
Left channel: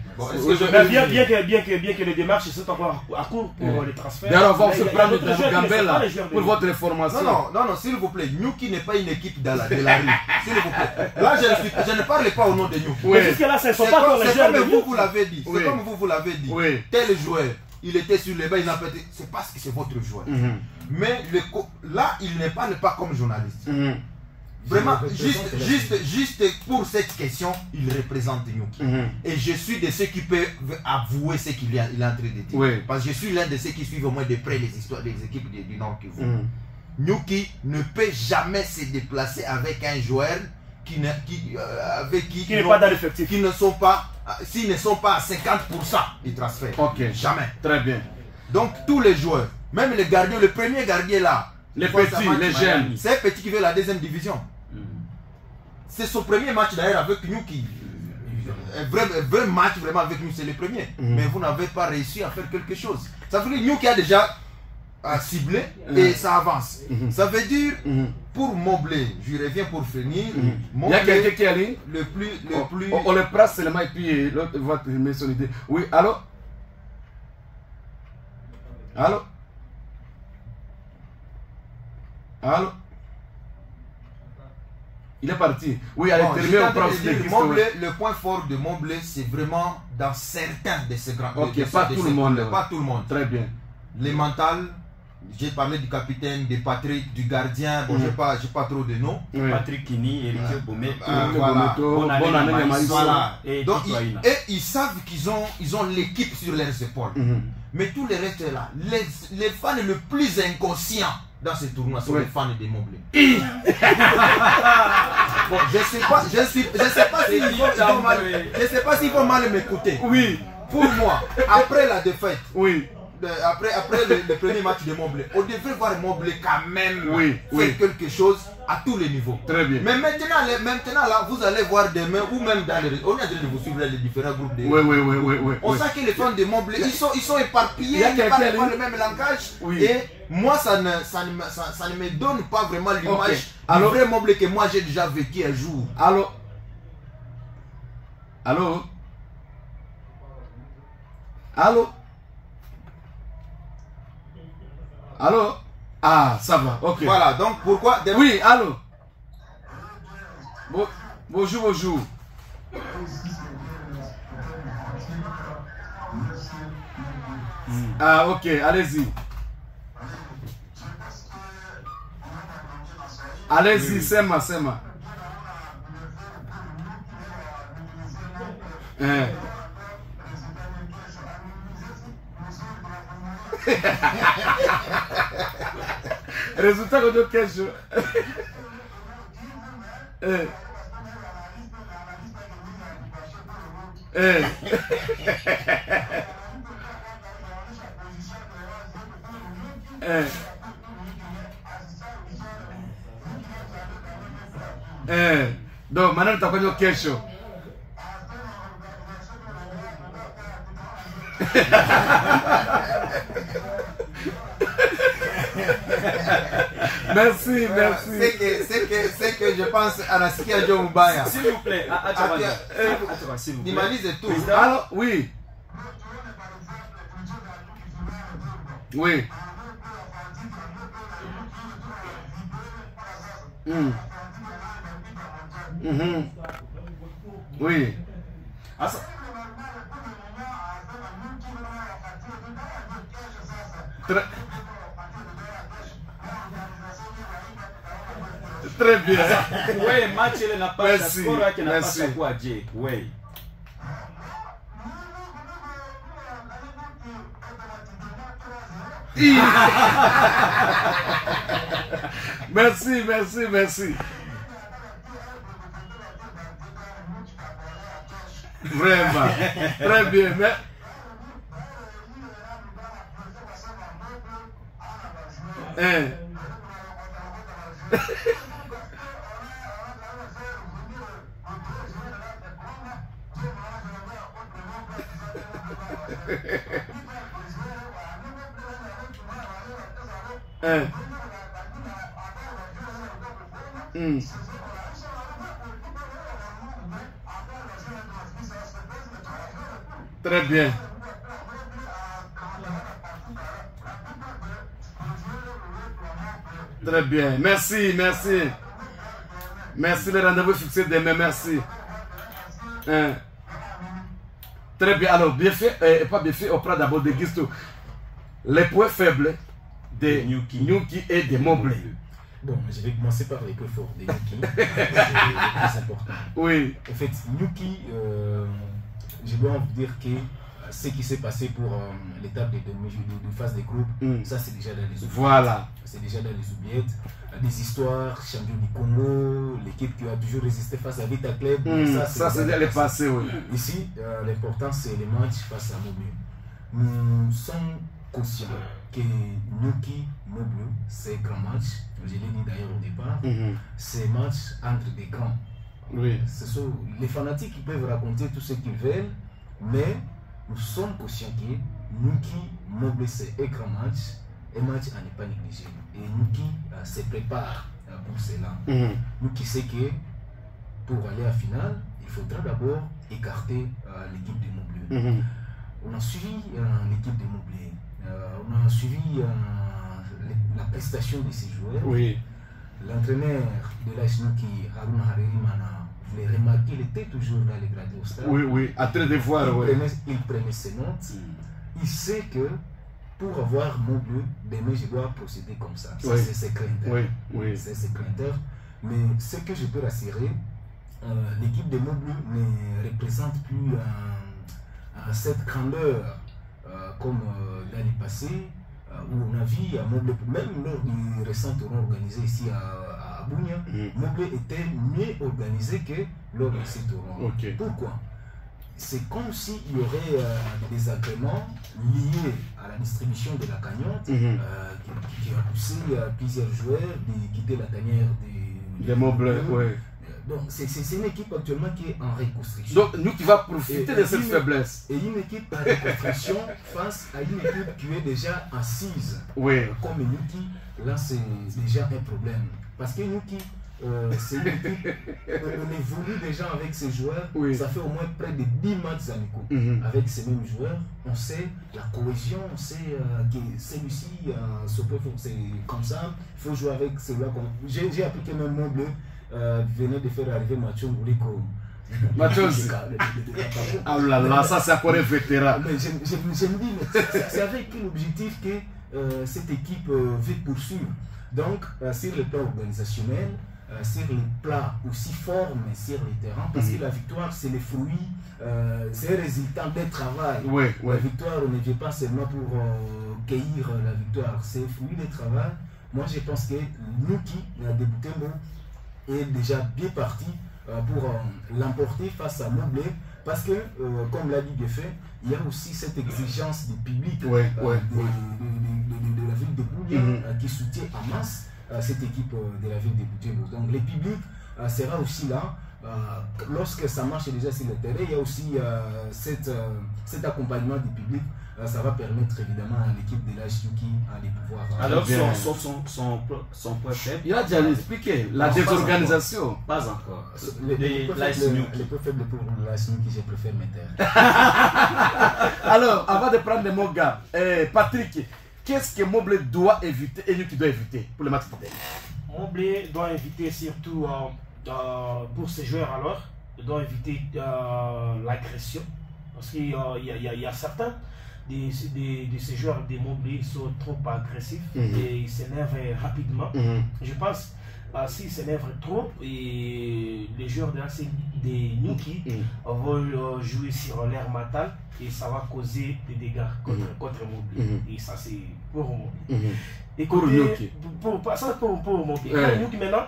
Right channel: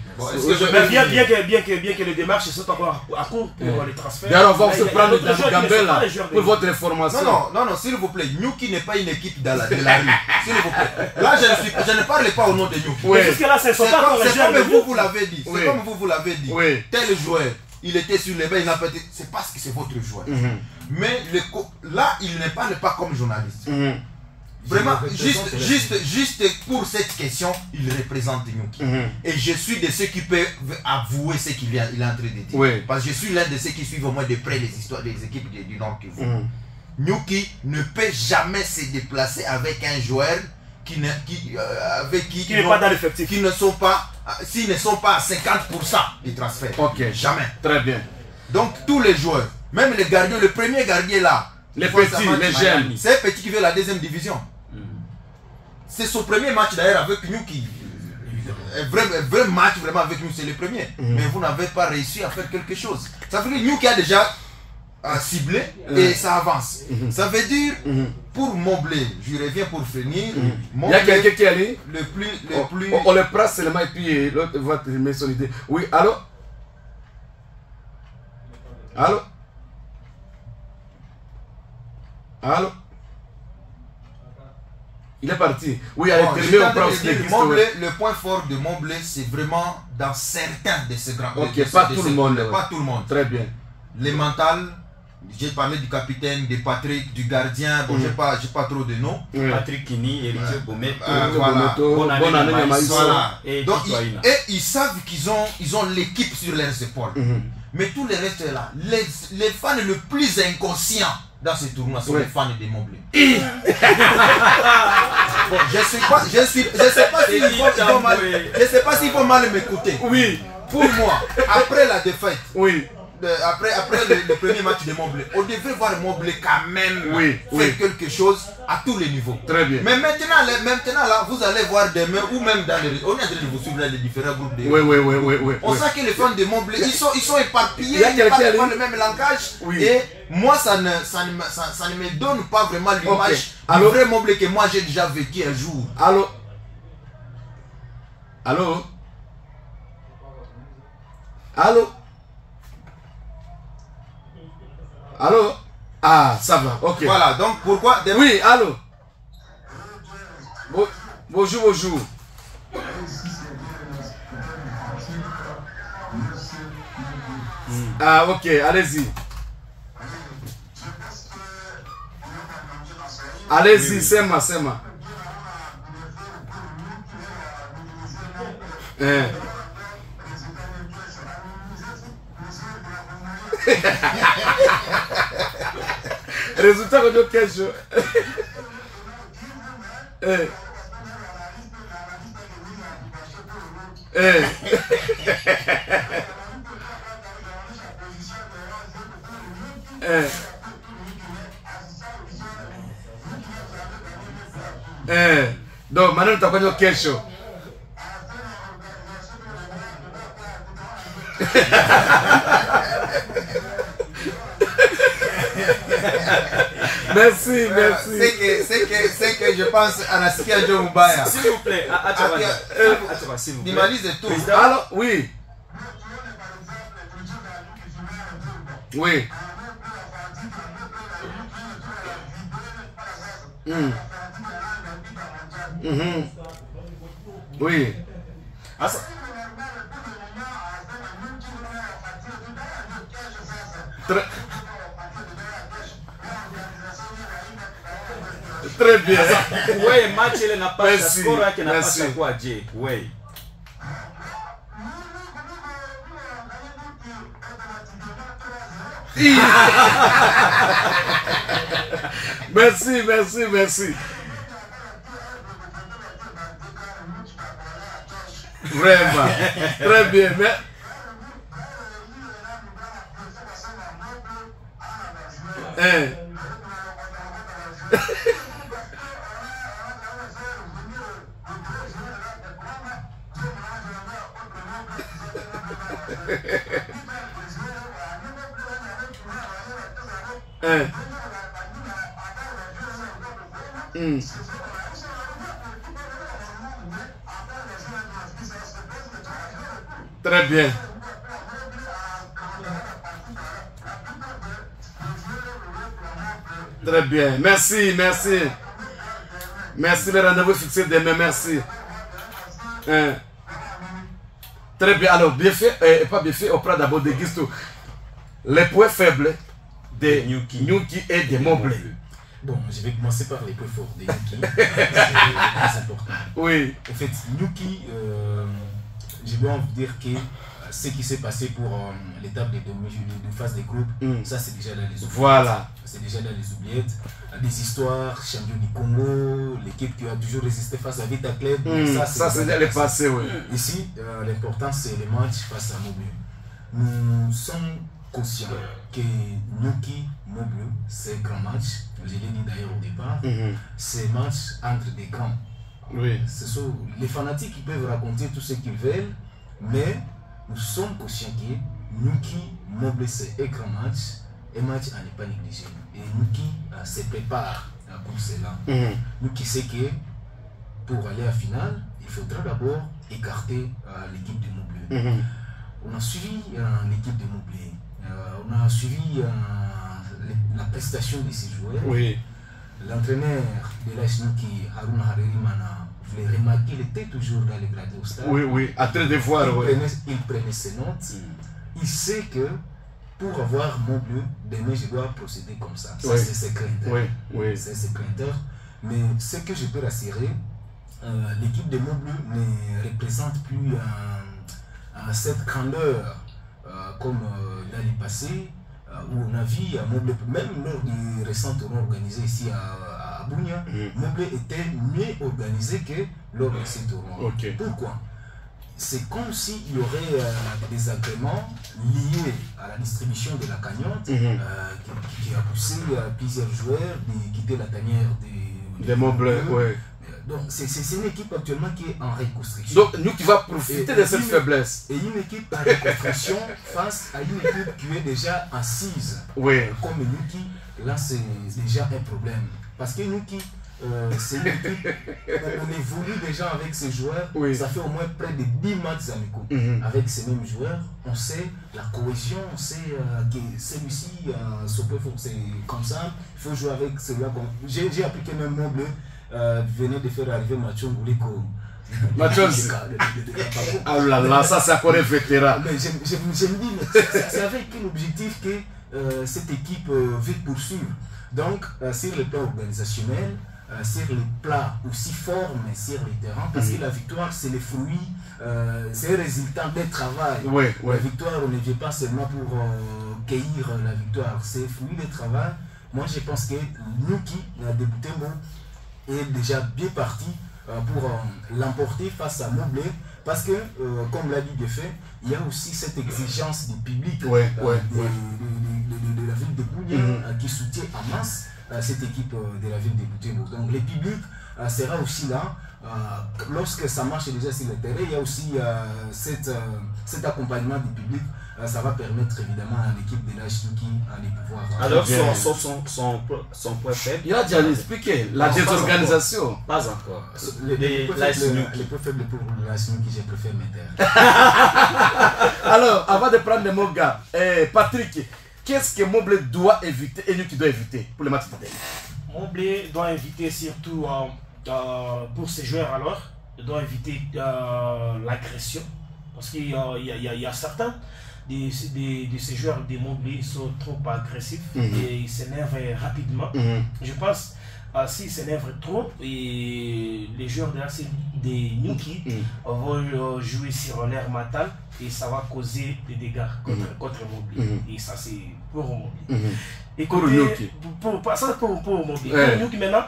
Bien que les démarches sont encore à court pour les transferts. D'ailleurs, on va se prendre dans Gambela pour votre information. Non, s'il vous plaît, Nyuki n'est pas une équipe de la rue. S'il vous plaît. Là, je ne parle pas au nom de Nyuki. C'est comme vous l'avez dit. C'est comme vous l'avez dit. Tel joueur, il était sur les bancs, il n'a pas été... C'est parce que c'est votre joueur. Mais là, il ne parle pas comme journaliste. Vraiment, juste pour cette question, il représente Nyuki. Et je suis de ceux qui peuvent avouer ce qu'il est en train de dire. Parce que je suis l'un de ceux qui suivent au moins de près les histoires des équipes du Nord Kivu. Nyuki ne peut jamais se déplacer avec un joueur qui n'est pas dans l'effectif. Qui ne sont pas, s'ils ne sont pas à 50% du transfert. Jamais. Très bien. Donc tous les joueurs, même les gardiens, le premier gardien là, les petits, les jeunes, c'est un petit qui veut la deuxième division. C'est son premier match d'ailleurs avec Nyuki. Un vrai match vraiment avec nous, c'est le premier. Mais vous n'avez pas réussi à faire quelque chose. Ça veut dire que Nyuki a déjà ciblé et ça avance. Ça veut dire, pour Moble, je reviens pour finir. Il y a quelqu'un qui est allé. On le prend seulement et puis l'autre va te mettre son idée. Oui, allô? Allô? Allô? Il est parti. Oui, allez, le point fort de Moble, c'est vraiment dans certains de ces grands. Pas tout le monde. Pas tout le monde. Très bien. Les mentales, j'ai parlé du capitaine, de Patrick, du gardien. Bon, j'ai pas trop de noms. Patrick Kini, Héritier Bometo, voilà. Et ils savent qu'ils ont l'équipe sur leurs épaules. Mais tout le reste là, les fans le plus inconscients dans ce tournoi, c'est les fans des Montblé. Bon, je sais pas s'ils vont mal m'écouter. Oui. Pour moi, après la défaite, oui. Après le premier match de Montblé, on devrait voir Montblé quand même faire quelque chose à tous les niveaux. Très bien. Mais maintenant là, vous allez voir demain ou même dans les... On est en train de vous suivre les différents groupes de... Oui. On sent que les fans de Montblé, ils sont éparpillés, ils parlent le même langage. Oui. Et moi, ça ne me donne pas vraiment l'image du vrai Montblé que moi j'ai déjà vécu un jour. Allô? Ah, ça va, ok. Voilà, donc pourquoi... Oui, allô? Bonjour. Ah, ok, allez-y. Allez-y, c'est moi. Résultat de notre question. Donc maintenant tu as connu question. Merci. C'est que je pense à Naskia Djomubaya. S'il vous plaît, s'il vous plaît. Dimanise et tout. Alors, oui. Oui. Oui. Très bien. Oui, match il n'a pas merci. Qui n'a pas quoi dire. Oui. Merci. Vraiment. Très bien. Très bien. Très bien. Merci. Merci, le rendez-vous fixé demain. Merci. Très bien. Alors, bien fait, pas bien fait, on prend d'abord des guistos. Les points faibles de Nyuki et de Montblé. Bon, je vais commencer par les points forts de Nyuki. C'est le plus important. Oui. En fait, Nyuki, je dois vous dire que ce qui s'est passé pour l'étape de phase des groupes, ça c'est déjà dans les oubliettes. Voilà. C'est déjà dans les oubliettes. Des histoires, champion du Congo, l'équipe qui a toujours résisté face à Vita Club. Ça c'est déjà le passé, oui. Ici, l'important c'est le match face à Montblé. Nous sommes conscients que Nyuki Montblé, c'est un grand match. Je l'ai dit d'ailleurs au départ. C'est un match entre des grands. Oui. Ce sont les fanatiques qui peuvent raconter tout ce qu'ils veulent, mais nous sommes conscients que Nyuki Montblé, c'est un grand match, un match à ne pas négliger. Et Nyuki se prépare pour cela. Nyuki sait que pour aller à la finale, il faudra d'abord écarter l'équipe de Montblé. On a suivi l'équipe de Montblé, on a suivi la prestation de ces joueurs. Oui. L'entraîneur de l'AS Nyuki, Haruna Harerimana, vous l'avez remarqué, il était toujours dans les gradés au stade. Oui, à train de voir. Il prenait ses notes. Il sait que pour avoir Montblé, demain je dois procéder comme ça. Ça c'est ses craintes. C'est ses craintes. Mais ce que je peux rassurer, l'équipe de Montblé ne représente plus cette grandeur comme dans le passé. où on a vu Moblé, même lors du récent tournoi organisé ici à Bunia, Moblé était mieux organisé que lors de ces tournois. Pourquoi? C'est comme s'il y aurait des désagréments liés à la distribution de la cagnotte qui a poussé plusieurs joueurs de quitter la tanière des Moblé. Donc c'est une équipe actuellement qui est en reconstruction. Donc nous qui va profiter de cette faiblesse. Et une équipe en reconstruction face à une équipe qui est déjà assise. Comme Nuki, là c'est déjà un problème. Parce que Nuki, c'est une équipe, on évolue déjà avec ces joueurs. Ça fait au moins près de 10 matchs amicaux. Avec ces mêmes joueurs, on sait la cohésion, on sait que celui-ci, c'est comme ça. Il faut jouer avec celui-là. J'ai appliqué même mon bleu. Venez de faire arriver Mathieu Ngouliko. Mathieu, ah là là, ça c'est encore un vétéran. Mais je me dis, c'est avec quel objectif que cette équipe veut poursuivre. Donc, sur le plan organisationnel, sur le plan aussi forme sur le terrain, parce que la victoire, c'est le fruit, c'est un résultat d'un travail. La victoire, on ne vient pas seulement pour cueillir la victoire, c'est le fruit du travail. Moi, je pense que Nuki, de Butembo, est déjà bien parti pour l'emporter face à Moblé, parce que, comme l'a dit Geffe, il y a aussi cette exigence du public de la ville de Bunia qui soutient en masse cette équipe de la ville de Butembo. Donc le public sera aussi là. Lorsque ça marche déjà sur le terrain, il y a aussi cet accompagnement du public. Ça va permettre évidemment à l'équipe de l'H-Nuki de pouvoir... Alors son point faible... Il a déjà expliqué, la désorganisation. Pas encore. Les points faibles pour l'H-Nuki, je préfère mettre. Alors, avant de prendre le mot gars, Patrick, qu'est-ce que Moblé doit éviter et Nuki doit éviter pour le match de tennis? Moblé doit éviter surtout pour ses joueurs alors, il doit éviter l'agression, parce qu'il y a certains de ces joueurs de Moblé sont trop agressifs et ils s'énervent rapidement. Je pense s'ils s'énervent trop, et les joueurs de Nuki vont jouer sur l'air mental et ça va causer des dégâts contre Moblé. Et ça c'est pour Moblé. Et pour Nuki. Pour Moblé. Pour Nuki maintenant,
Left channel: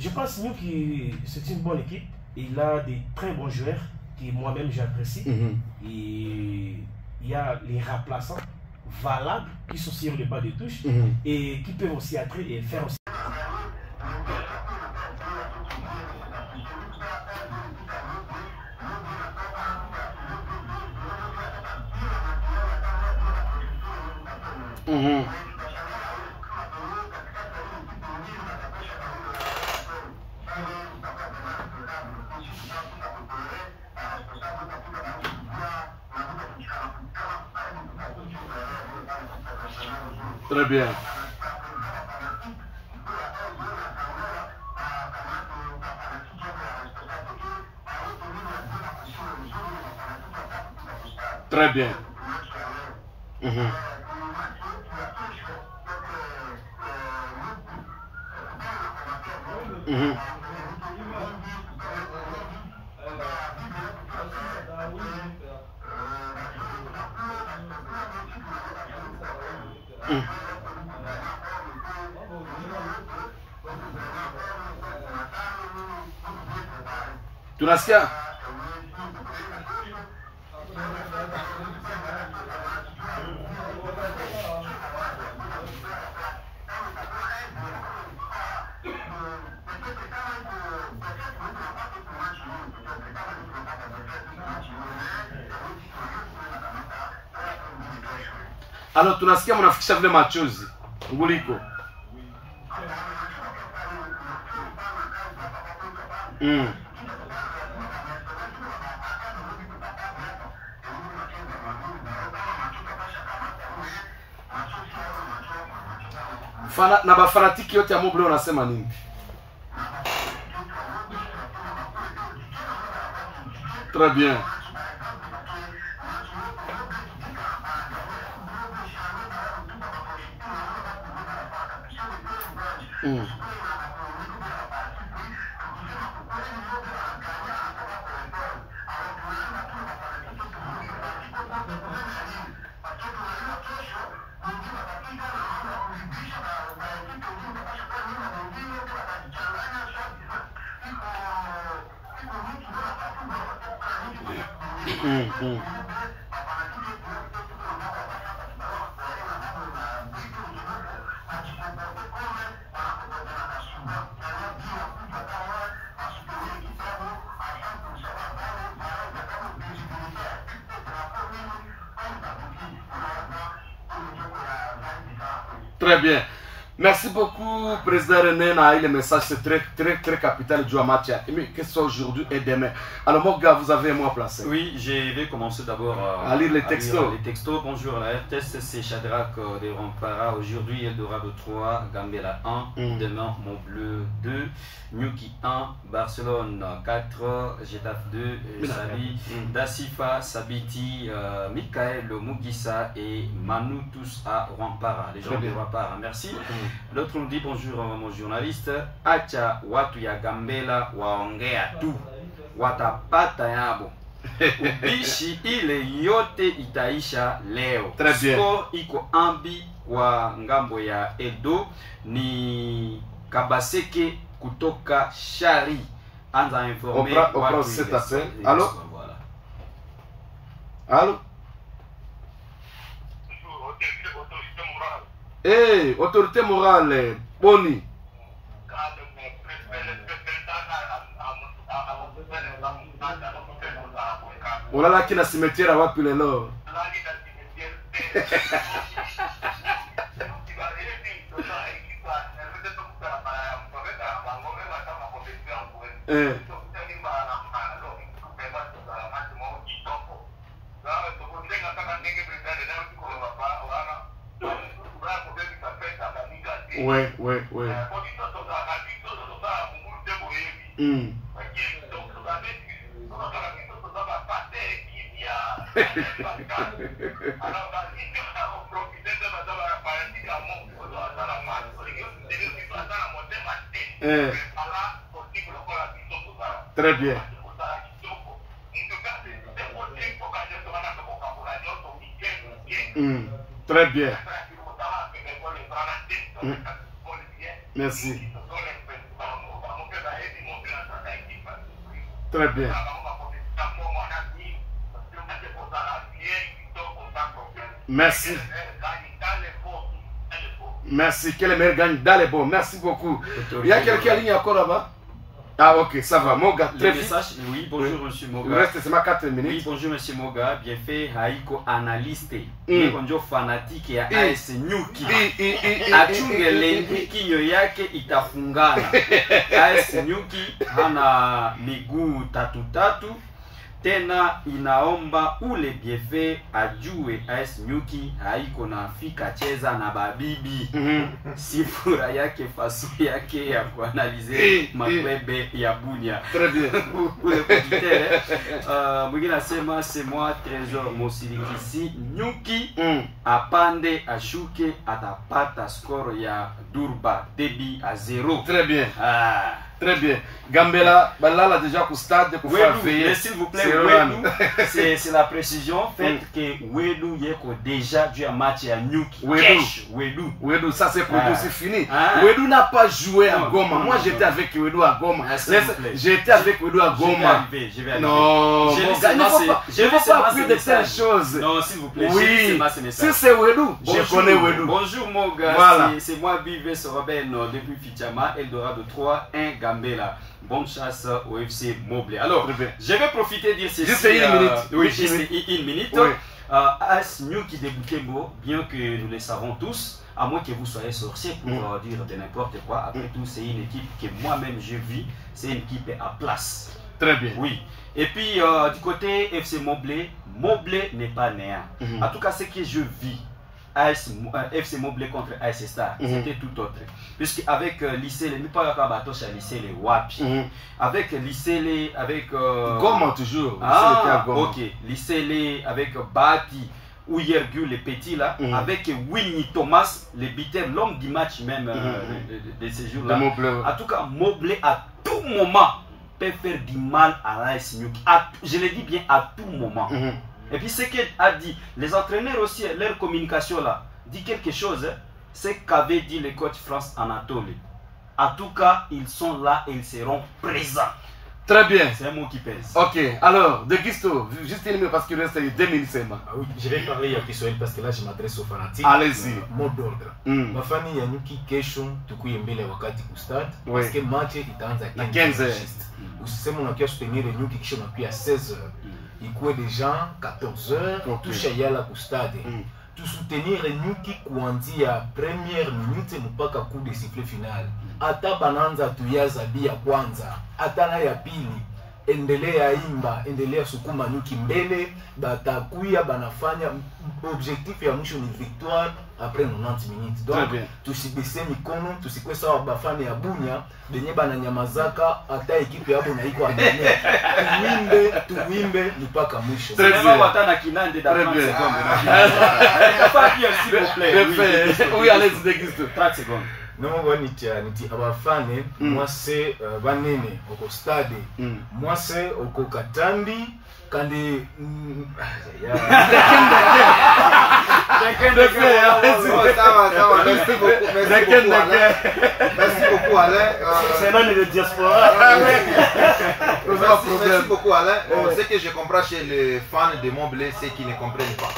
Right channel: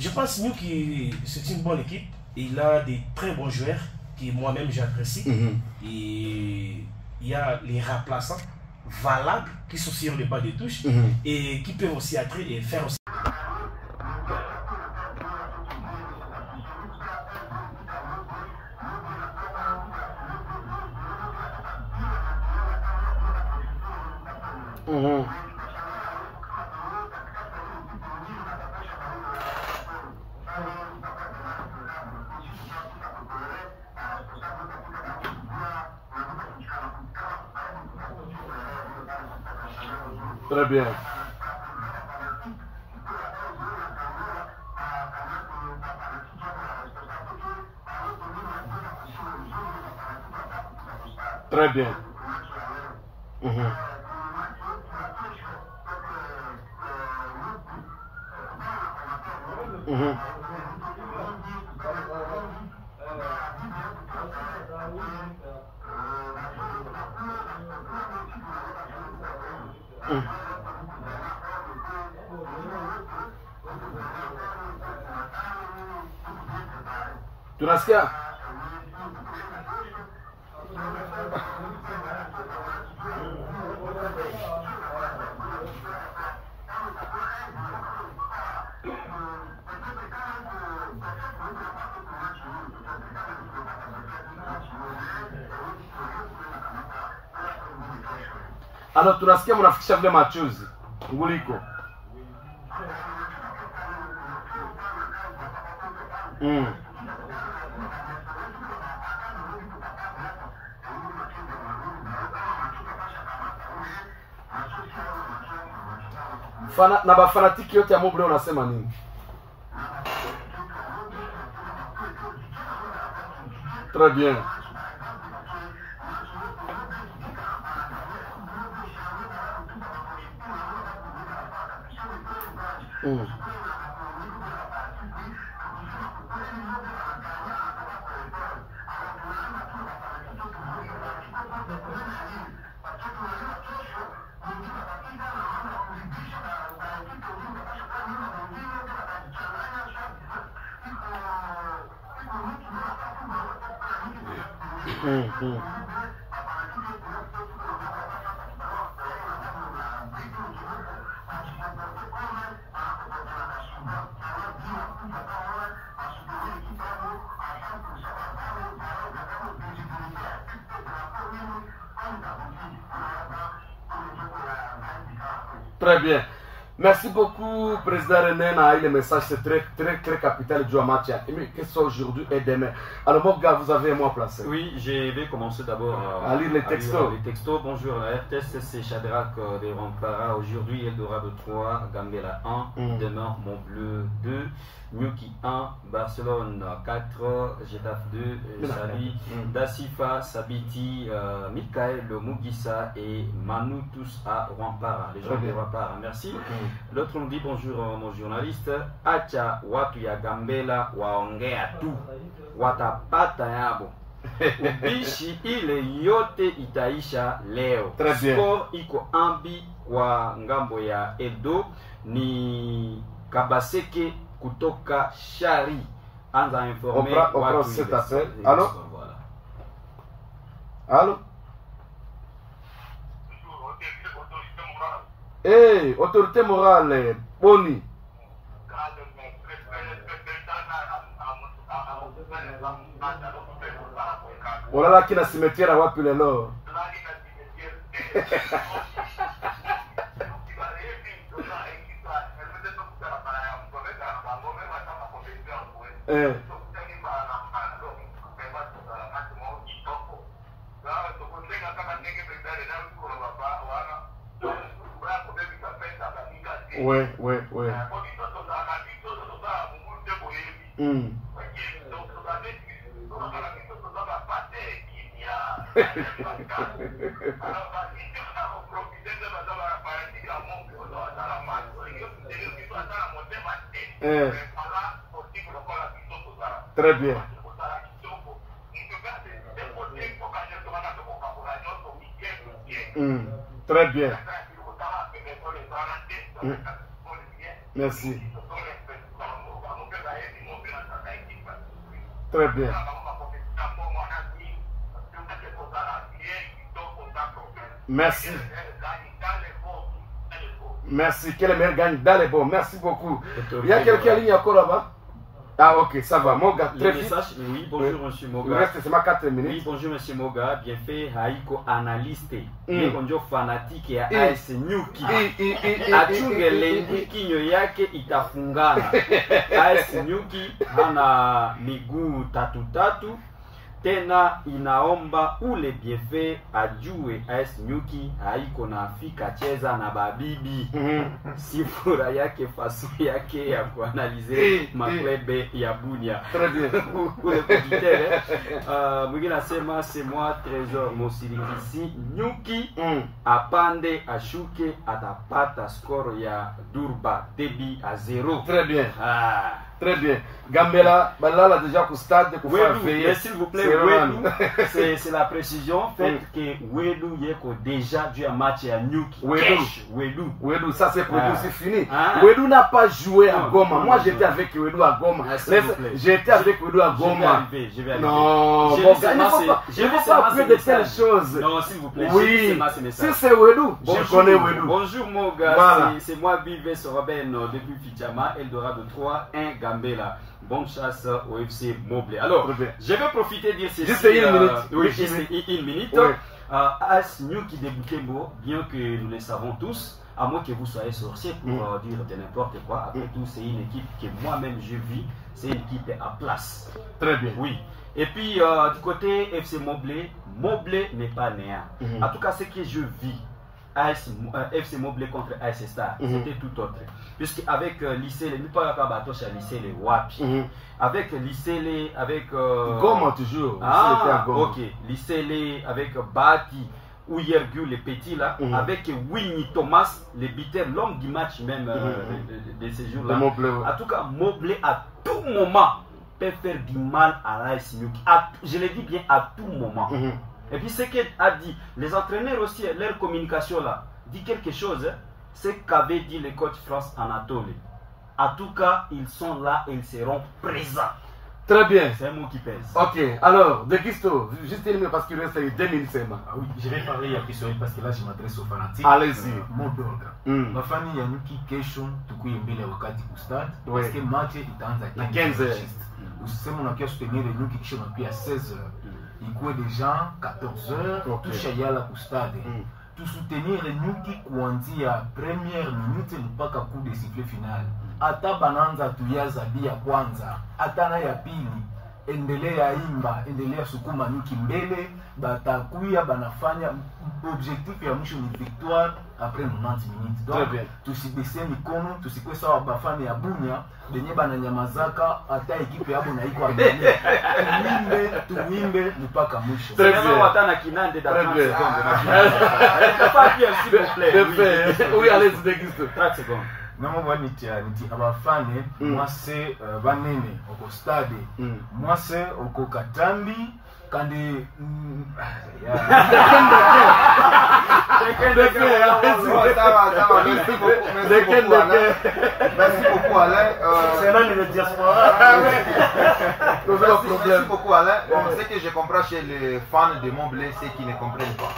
je pense que Nuki c'est une bonne équipe. Il a des très bons joueurs que moi-même j'apprécie. Et il y a les remplaçants valables qui sont sur le bas des touches et qui peuvent aussi être et faire aussi. Très bien. Très bien. Tunasikia? Alors tunasikia mnafikisha vile machozi Ngouliko. Na bafanatiki yote ya Moblé unasema nini? Très bien. Très bien. Merci beaucoup, Président René. Le message, c'est très capital du match. Mais que ce soit aujourd'hui et demain. Alors, mon gars, vous avez un mot à placer. Oui, je vais commencer d'abord à lire les textos. Bonjour, la RTS, c'est Shadrach de Rampara. Aujourd'hui, Eldorado 3, Gambela 1. Demain, Montbleu 2. Nyuki 1, Barcelone 4, Getafe 2, Sali, Dassifa, Sabiti, Michael Mugissa et Manu tous à Rampara, les gens de Rampara. Merci. L'autre nous dit bonjour mon journaliste. Acha watu ya Gambela waongea tu. Watapata yabo. Ubishi ile yote itaisha leo. Score iko ambi kwa ngambo ya Edo ni Kabaseke kutoka Shari. Anza informer watu cet appel. Allô? Voilà. Allô? Hey, autorité morale, Boni. Olala kina cimetière wapi lelo? Ouais. Très bien. Très bien. Merci. Très bien. Merci. Merci. Que les meilleurs gagnent dans les bons. Merci beaucoup. Il y a quelqu'un en ligne encore là-bas? Ah ok, ça va. Moga, très vite. Oui, bonjour monsieur Moga. Il reste seulement 4 minutes. Oui, bonjour monsieur Moga. Bien fait, Haiko analyste. Bonjour fanatique ya AS Nyuki. Achungele kinyo yake itafungana. AS Nyuki hana miguu tatu. Tena inaomba ule biefe ajue AS Nyuki haiko na fika cheza na babibi. Sifura yake faso yake ya kuanalize maklebe ya Bunia. Très bien. Ule kujitere. Mwingine asema c'est moi Trésor Mosilikisi Nyuki apande ashuke atapata score ya Durba Debi à 0. Très bien. Très bien. Gambela, Balala déjà au stade pour faire veiller. Mais s'il vous plaît, c'est la précision. Faites que Wedou Yeko déjà dû un match à Nyuki. Wedou, ça c'est produit, c'est fini. Wedou n'a pas joué à Goma. Moi j'étais avec Wedou à Goma. J'étais avec Wedou à Goma. Non, il ne faut pas appuyer de telles choses. Non, s'il vous plaît. Oui, si c'est Wedou, je connais Wedou. Bonjour mon gars, voilà. C'est moi Bivé Soroben depuis Fichama, Eldorado 3, 1 Gambela. Bonne chasse au FC Moblé. Alors, je vais profiter de dire ceci. Juste une minute. Oui, juste une minute. Oui. AS Nyuki de Butembo, bien que nous le savons tous, à moins que vous soyez sorcier pour dire de n'importe quoi, après tout, c'est une équipe que moi-même je vis, c'est une équipe à place. Très bien. Oui. Et puis, du côté FC Moblé, Moblé n'est pas néant. En tout cas, ce que je vis, FC Moblé contre AS Star, c'était tout autre. Puisque avec lycée, les lycée les Wapi, avec lycée, avec Goma toujours. Ok, lycée avec Bati ou Yergu les petits là, avec Winnie Thomas, le beater, l'homme du match même de ces jours-là. En tout cas, Moblé à tout moment peut faire du mal à l'AS Nyuki. Je le dis bien à tout moment. Et puis ce qu'a dit, les entraîneurs aussi, leur communication là, dit quelque chose, c'est qu'avait dit le coach France Anatole. En tout cas, ils sont là et ils seront présents. Très bien. C'est un mot qui pèse. Ok, alors, De Guisto, juste une minute parce qu'il reste 2 minutes seulement. Ah oui, je vais parler à Kiswahili parce que là je m'adresse aux fanatiques. Allez-y. Mot d'ordre. Mafani ya nyuki kesho tukuye mbele wakati kustart parce que match itaanza 15h. Usiseme unakia soutenir nyuki kisha unakia 16h. Ikuwe deja 14h tusha yala kustade. Tu soutenir nyuki kuanzia première minute mpaka coup de sifflet final. Ata bananza tuyaza bia kwanza, ata na ya pili endelea imba, endelea sukuma nyuki mbele, batakuya banafanya objectif ya mwisho ni victoire après 90 minutes. Donc tusibese mikono, tusikwe sawa bafane ya Bunya benye bananyamazaka ata ekipe ya Bunya iko adone. Tuimbe mpaka mwisho. C'est vraiment watana kinande da 30 secondes na kinande. Pas bien s'il vous plaît. Oui, allez-y De Guisto. 30 secondes. Non, niti abafane moi c'est banene oko stade moi c'est oko Katambi kandi Merci beaucoup Alain. C'est l'année de diaspora. Merci beaucoup Alain. Ce que je comprends chez les fans de Montblé, c'est qu'ils ne comprennent pas.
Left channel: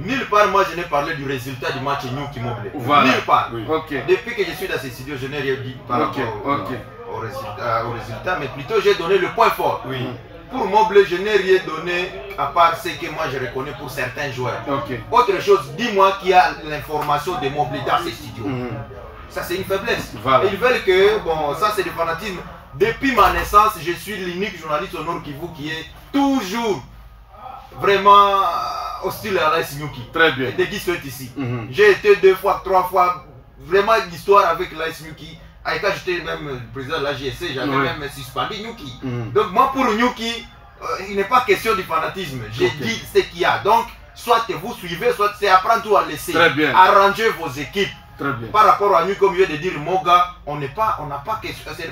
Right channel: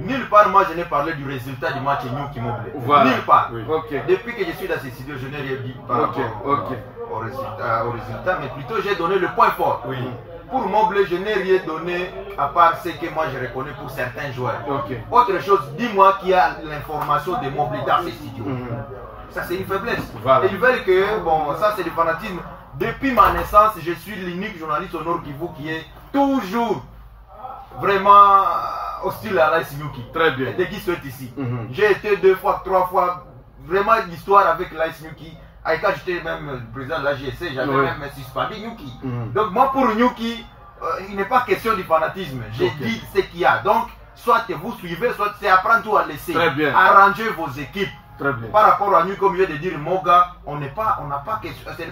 Nulle part, moi, je n'ai parlé du résultat du match Nyuki Montblé. Voilà. Nulle part. Oui. Okay. Depuis que je suis dans ces studios, je n'ai rien dit par rapport au résultat, mais plutôt j'ai donné le point fort. Oui. Pour Montblé, je n'ai rien donné à part ce que moi je reconnais pour certains joueurs. Autre chose, dis-moi qui a l'information de Montblé dans ces studios. Ça, c'est une faiblesse. Voilà. Et ils veulent que, bon, ça, c'est du fanatisme. Depuis ma naissance, je suis l'unique journaliste au Nord Kivu qui est toujours vraiment hostile à l'AS Nyuki. Très bien. Dès qu'ils sont ici. J'ai été 2 fois, 3 fois, vraiment l'histoire avec l'AS Nyuki. Et quand j'étais même président de la GSC, j'avais même suspendu Nyuki. Donc moi pour Nyuki, il n'est pas question du fanatisme. J'ai dit ce qu'il y a. Donc, soit vous suivez, soit c'est apprendre tout à laisser. Très bien. Arranger vos équipes. Très bien. Par rapport à nous, comme je viens de dire, Moga, ce n'est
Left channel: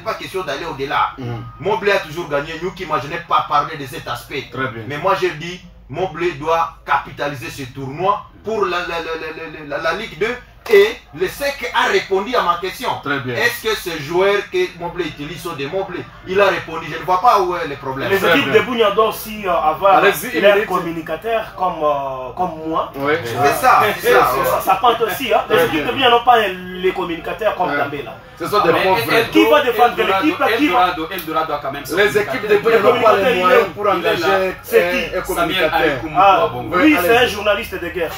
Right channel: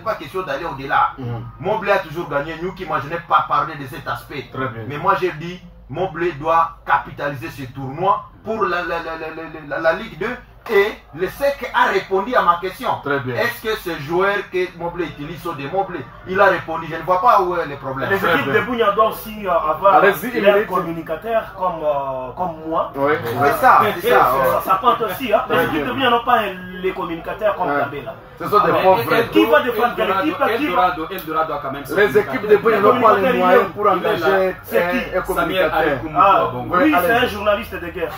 pas question d'aller au-delà. Montblé a toujours gagné. Nyuki, moi je n'ai pas parlé de cet aspect. Très bien. Mais moi j'ai dit, Montblé doit capitaliser ce tournoi pour la Ligue 2. Et le SEC a répondu à ma question. Est-ce que ce joueur que Montblé utilise sont des Montblé? Il a répondu, je ne vois pas où est le problème. Les équipes de Bunya doivent aussi avoir leurs communicateurs comme moi. Oui. C'est ça. Ça compte aussi. Hein. Les équipes de Bunya n'ont pas les communicateurs comme Gambela. Ce sont des pauvres. Qui va défendre l'équipe? Eldorado a quand même. Les équipes de Bunya n'ont pas les moyens pour engager un communicateur. Oui, c'est un journaliste de guerre.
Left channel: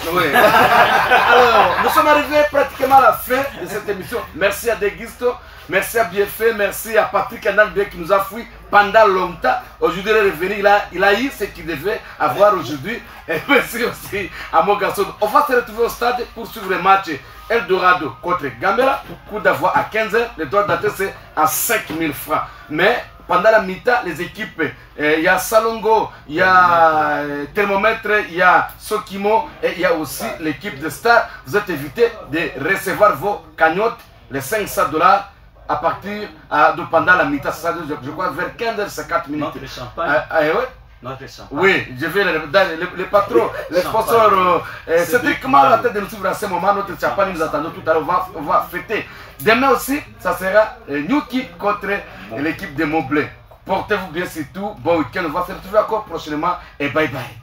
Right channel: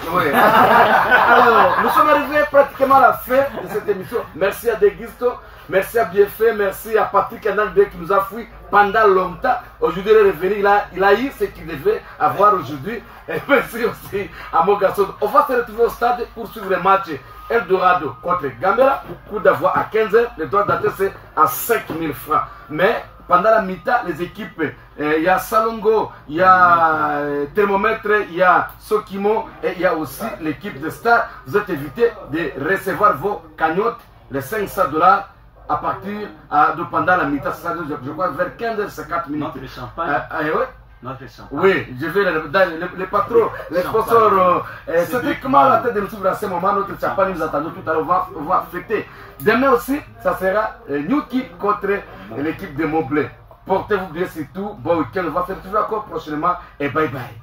Alors, nous sommes arrivés pratiquement à la fin de cette émission. Merci à De Guisto, merci à Bienfait, merci à Patrick Anangbe qui nous a fui pendant longtemps. Aujourd'hui, il est revenu, il a eu ce qu'il devait avoir aujourd'hui. Et merci aussi à mon garçon. On va se retrouver au stade pour suivre le match Eldorado contre Gambela. Coup d'avoir à 15h, le droit d'entrée c'est à 5000 francs. Mais pendant la mi-temps, les équipes, il y a Salongo, il y a Thermomètre, il y a Sokimo et il y a aussi l'équipe de Star. Vous êtes invités de recevoir vos cagnottes, les $500 à partir de pendant la mi-temps. Je crois vers 15h50 minutes. Notre champagne. Oui, je vais le patron, les sponsors. C'est strictement la tête de nous suivre à ce moment. Notre champagne nous attendons tout à l'heure. On va fêter. Demain aussi, ça sera Nyuki contre l'équipe de Montblé. Portez-vous bien, c'est tout. Bon week-end. On va se retrouver encore prochainement. Et bye bye.